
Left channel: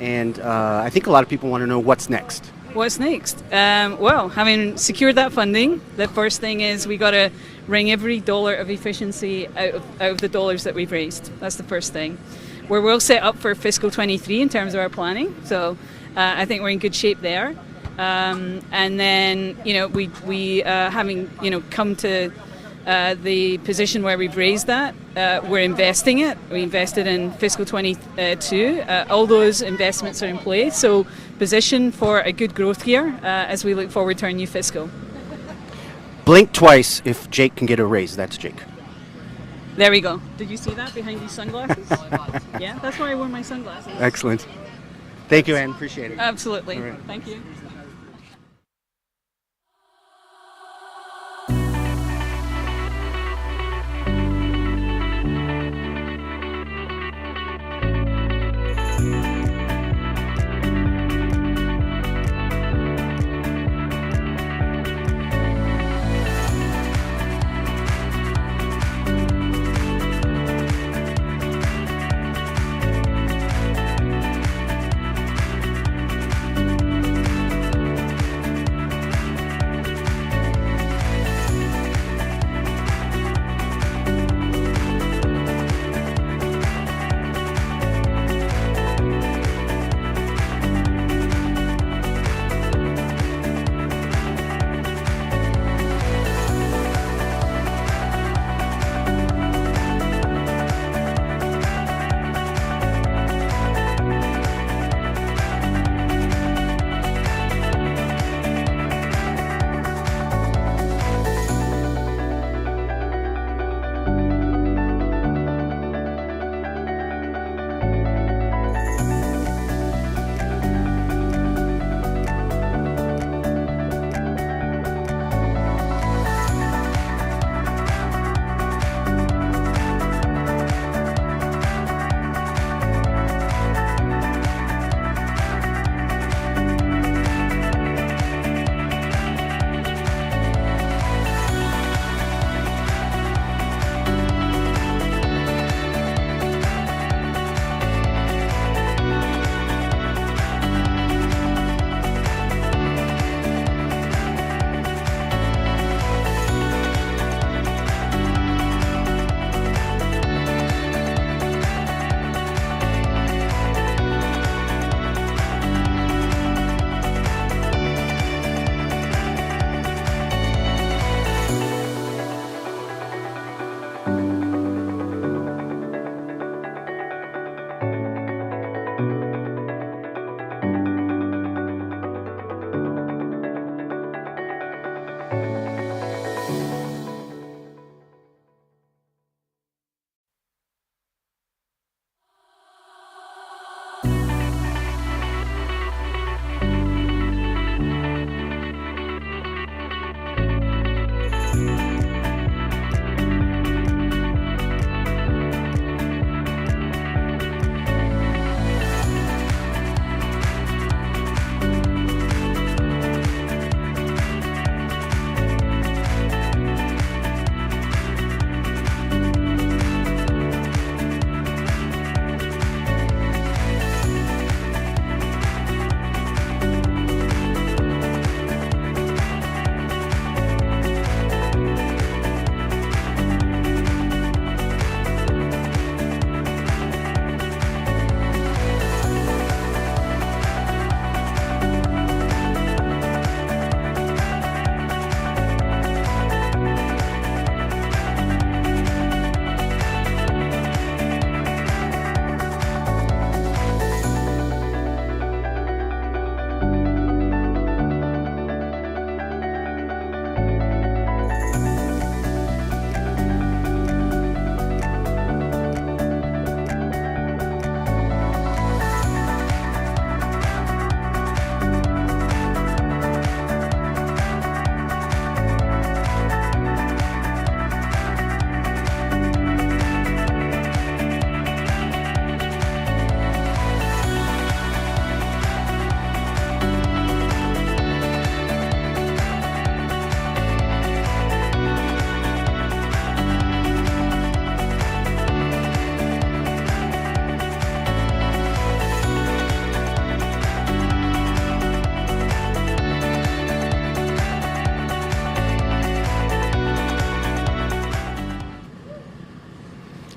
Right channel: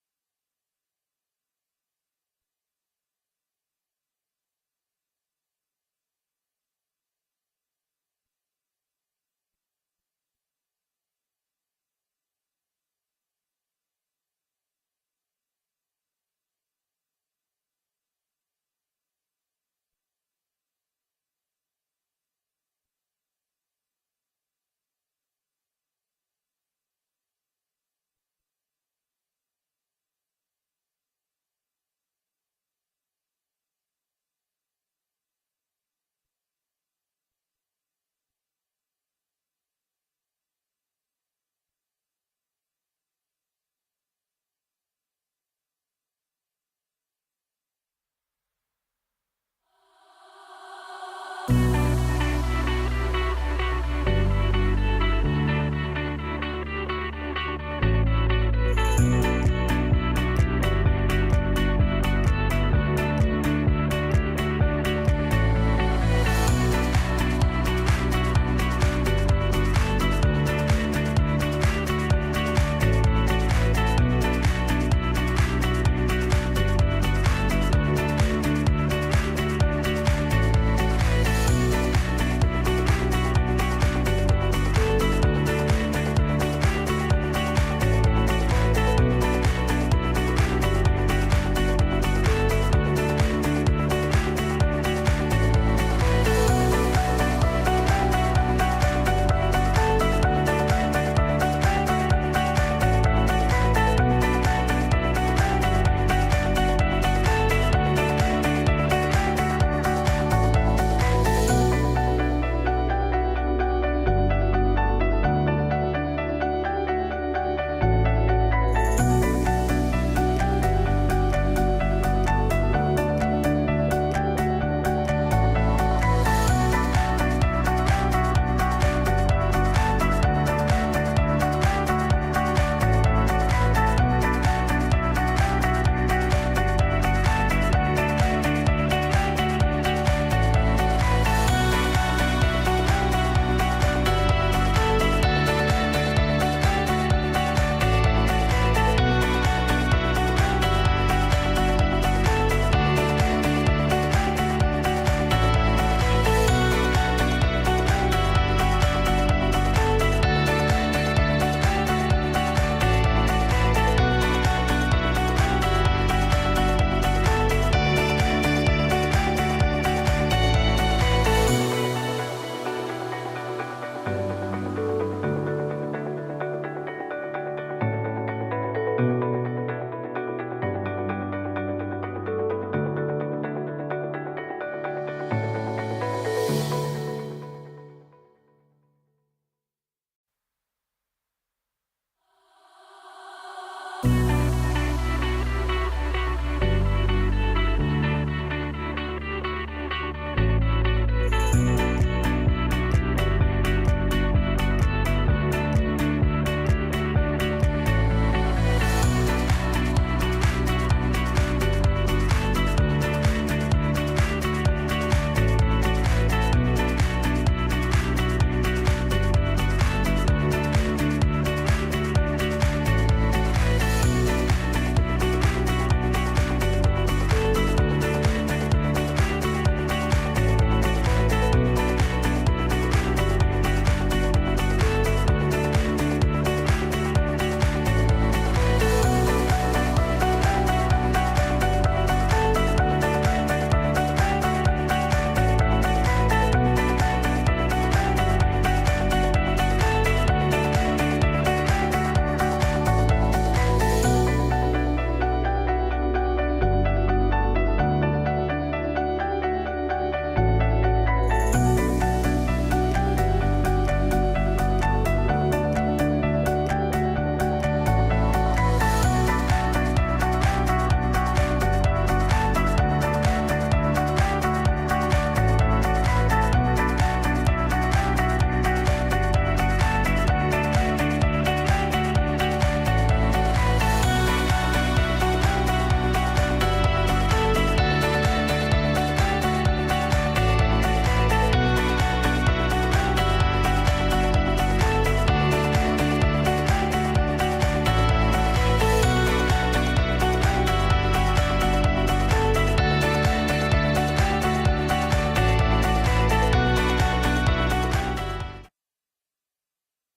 and I think a lot of people want to know what's next. What's next? Well, having secured that funding, the first thing is we got to wring every dollar of efficiency out of the dollars that we've raised. That's the first thing. We're well set up for fiscal 23 in terms of our planning, so I think we're in good shape there. And then, we having, come to the position where we've raised that, we're investing it. We invested in fiscal 22. All those investments are in place, so position for a good growth year as we look forward to our new fiscal. Blink twice if Jake can get a raise. That's Jake. There we go. Did you see that behind these sunglasses? Yeah, that's why I wore my sunglasses. Excellent. Thank you, Ann. Appreciate it. Absolutely. All right. Thank you.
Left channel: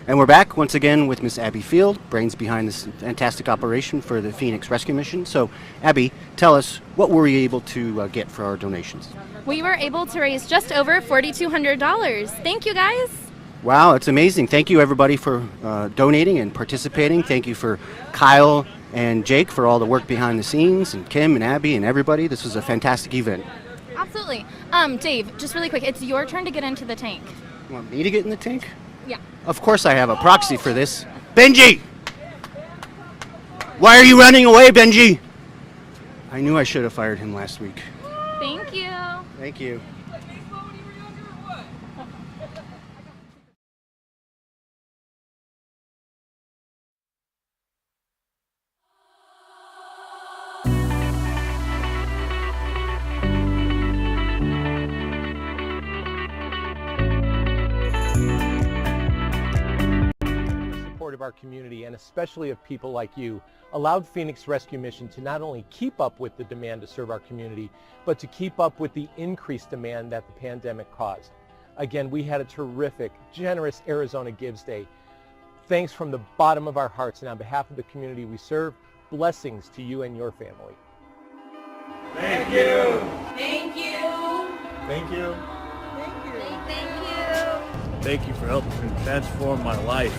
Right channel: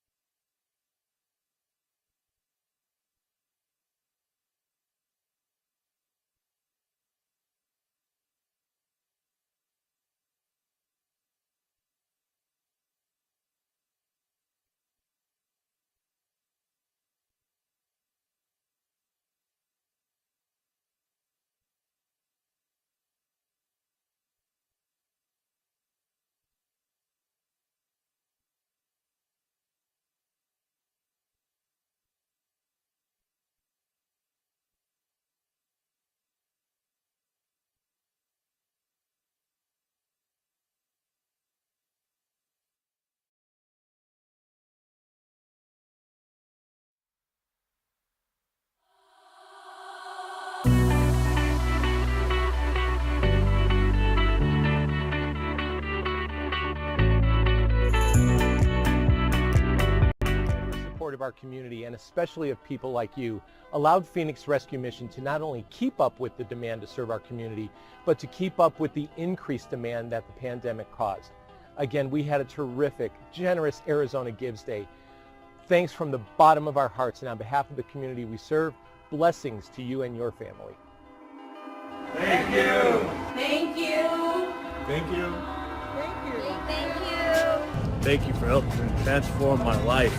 And we're back once again with Miss Abby Field, brains behind this fantastic operation for the Phoenix Rescue Mission. So, Abby, tell us, what were we able to get for our donations? We were able to raise just over $4,200. Thank you, guys. Wow, it's amazing. Thank you, everybody, for donating and participating. Thank you for Kyle and Jake for all the work behind the scenes, and Kim and Abby and everybody. This was a fantastic event. Absolutely. Dave, just really quick, it's your turn to get into the tank. You want me to get in the tank? Yeah. Of course I have a proxy for this. Benji! Why are you running away, Benji? I knew I should have fired him last week. Thank you. Thank you. Of our community, and especially of people like you, allowed Phoenix Rescue Mission to not only keep up with the demand to serve our community, but to keep up with the increased demand that the pandemic caused. Again, we had a terrific, generous Arizona Gives Day. Thanks from the bottom of our hearts, and on behalf of the community we serve, blessings to you and your family. Thank you. Thank you. Thank you. Thank you. Thank you. Thank you for helping transform my life.